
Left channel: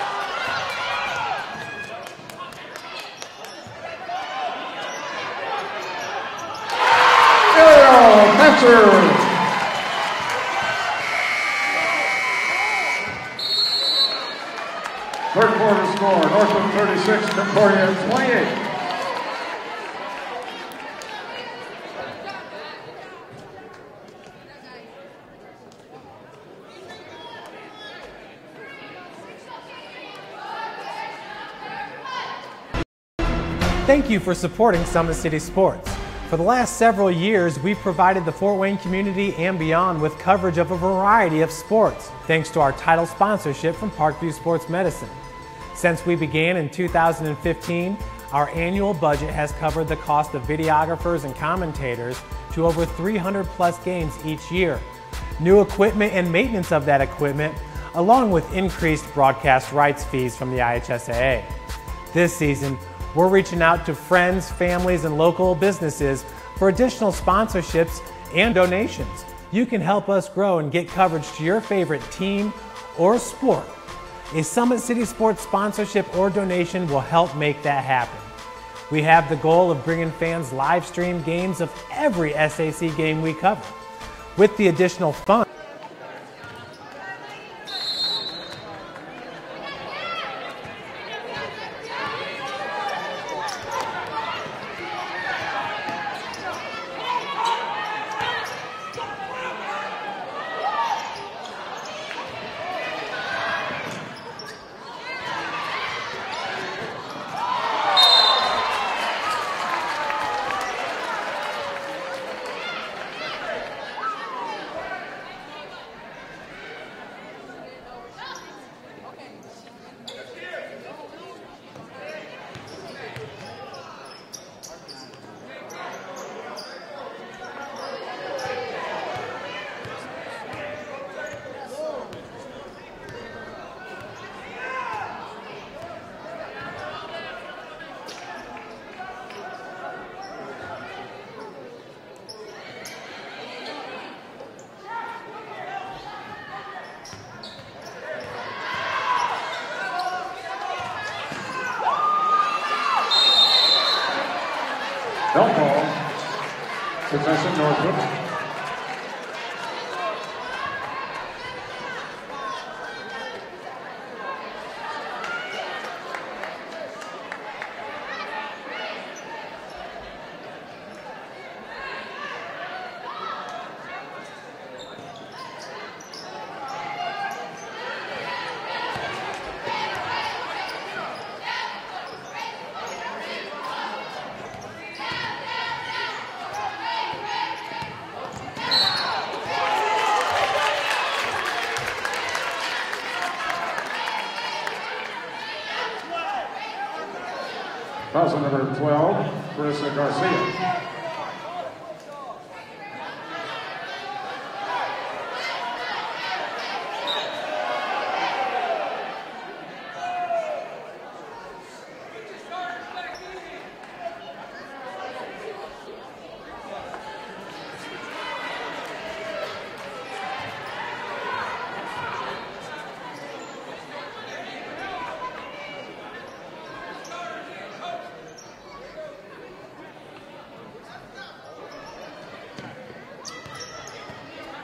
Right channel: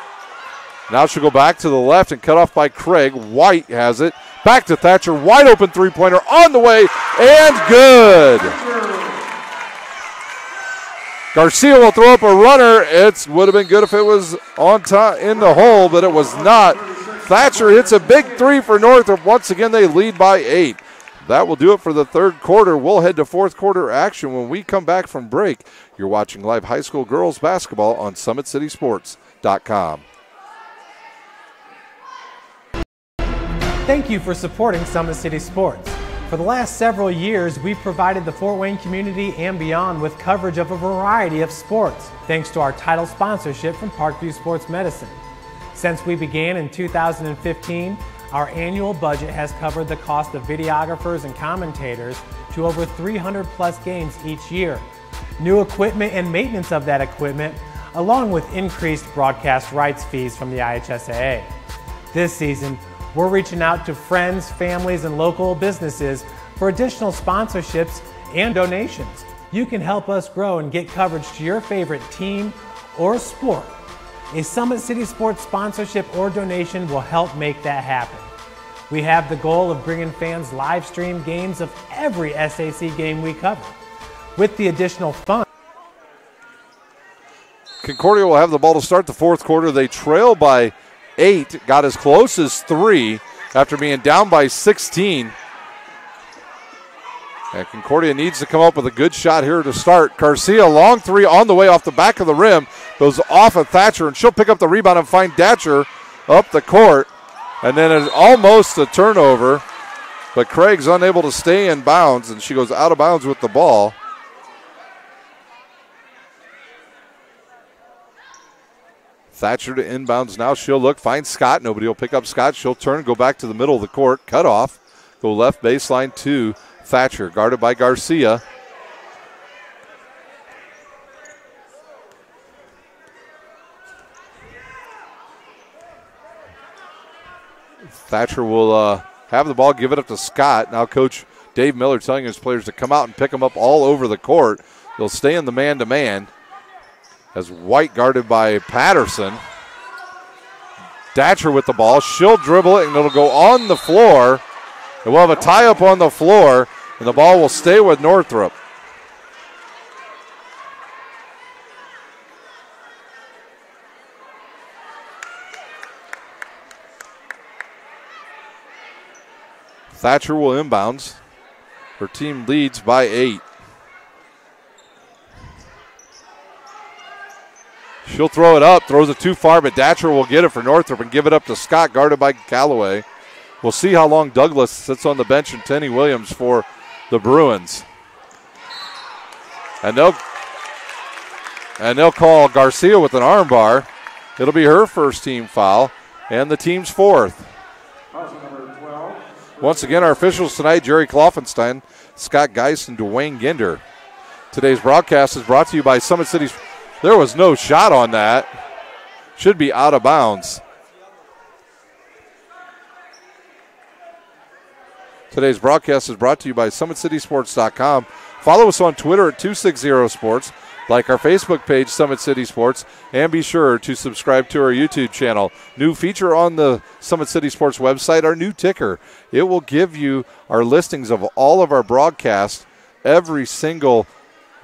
Now she'll go back to the left and cut off by Craig. White has it. Back to Thatcher, wide open three-pointer on the way, and good. Garcia will throw up a runner. It would have been good if it was on time in the hole, but it was not. Thatcher hits a big three for Northrop. Once again, they lead by 8. That will do it for the third quarter. We'll head to fourth quarter action when we come back from break. You're watching live high school girls basketball on SummitCitySports.com. Thank you for supporting Summit City Sports. For the last several years, we've provided the Fort Wayne community and beyond with coverage of a variety of sports, thanks to our title sponsorship from Parkview Sports Medicine. Since we began in 2015, our annual budget has covered the cost of videographers and commentators to over 300 plus games each year. New equipment and maintenance of that equipment, along with increased broadcast rights fees from the IHSAA. This season, we're reaching out to friends, families, and local businesses for additional sponsorships and donations. You can help us grow and get coverage to your favorite team or sport. A Summit City Sports sponsorship or donation will help make that happen. We have the goal of bringing fans live stream games of every SAC game we cover. With the additional funds, Concordia will have the ball to start the fourth quarter. They trail by 8, got as close as 3 after being down by 16. And Concordia needs to come up with a good shot here to start. Garcia, long 3 on the way off the back of the rim, goes off of Thatcher, and she'll pick up the rebound and find Datcher up the court. And then it's almost a turnover, but Craig's unable to stay in bounds, and she goes out of bounds with the ball. Thatcher to inbounds now. She'll look, find Scott. Nobody will pick up Scott. She'll turn, go back to the middle of the court, cut off, go left baseline to Thatcher, guarded by Garcia. Thatcher will have the ball, give it up to Scott. Now Coach Dave Miller telling his players to come out and pick them up all over the court. They'll stay in the man-to-man. As White guarded by Patterson. Datcher with the ball. She'll dribble it, and it'll go on the floor. And we'll have a tie-up on the floor, and the ball will stay with Northrop. Thatcher will inbounds. Her team leads by 8. She'll throw it up, throws it too far, but Datcher will get it for Northrop and give it up to Scott, guarded by Callaway. We'll see how long Douglas sits on the bench and Tenny Williams for the Bruins. And they'll call Garcia with an arm bar. It'll be her first team foul and the team's 4th. Foul number 12. Once again, our officials tonight, Jerry Kloffenstein, Scott Geist, and Dwayne Ginder. Today's broadcast is brought to you by Summit City. There was no shot on that. Should be out of bounds. Today's broadcast is brought to you by SummitCitySports.com. Follow us on Twitter at 260sports. Like our Facebook page, Summit City Sports. And be sure to subscribe to our YouTube channel. New feature on the Summit City Sports website, our new ticker. It will give you our listings of all of our broadcasts every single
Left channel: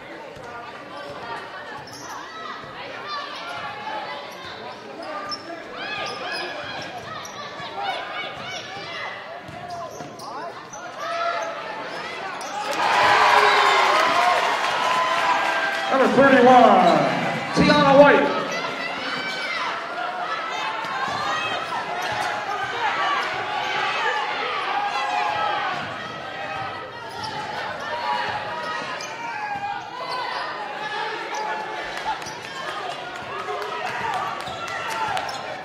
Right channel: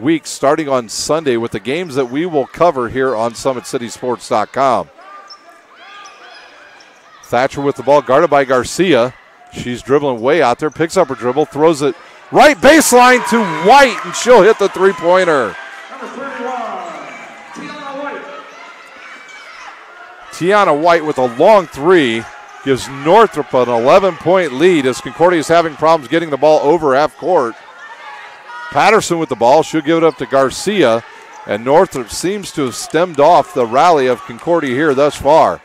week starting on Sunday with the games that we will cover here on SummitCitySports.com. Thatcher with the ball, guarded by Garcia. She's dribbling way out there, picks up her dribble, throws it right baseline to White, and she'll hit the three-pointer. Number 31, Tiana White. Tiana White with a long 3 gives Northrop an 11-point lead as Concordia is having problems getting the ball over half court. Patterson with the ball. She'll give it up to Garcia, and Northrop seems to have stemmed off the rally of Concordia here thus far.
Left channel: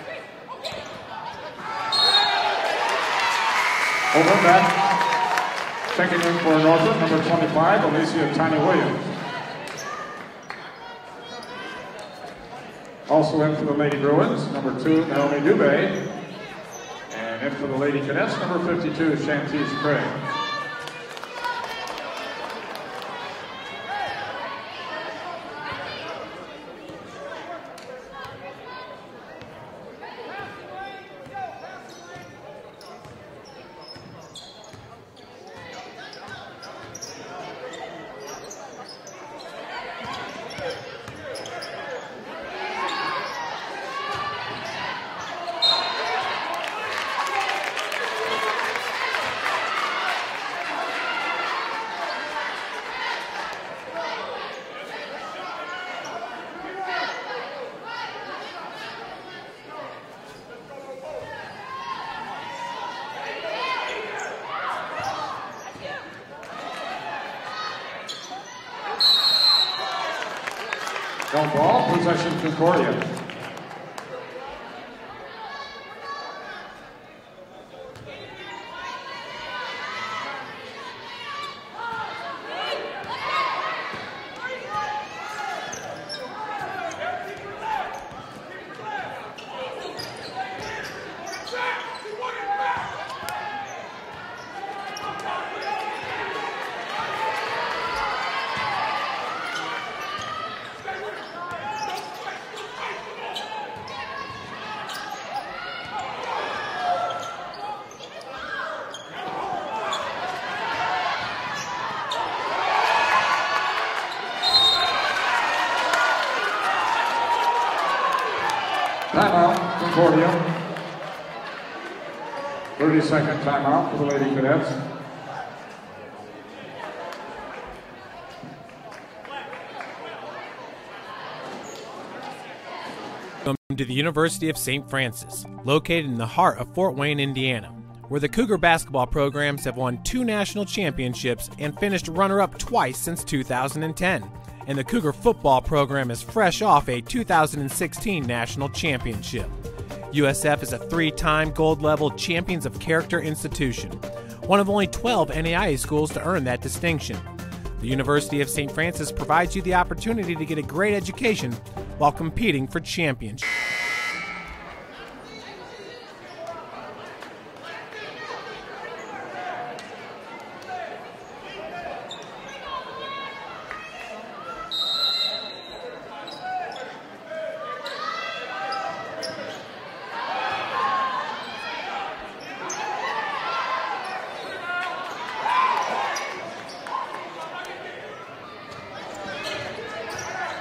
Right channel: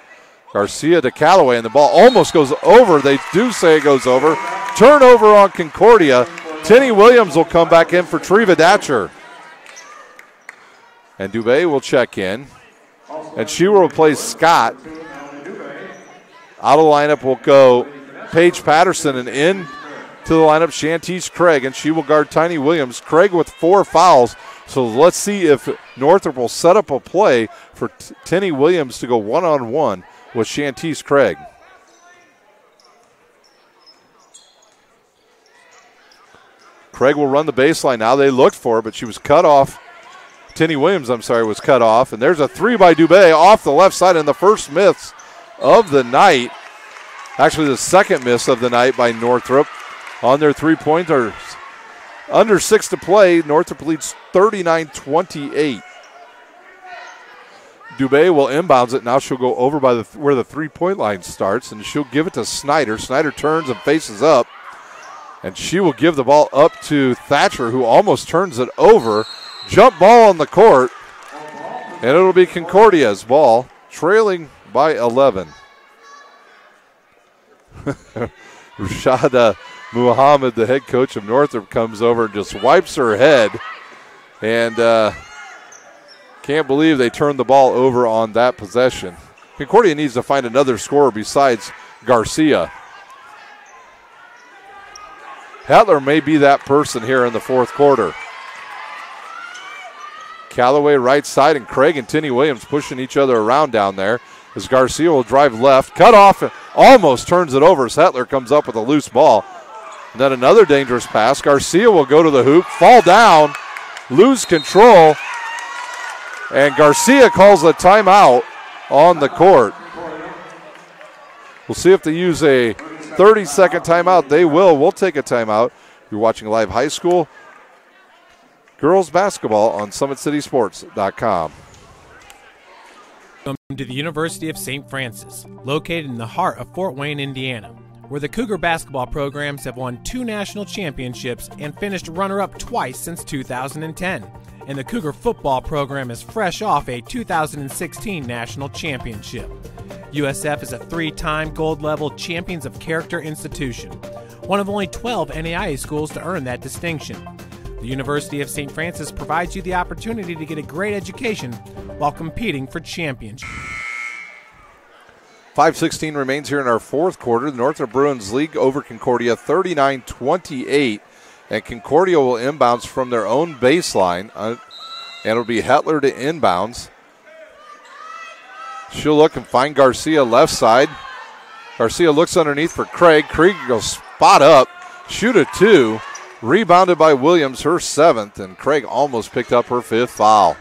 Garcia to Callaway, and the ball almost goes over. They do say it goes over. Turnover on Concordia. Tenny Williams will come back in for Treva Datcher. And Dubé will check in. And she will replace Scott. Out of the lineup will go Paige Patterson, and in to the lineup Shantice Craig, and she will guard Tiny Williams. Craig with 4 fouls, so let's see if Northrop will set up a play for Tenny Williams to go one-on-one with Shantice Craig. Craig will run the baseline now. They looked for her, but she was cut off. Tinny Williams, was cut off. And there's a three by Dubé off the left side, and the first miss of the night. Actually, the second miss of the night by Northrop on their three-pointers. Under 6 to play, Northrop leads 39-28. Dubé will inbounds it. Now she'll go over by where the three-point line starts, and she'll give it to Snyder. Snyder turns and faces up, and she will give the ball up to Thatcher, who almost turns it over. Jump ball on the court, and it'll be Concordia's ball, trailing by 11. Rashada Muhammad, the head coach of Northrop, comes over and just wipes her head, and can't believe they turned the ball over on that possession. Concordia needs to find another scorer besides Garcia. Hetler may be that person here in the fourth quarter. Callaway right side, and Craig and Tinny Williams pushing each other around down there as Garcia will drive left, cut off, and almost turns it over as Hetler comes up with a loose ball. And then another dangerous pass. Garcia will go to the hoop, fall down, lose control, and Garcia calls a timeout on the court. We'll see if they use a 30-second timeout. They will. We'll take a timeout. You're watching live high school girls basketball on SummitCitySports.com. Welcome to the University of St. Francis, located in the heart of Fort Wayne, Indiana, where the Cougar basketball programs have won 2 national championships and finished runner-up twice since 2010. And the Cougar football program is fresh off a 2016 national championship. USF is a 3-time gold-level Champions of Character institution, one of only 12 NAIA schools to earn that distinction. The University of St. Francis provides you the opportunity to get a great education while competing for championships. 5:16 remains here in our fourth quarter. The Northrop Bruins lead over Concordia 39-28, and Concordia will inbounds from their own baseline, and it'll be Hetler to inbounds. She'll look and find Garcia left side. Garcia looks underneath for Craig. Craig goes spot up, shoot a 2. Rebounded by Williams, her 7th, and Craig almost picked up her 5th foul.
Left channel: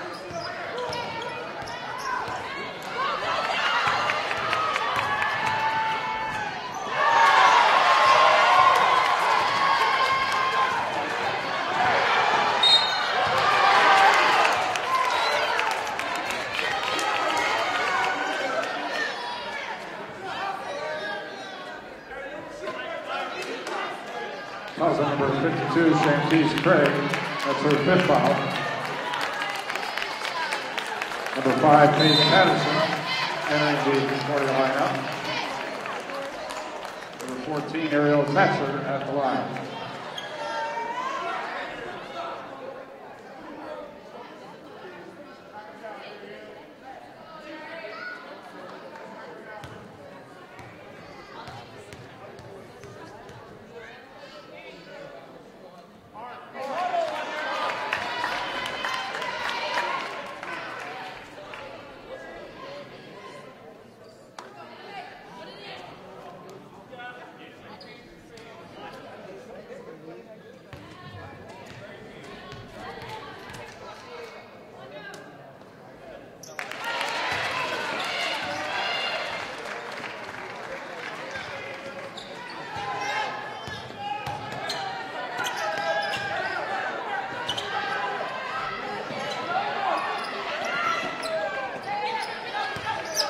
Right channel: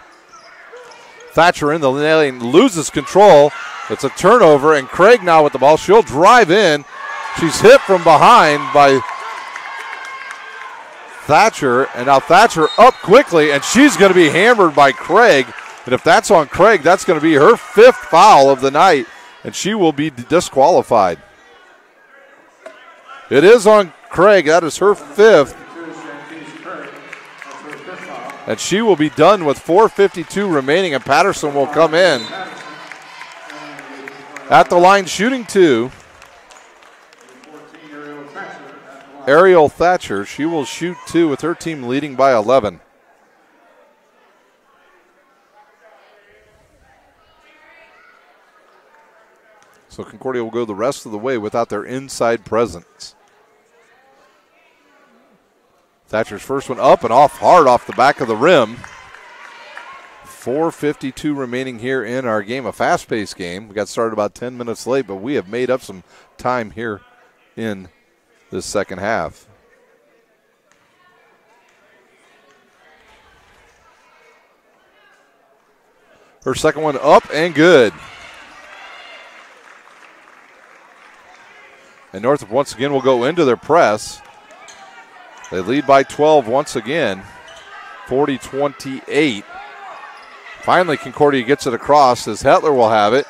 Thatcher in the lane, loses control. It's a turnover, and Craig now with the ball. She'll drive in. She's hit from behind by Thatcher, and now Thatcher up quickly, and she's going to be hammered by Craig. And if that's on Craig, that's going to be her 5th foul of the night, and she will be disqualified. It is on Craig. That is her 5th. And she will be done with 4:52 remaining, and Patterson will come in. At the line shooting 2. Ariel Thatcher. She will shoot 2 with her team leading by 11. So Concordia will go the rest of the way without their inside presence. Thatcher's first one up and off hard off the back of the rim. 4:52 remaining here in our game, a fast-paced game. We got started about 10 minutes late, but we have made up some time here in this second half. Her second one up and good. And Northrop once again will go into their press. They lead by 12 once again, 40-28. Finally, Concordia gets it across as Hetler will have it.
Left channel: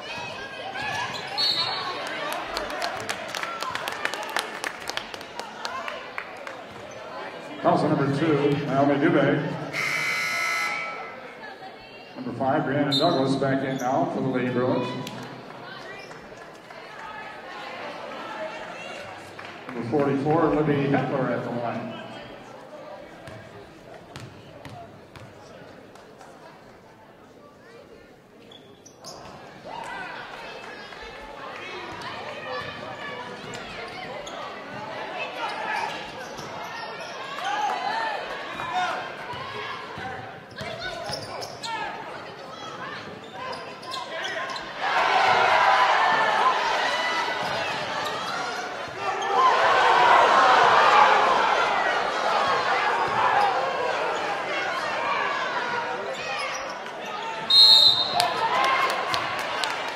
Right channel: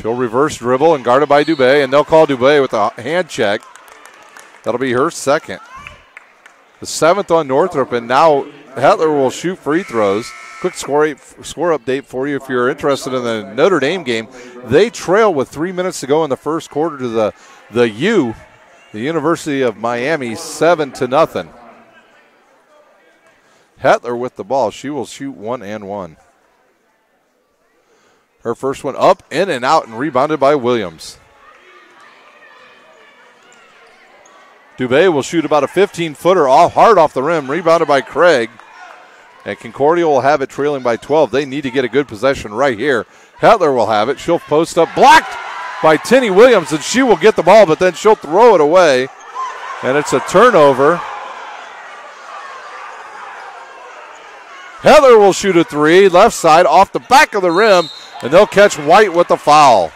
She'll reverse dribble and guarded by Dubé, and they'll call Dubé with a hand check. That'll be her 2nd. The 7th on Northrop, and now Hetler will shoot free throws. Quick score update for you if you're interested in the Notre Dame game. They trail with 3 minutes to go in the first quarter to the University of Miami, 7-0. Hetler with the ball. She will shoot 1 and 1. Her first one up, in and out, and rebounded by Williams. Dubé will shoot about a 15-footer hard off the rim, rebounded by Craig. And Concordia will have it trailing by 12. They need to get a good possession right here. Hetler will have it. She'll post up, blocked by Tinny Williams, and she will get the ball, but then she'll throw it away. And it's a turnover. Heather will shoot a three, left side, off the back of the rim, and they'll catch White with the foul.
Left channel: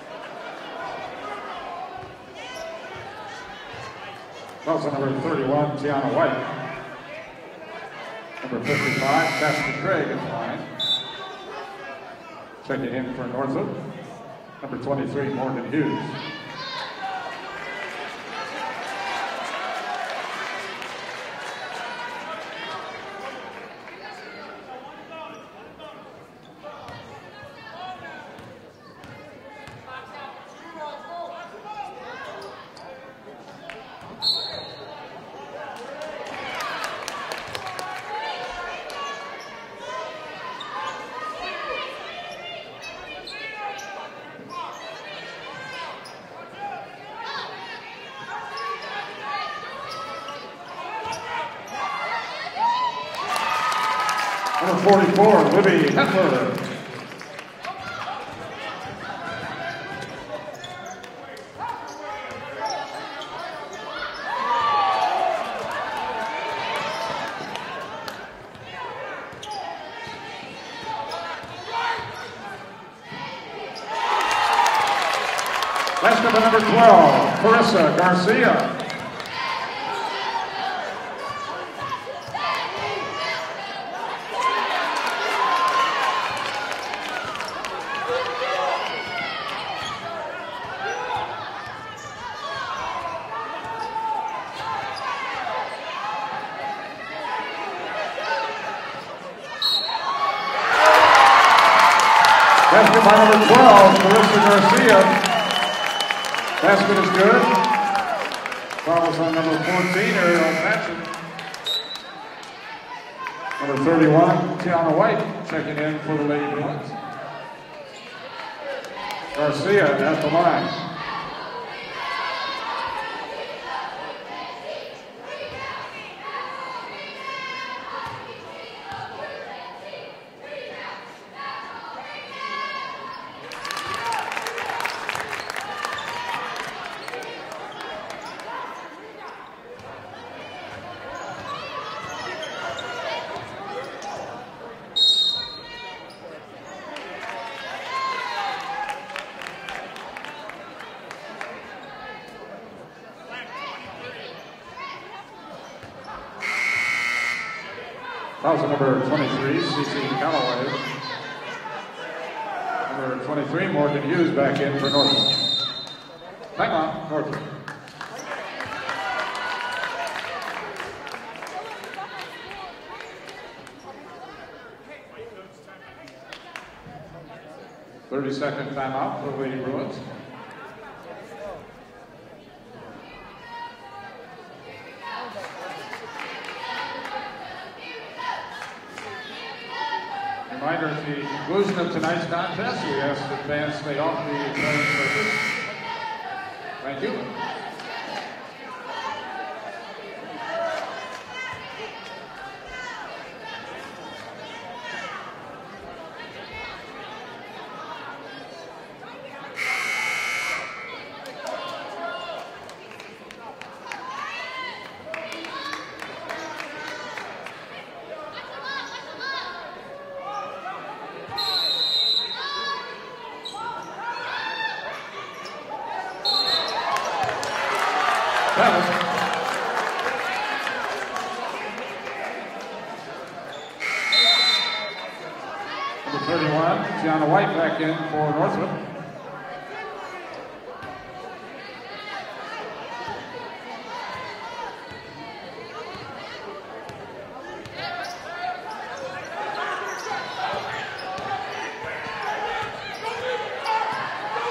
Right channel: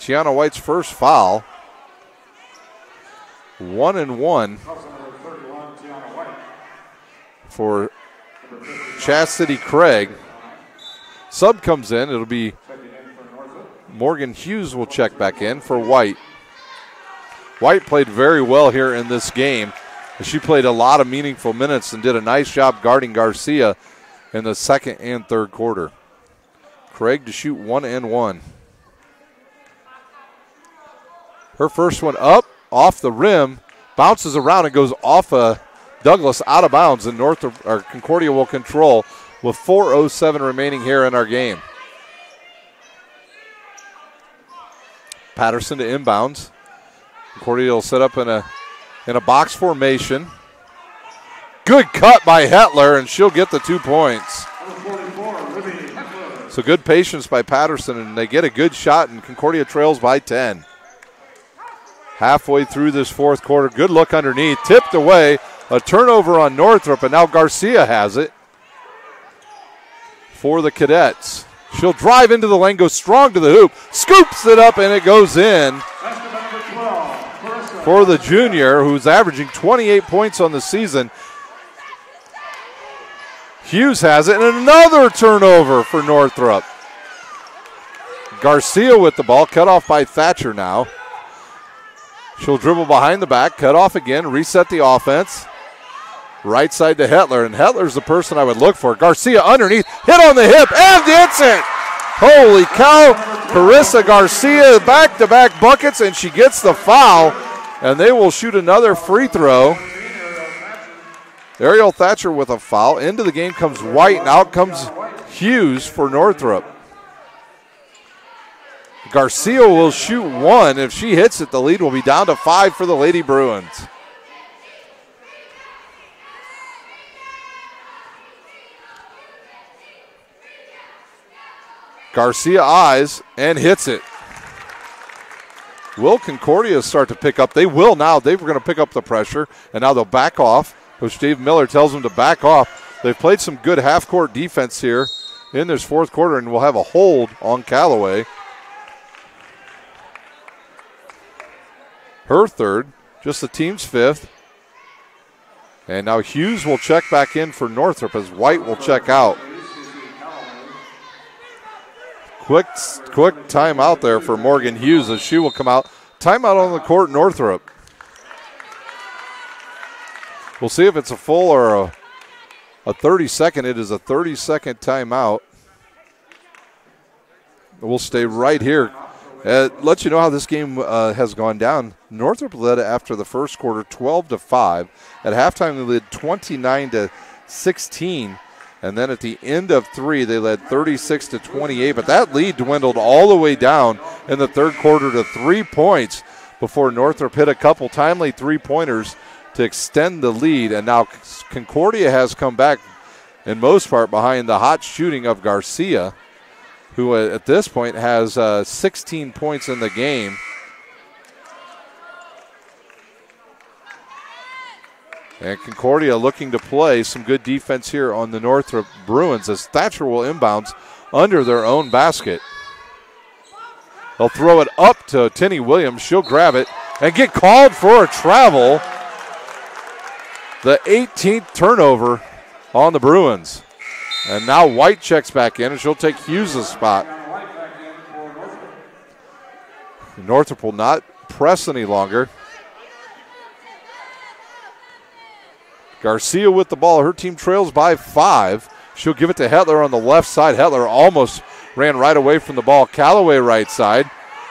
Tiana White's first foul. 1 and 1 Number 31, Tiana White. for Chastity Craig. Sub comes in. It'll be Morgan Hughes will check back in for White. White played very well here in this game. She played a lot of meaningful minutes and did a nice job guarding Garcia in the second and third quarter. Craig to shoot 1 and 1. Her first one up, off the rim, bounces around and goes off Douglas out of bounds, and Concordia will control with 4:07 remaining here in our game. Patterson to inbounds. Concordia will set up in a box formation. Good cut by Hetler, and she'll get the 2 points. Number 44, Libby Hetler. So good patience by Patterson, and they get a good shot, and Concordia trails by 10. Halfway through this fourth quarter, good look underneath, tipped away, a turnover on Northrop, and now Garcia has it for the Cadets. She'll drive into the lane, goes strong to the hoop, scoops it up, and it goes in. Number 12, for the junior, who's averaging 28 points on the season. Hughes has it, and another turnover for Northrop. Garcia with the ball, cut off by Thatcher now. She'll dribble behind the back, cut off again, reset the offense. Right side to Hetler, and Hetler's the person I would look for. Garcia underneath, hit on the hip, and gets it! Holy cow! Carissa Garcia back-to-back buckets, and she gets the foul, and they will shoot another free throw. Ariel Thatcher with a foul. Into the game comes White, and out comes Hughes for Northrop. Garcia will shoot one. If she hits it, the lead will be down to 5 for the Lady Bruins. Garcia eyes and hits it. Will Concordia start to pick up? They will now. They were going to pick up the pressure, and now they'll back off. Coach Dave Miller tells them to back off. They've played some good half-court defense here in this fourth quarter, and we'll have a hold on Callaway. Her third, just the team's fifth. And now Hughes will check back in for Northrop as White will check out. Quick timeout there for Morgan Hughes as she will come out. Timeout on the court, Northrop. We'll see if it's a full or a 30-second. It is a 30-second timeout. We'll stay right here. Let you know how this game has gone down. Northrop led after the first quarter 12-5. At halftime, they led 29-16. And then at the end of 3, they led 36-28. But that lead dwindled all the way down in the third quarter to 3 points before Northrop hit a couple timely three-pointers to extend the lead. And now Concordia has come back in most part behind the hot shooting of Garcia, who at this point has 16 points in the game. And Concordia looking to play some good defense here on the Northrop Bruins as Thatcher will inbounds under their own basket. They'll throw it up to Tinny Williams. She'll grab it and get called for a travel. The 18th turnover on the Bruins. And now White checks back in, and she'll take Hughes' spot. White back in for Northrop. Northrop will not press any longer. Garcia with the ball. Her team trails by 5. She'll give it to Hetler on the left side. Hetler almost ran right away from the ball. Callaway right side.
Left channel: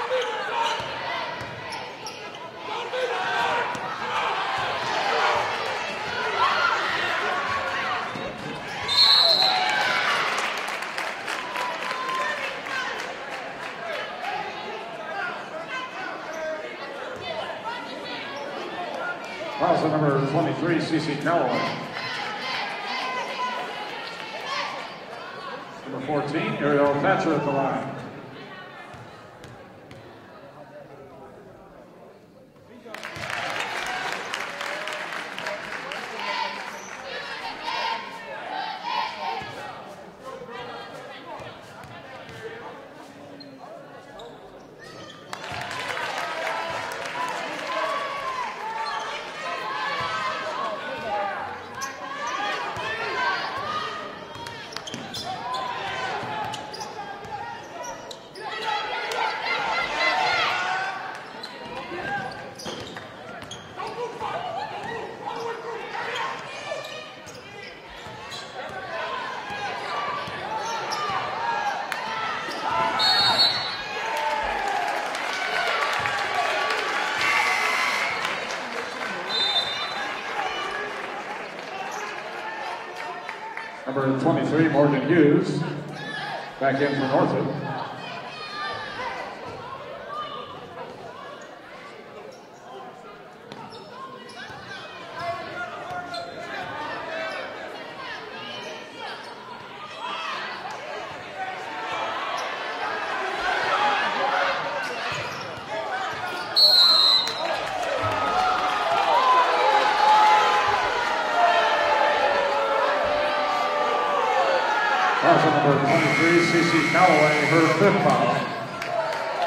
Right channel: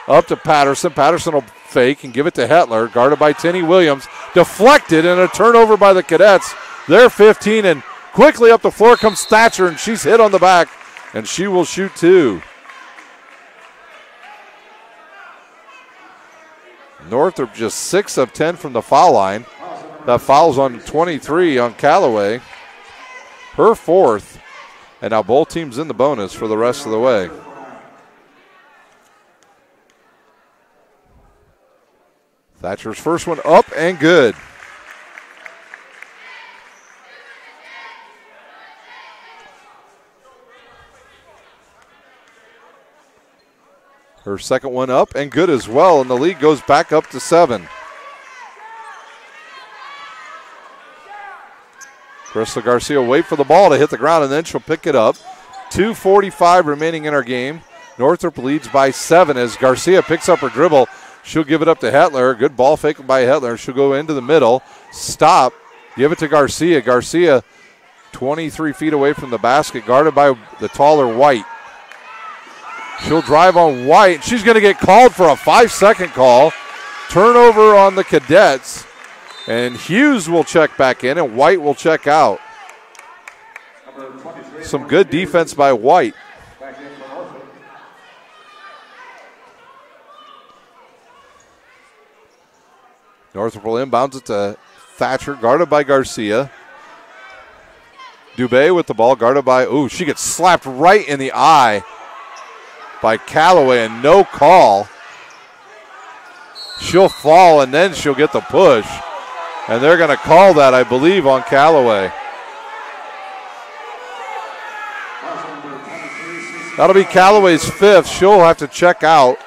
Up to Patterson. Patterson will fake and give it to Hetler. Guarded by Tinny Williams. Deflected and a turnover by the Cadets. They're 15, and quickly up the floor comes Thatcher, and she's hit on the back, and she will shoot 2. Northrop just 6 of 10 from the foul line. That foul's on 23 on Callaway. Her 4th, and now both teams in the bonus for the rest of the way. Thatcher's first one up and good. Her second one up and good as well, and the lead goes back up to 7. Crystal Garcia will wait for the ball to hit the ground, and then she'll pick it up. 2:45 remaining in our game. Northrop leads by 7 as Garcia picks up her dribble. She'll give it up to Hetler. Good ball fake by Hetler. She'll go into the middle. Stop. Give it to Garcia. Garcia 23 feet away from the basket, guarded by the taller White. She'll drive on White. She's going to get called for a 5-second call. Turnover on the Cadets. And Hughes will check back in, and White will check out. Number 23, some good defense by White. Back in for Northrop. Northrop will inbounds it to Thatcher, guarded by Garcia. Dubé with the ball, guarded by, she gets slapped right in the eye by Callaway, and no call. She'll fall, and then she'll get the push. And they're going to call that, I believe, on Callaway. That'll be Callaway's 5th. She'll have to check out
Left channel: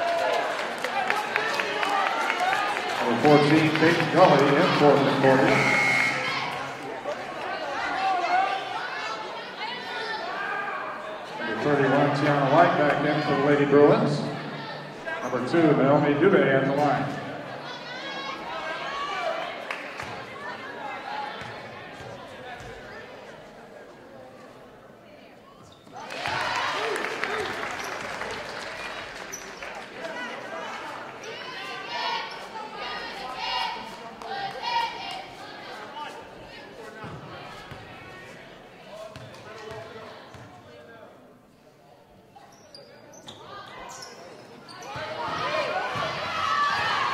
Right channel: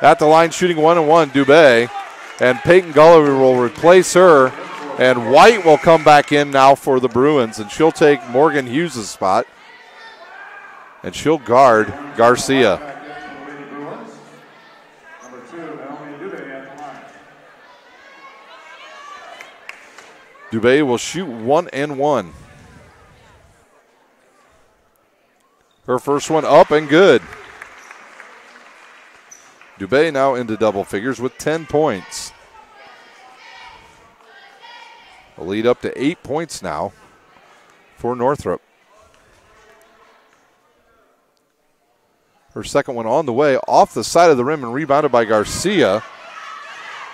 at the line, shooting 1-1, Dubé. And Peyton Gulliver will replace her. And White will come back in now for the Bruins. And she'll take Morgan Hughes' spot. And she'll guard Garcia. Back in for the Lady Bruins. Number 2, Naomi Dubé at the line. Dubé will shoot 1-1. Her first one up and good. Dubé now into double figures with 10 points. The lead up to 8 points now for Northrop. Her second one on the way, off the side of the rim and rebounded by Garcia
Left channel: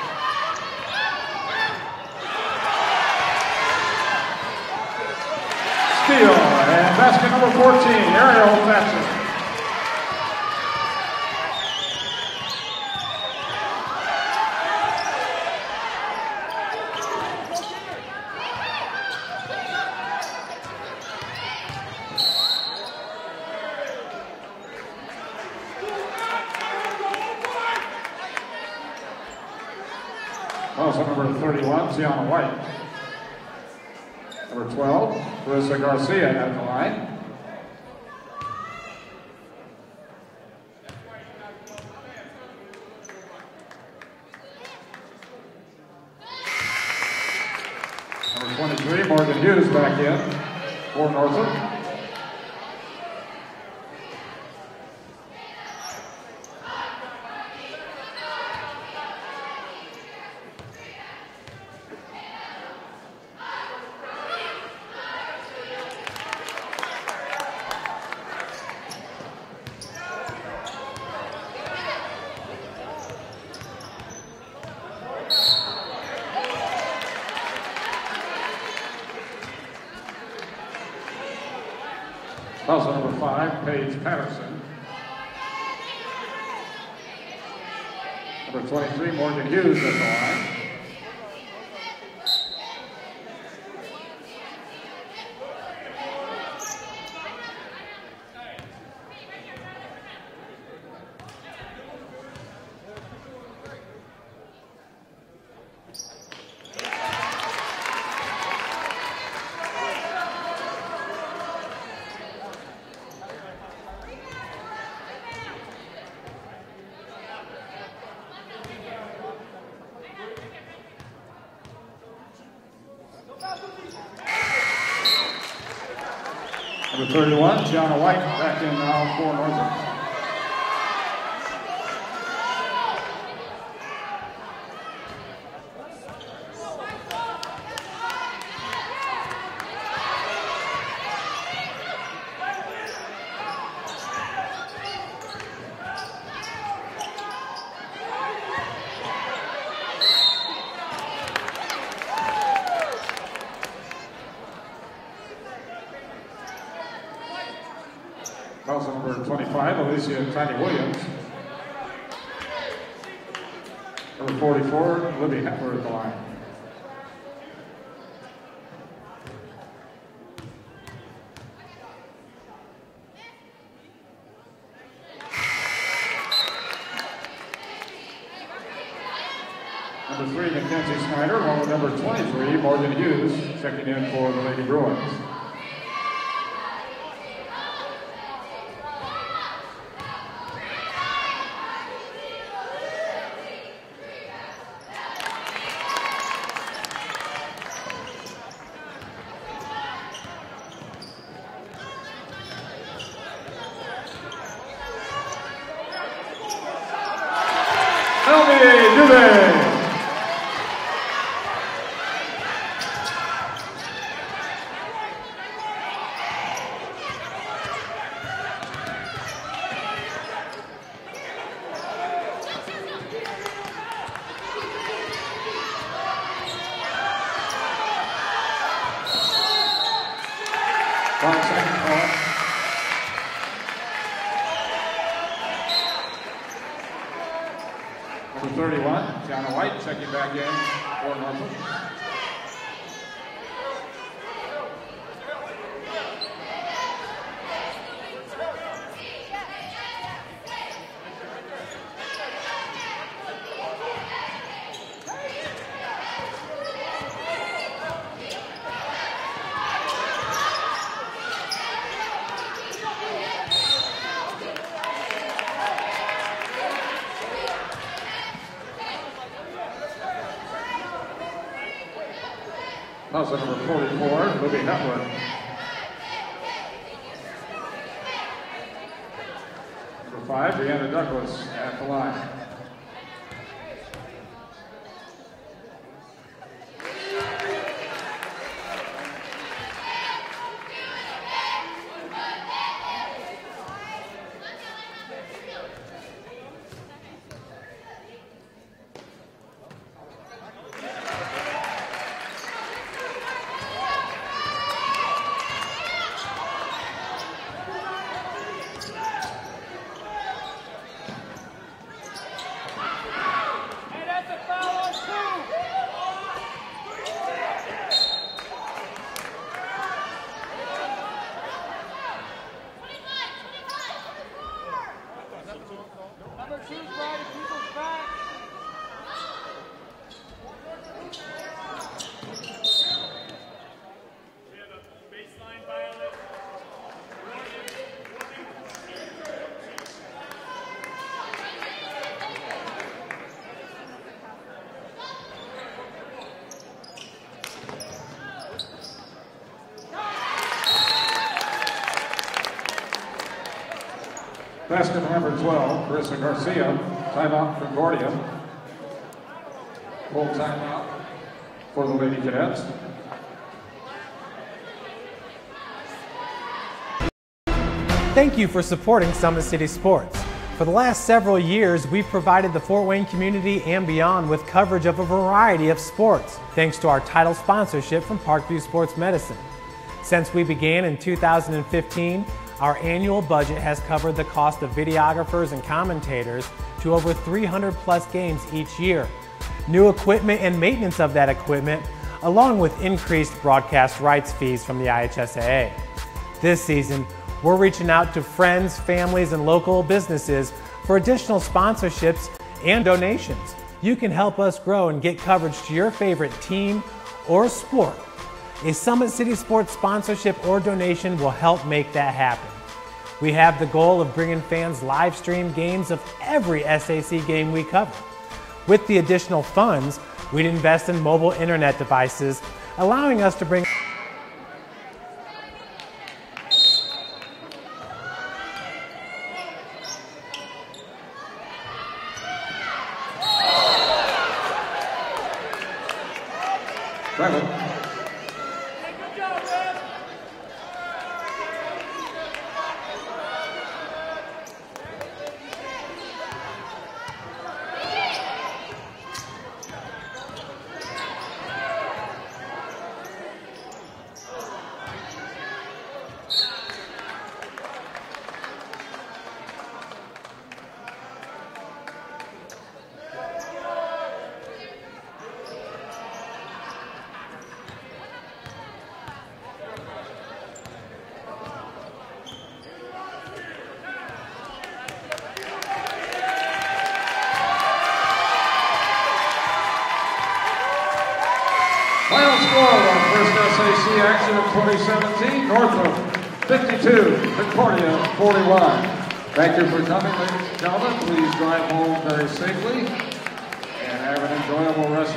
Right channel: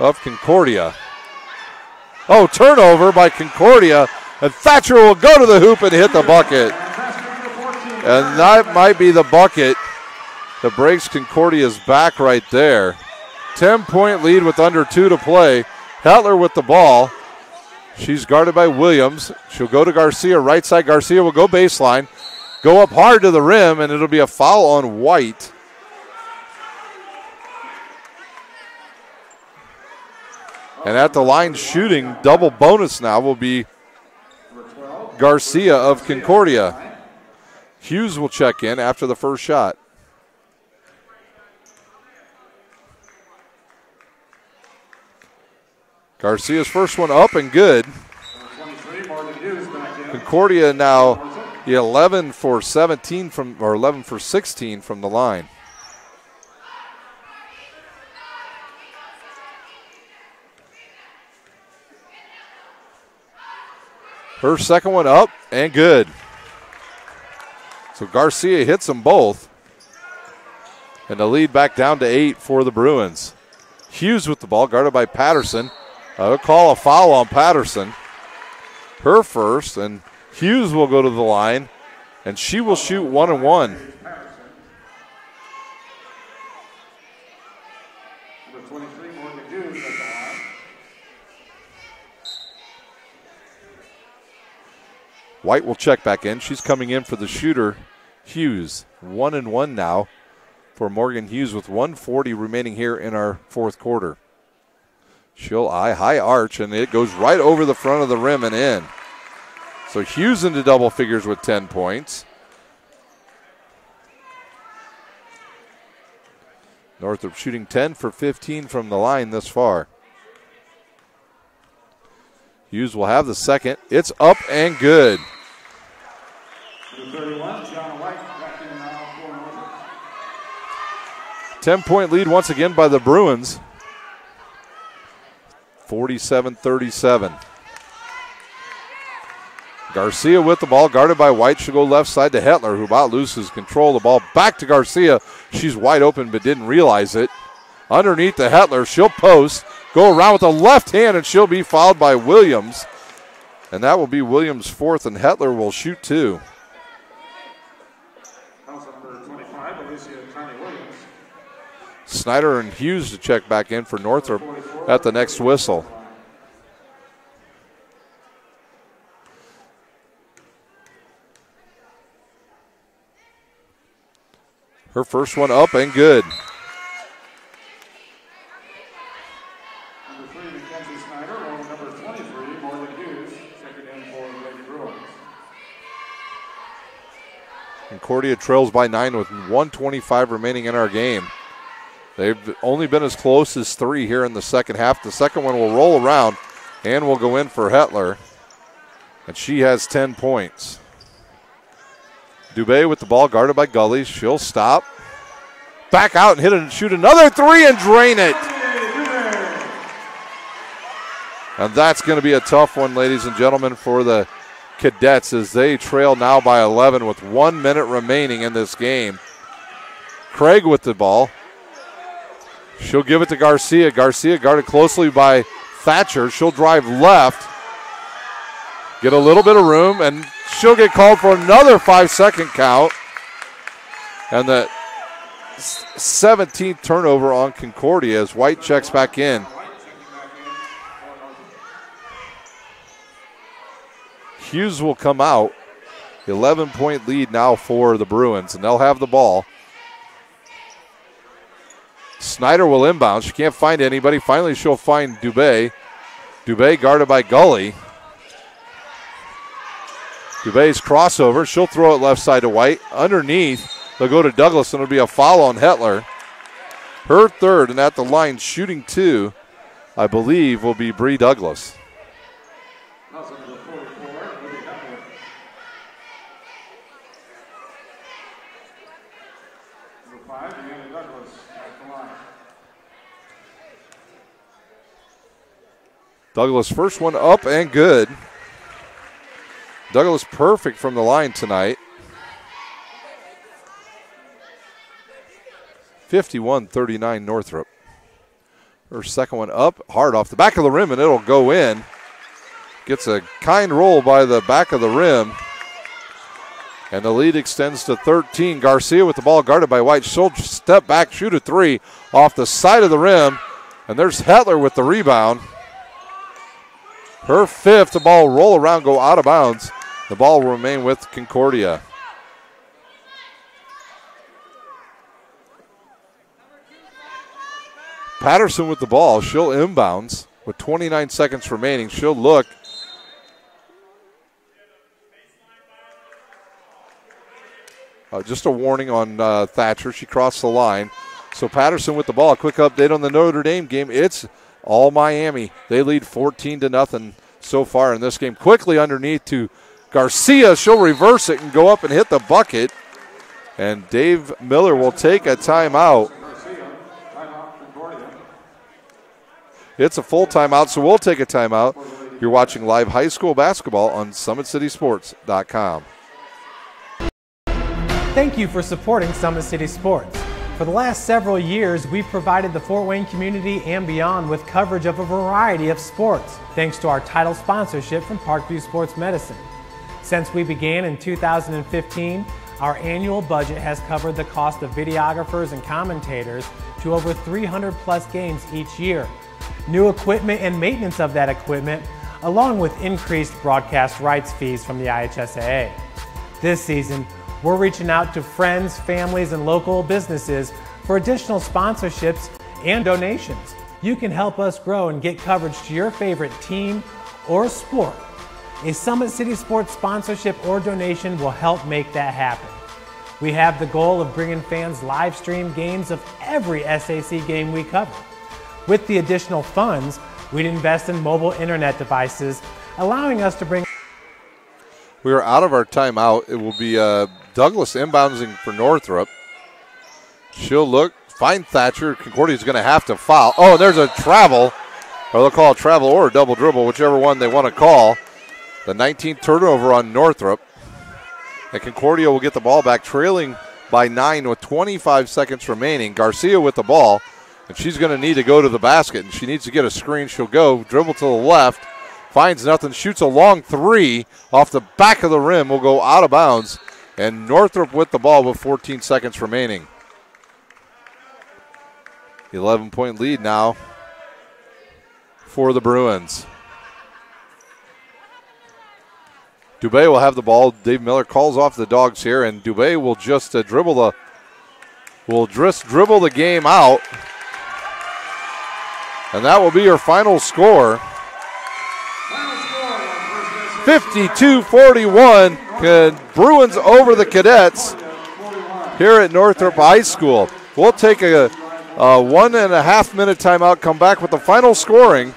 of Concordia. Turnover by Concordia, and Thatcher will go to the hoop and hit the bucket. And that might be the bucket that breaks Concordia's back right there. 10-point lead with under 2 to play. Hetler with the ball. She's guarded by Williams. She'll go to Garcia, right side. Garcia will go baseline, go up hard to the rim, and it'll be a foul on White. And at the line shooting, double bonus now will be Garcia of Concordia. Hughes will check in after the first shot. Garcia's first one up and good. Number 23, Morgan Hughes back in. Concordia now 11 for 16 from the line. Her second one up and good. So Garcia hits them both. And the lead back down to 8 for the Bruins. Hughes with the ball, guarded by Patterson. I'll call a foul on Patterson. Her first, and Hughes will go to the line, and she will shoot 1-1. Number 23, Morgan Hughes at the line. White will check back in. She's coming in for the shooter, Hughes. 1-1 now for Morgan Hughes with 1:40 remaining here in our fourth quarter. She'll high arch, and it goes right over the front of the rim and in. So Hughes into double figures with 10 points. Northrop shooting 10 for 15 from the line this far. Hughes will have the second. It's up and good. Number 31, Gianna White back in now for Northrop. 10-point lead once again by the Bruins. 47-37. Garcia with the ball, guarded by White. She'll go left side to Hetler, who about loses control of the ball. Back to Garcia. She's wide open but didn't realize it. Underneath the Hetler, she'll post, go around with the left hand, and she'll be fouled by Williams. And that will be Williams' fourth, and Hetler will shoot 2. Also number 25, Alicia Tiny Williams. Snyder and Hughes to check back in for Northrop at the next whistle. Her first one up and good. Bruins. Concordia trails by 9 with 1:25 remaining in our game. They've only been as close as 3 here in the second half. The second one will roll around and will go in for Hetler. And she has 10 points. Dubé with the ball guarded by Gully. She'll stop. Back out and hit it and shoot another 3 and drain it. And that's going to be a tough one, ladies and gentlemen, for the Cadets as they trail now by 11 with 1 minute remaining in this game. Craig with the ball. She'll give it to Garcia. Garcia guarded closely by Thatcher. She'll drive left. Get a little bit of room, and she'll get called for another 5-second count. And the 17th turnover on Concordia as White checks back in. White checking back in. Hughes will come out. 11-point lead now for the Bruins, and they'll have the ball. Snyder will inbound. She can't find anybody. Finally, she'll find Dubé. Dubé guarded by Gully. Dubé's crossover. She'll throw it left side to White. Underneath, they'll go to Douglas, and it'll be a foul on Hetler. Her third, and at the line shooting 2, I believe, will be Bree Douglas. Also number 44, Libby Hetler. Number 5, Brianna Douglas at the line. Douglas first one up and good. Douglas perfect from the line tonight. 51-39 Northrop. Her second one up, hard off the back of the rim, and it'll go in. Gets a kind roll by the back of the rim. And the lead extends to 13. Garcia with the ball guarded by White. She'll step back, shoot a 3 off the side of the rim. And there's Hetler with the rebound. Her fifth, the ball roll around, go out of bounds. The ball will remain with Concordia. Patterson with the ball. She'll inbounds with 29 seconds remaining. She'll look. Just a warning on Thatcher. She crossed the line. So Patterson with the ball. A quick update on the Notre Dame game. It's all Miami. They lead 14-0 so far in this game. Quickly underneath to Garcia. She'll reverse it and go up and hit the bucket. And Dave Miller will take a timeout. Garcia, timeout for Concordia. It's a full timeout, so we'll take a timeout. You're watching live high school basketball on SummitCitySports.com. Thank you for supporting Summit City Sports. For the last several years, we've provided the Fort Wayne community and beyond with coverage of a variety of sports, thanks to our title sponsorship from Parkview Sports Medicine. Since we began in 2015, our annual budget has covered the cost of videographers and commentators to over 300 plus games each year. New equipment and maintenance of that equipment, along with increased broadcast rights fees from the IHSAA. This season, we're reaching out to friends, families, and local businesses for additional sponsorships and donations. You can help us grow and get coverage to your favorite team or sport. A Summit City Sports sponsorship or donation will help make that happen. We have the goal of bringing fans live stream games of every SAC game we cover. With the additional funds, we'd invest in mobile internet devices, allowing us to bring... We are out of our timeout. It will be Douglas inbounding for Northrop. She'll look, find Thatcher. Concordia's going to have to foul. Oh, there's a travel. Or they'll call a travel or a double dribble, whichever one they want to call. The 19th turnover on Northrop. And Concordia will get the ball back, trailing by 9 with 25 seconds remaining. Garcia with the ball. And she's going to need to go to the basket. And she needs to get a screen. She'll go, dribble to the left. Finds nothing, shoots a long 3 off the back of the rim, will go out of bounds. And Northrop with the ball with 14 seconds remaining. 11-point lead now for the Bruins. Dubé will have the ball. Dave Miller calls off the Dogs here, and Dubé will just dribble the game out. And that will be your final score. Final score on first 52-41. Bruins over the Cadets here at Northrop High School. We'll take a 1.5 minute timeout, come back with the final scoring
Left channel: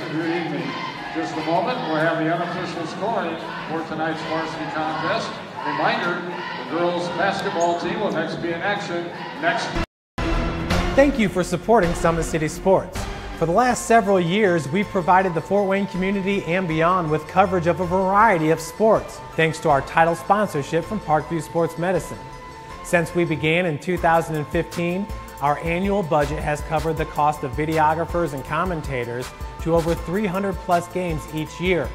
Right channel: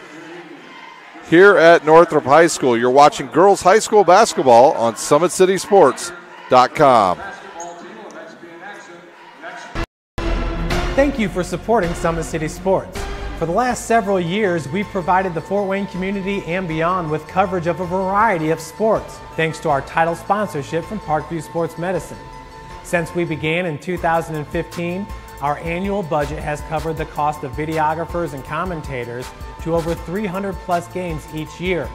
here at Northrop High School. You're watching girls high school basketball on SummitCitySports.com. Basketball team will next be in action next. Thank you for supporting Summit City Sports. For the last several years, we've provided the Fort Wayne community and beyond with coverage of a variety of sports, thanks to our title sponsorship from Parkview Sports Medicine. Since we began in 2015, our annual budget has covered the cost of videographers and commentators to over 300 plus games each year.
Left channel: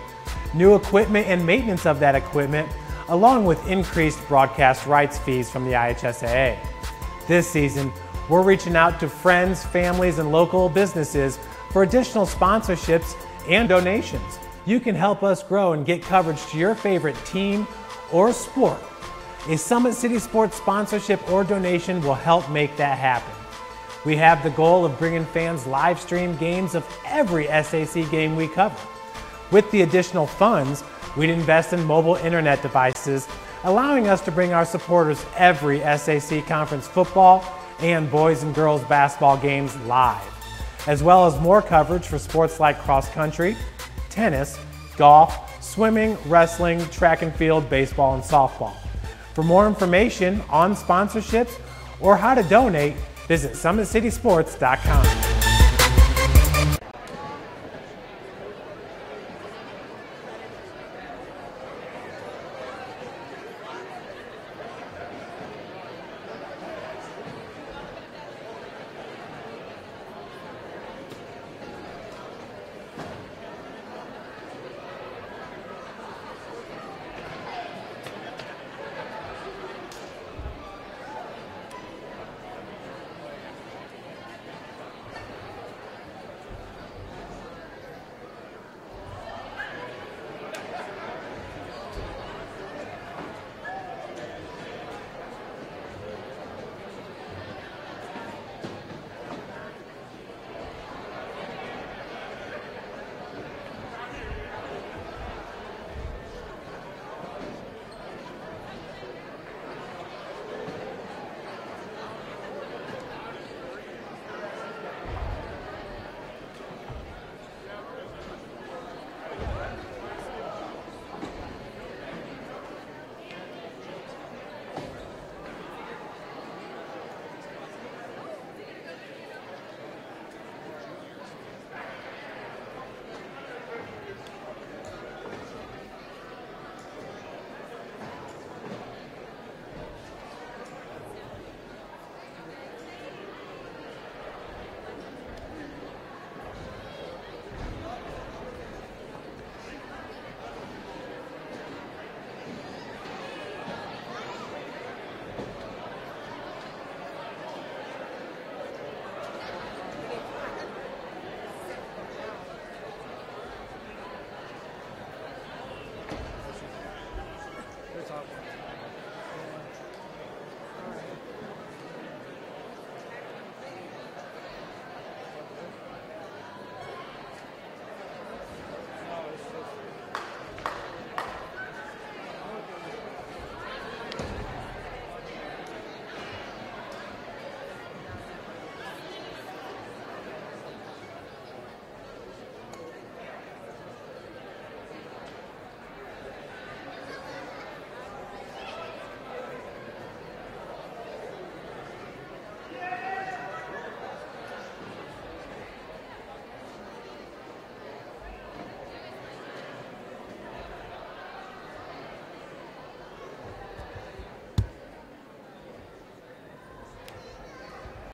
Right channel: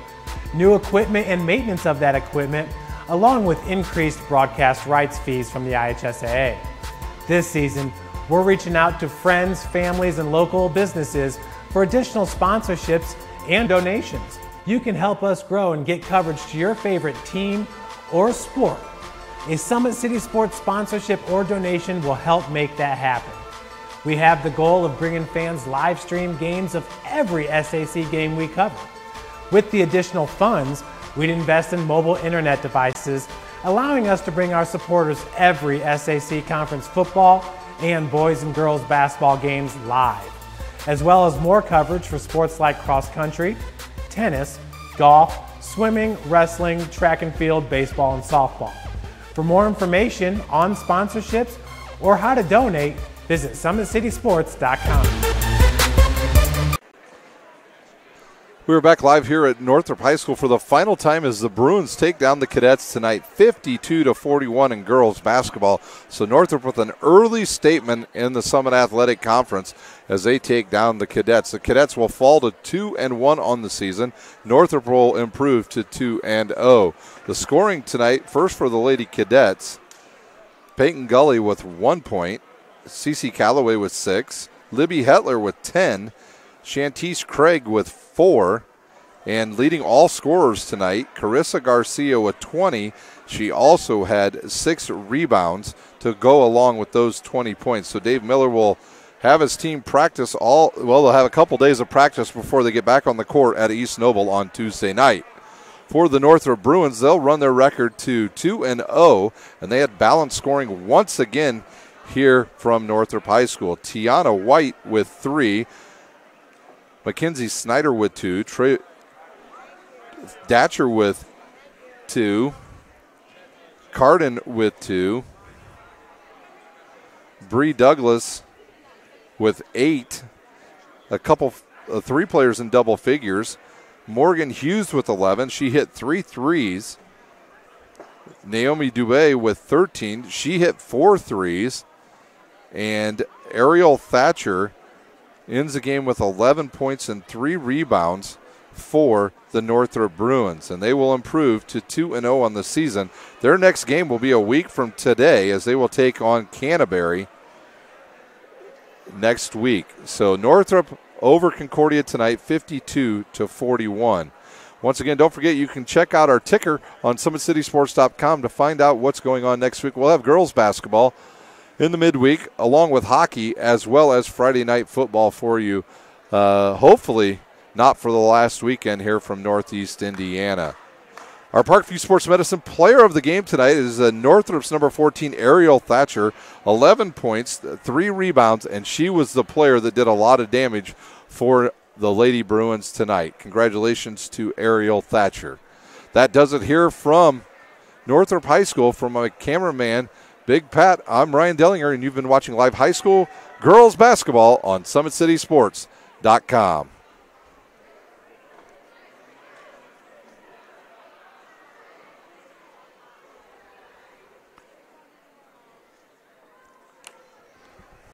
New equipment and maintenance of that equipment, along with increased broadcast rights fees from the IHSAA. This season, we're reaching out to friends, families, and local businesses for additional sponsorships and donations. You can help us grow and get coverage to your favorite team or sport. A Summit City Sports sponsorship or donation will help make that happen. We have the goal of bringing fans live stream games of every SAC game we cover. With the additional funds, we'd invest in mobile internet devices, allowing us to bring our supporters every SAC conference football and boys and girls basketball games live, as well as more coverage for sports like cross country, tennis, golf, swimming, wrestling, track and field, baseball, and softball. For more information on sponsorships or how to donate, visit SummitCitySports.com. We're back live here at Northrop High School for the final time as the Bruins take down the Cadets tonight, 52-41 in girls basketball. So Northrop with an early statement in the Summit Athletic Conference as they take down the Cadets. The Cadets will fall to 2-1 on the season. Northrop will improve to 2-0. The scoring tonight, first for the Lady Cadets, Peyton Gully with 1 point, Cece Calloway with 6, Libby Hetler with 10, Shantice Craig with 4, and leading all scorers tonight, Carissa Garcia with 20. She also had 6 rebounds to go along with those 20 points. So Dave Miller will have his team practice they'll have a couple days of practice before they get back on the court at East Noble on Tuesday night. For the Northrop Bruins, they'll run their record to 2-0, and they had balanced scoring once again here from Northrop High School. Tiana White with 3, Mackenzie Snyder with 2, Trey Datcher with 2, Carden with 2, Bree Douglas with 8, a couple, 3 players in double figures. Morgan Hughes with 11, she hit 3 threes. Naomi Dubé with 13, she hit 4 threes. And Ariel Thatcher ends the game with 11 points and 3 rebounds for the Northrop Bruins, and they will improve to 2-0 on the season. Their next game will be a week from today as they will take on Canterbury next week. So Northrop over Concordia tonight, 52-41. Once again, don't forget you can check out our ticker on SummitCitySports.com to find out what's going on next week. We'll have girls basketball in the midweek, along with hockey, as well as Friday night football for you. Hopefully not for the last weekend here from Northeast Indiana. Our Parkview Sports Medicine player of the game tonight is Northrop's number 14, Ariel Thatcher. 11 points, 3 rebounds, and she was the player that did a lot of damage for the Lady Bruins tonight. Congratulations to Ariel Thatcher. That does it here from Northrop High School. From my cameraman, Big Pat, I'm Ryan Dellinger, and you've been watching live high school girls basketball on SummitCitySports.com.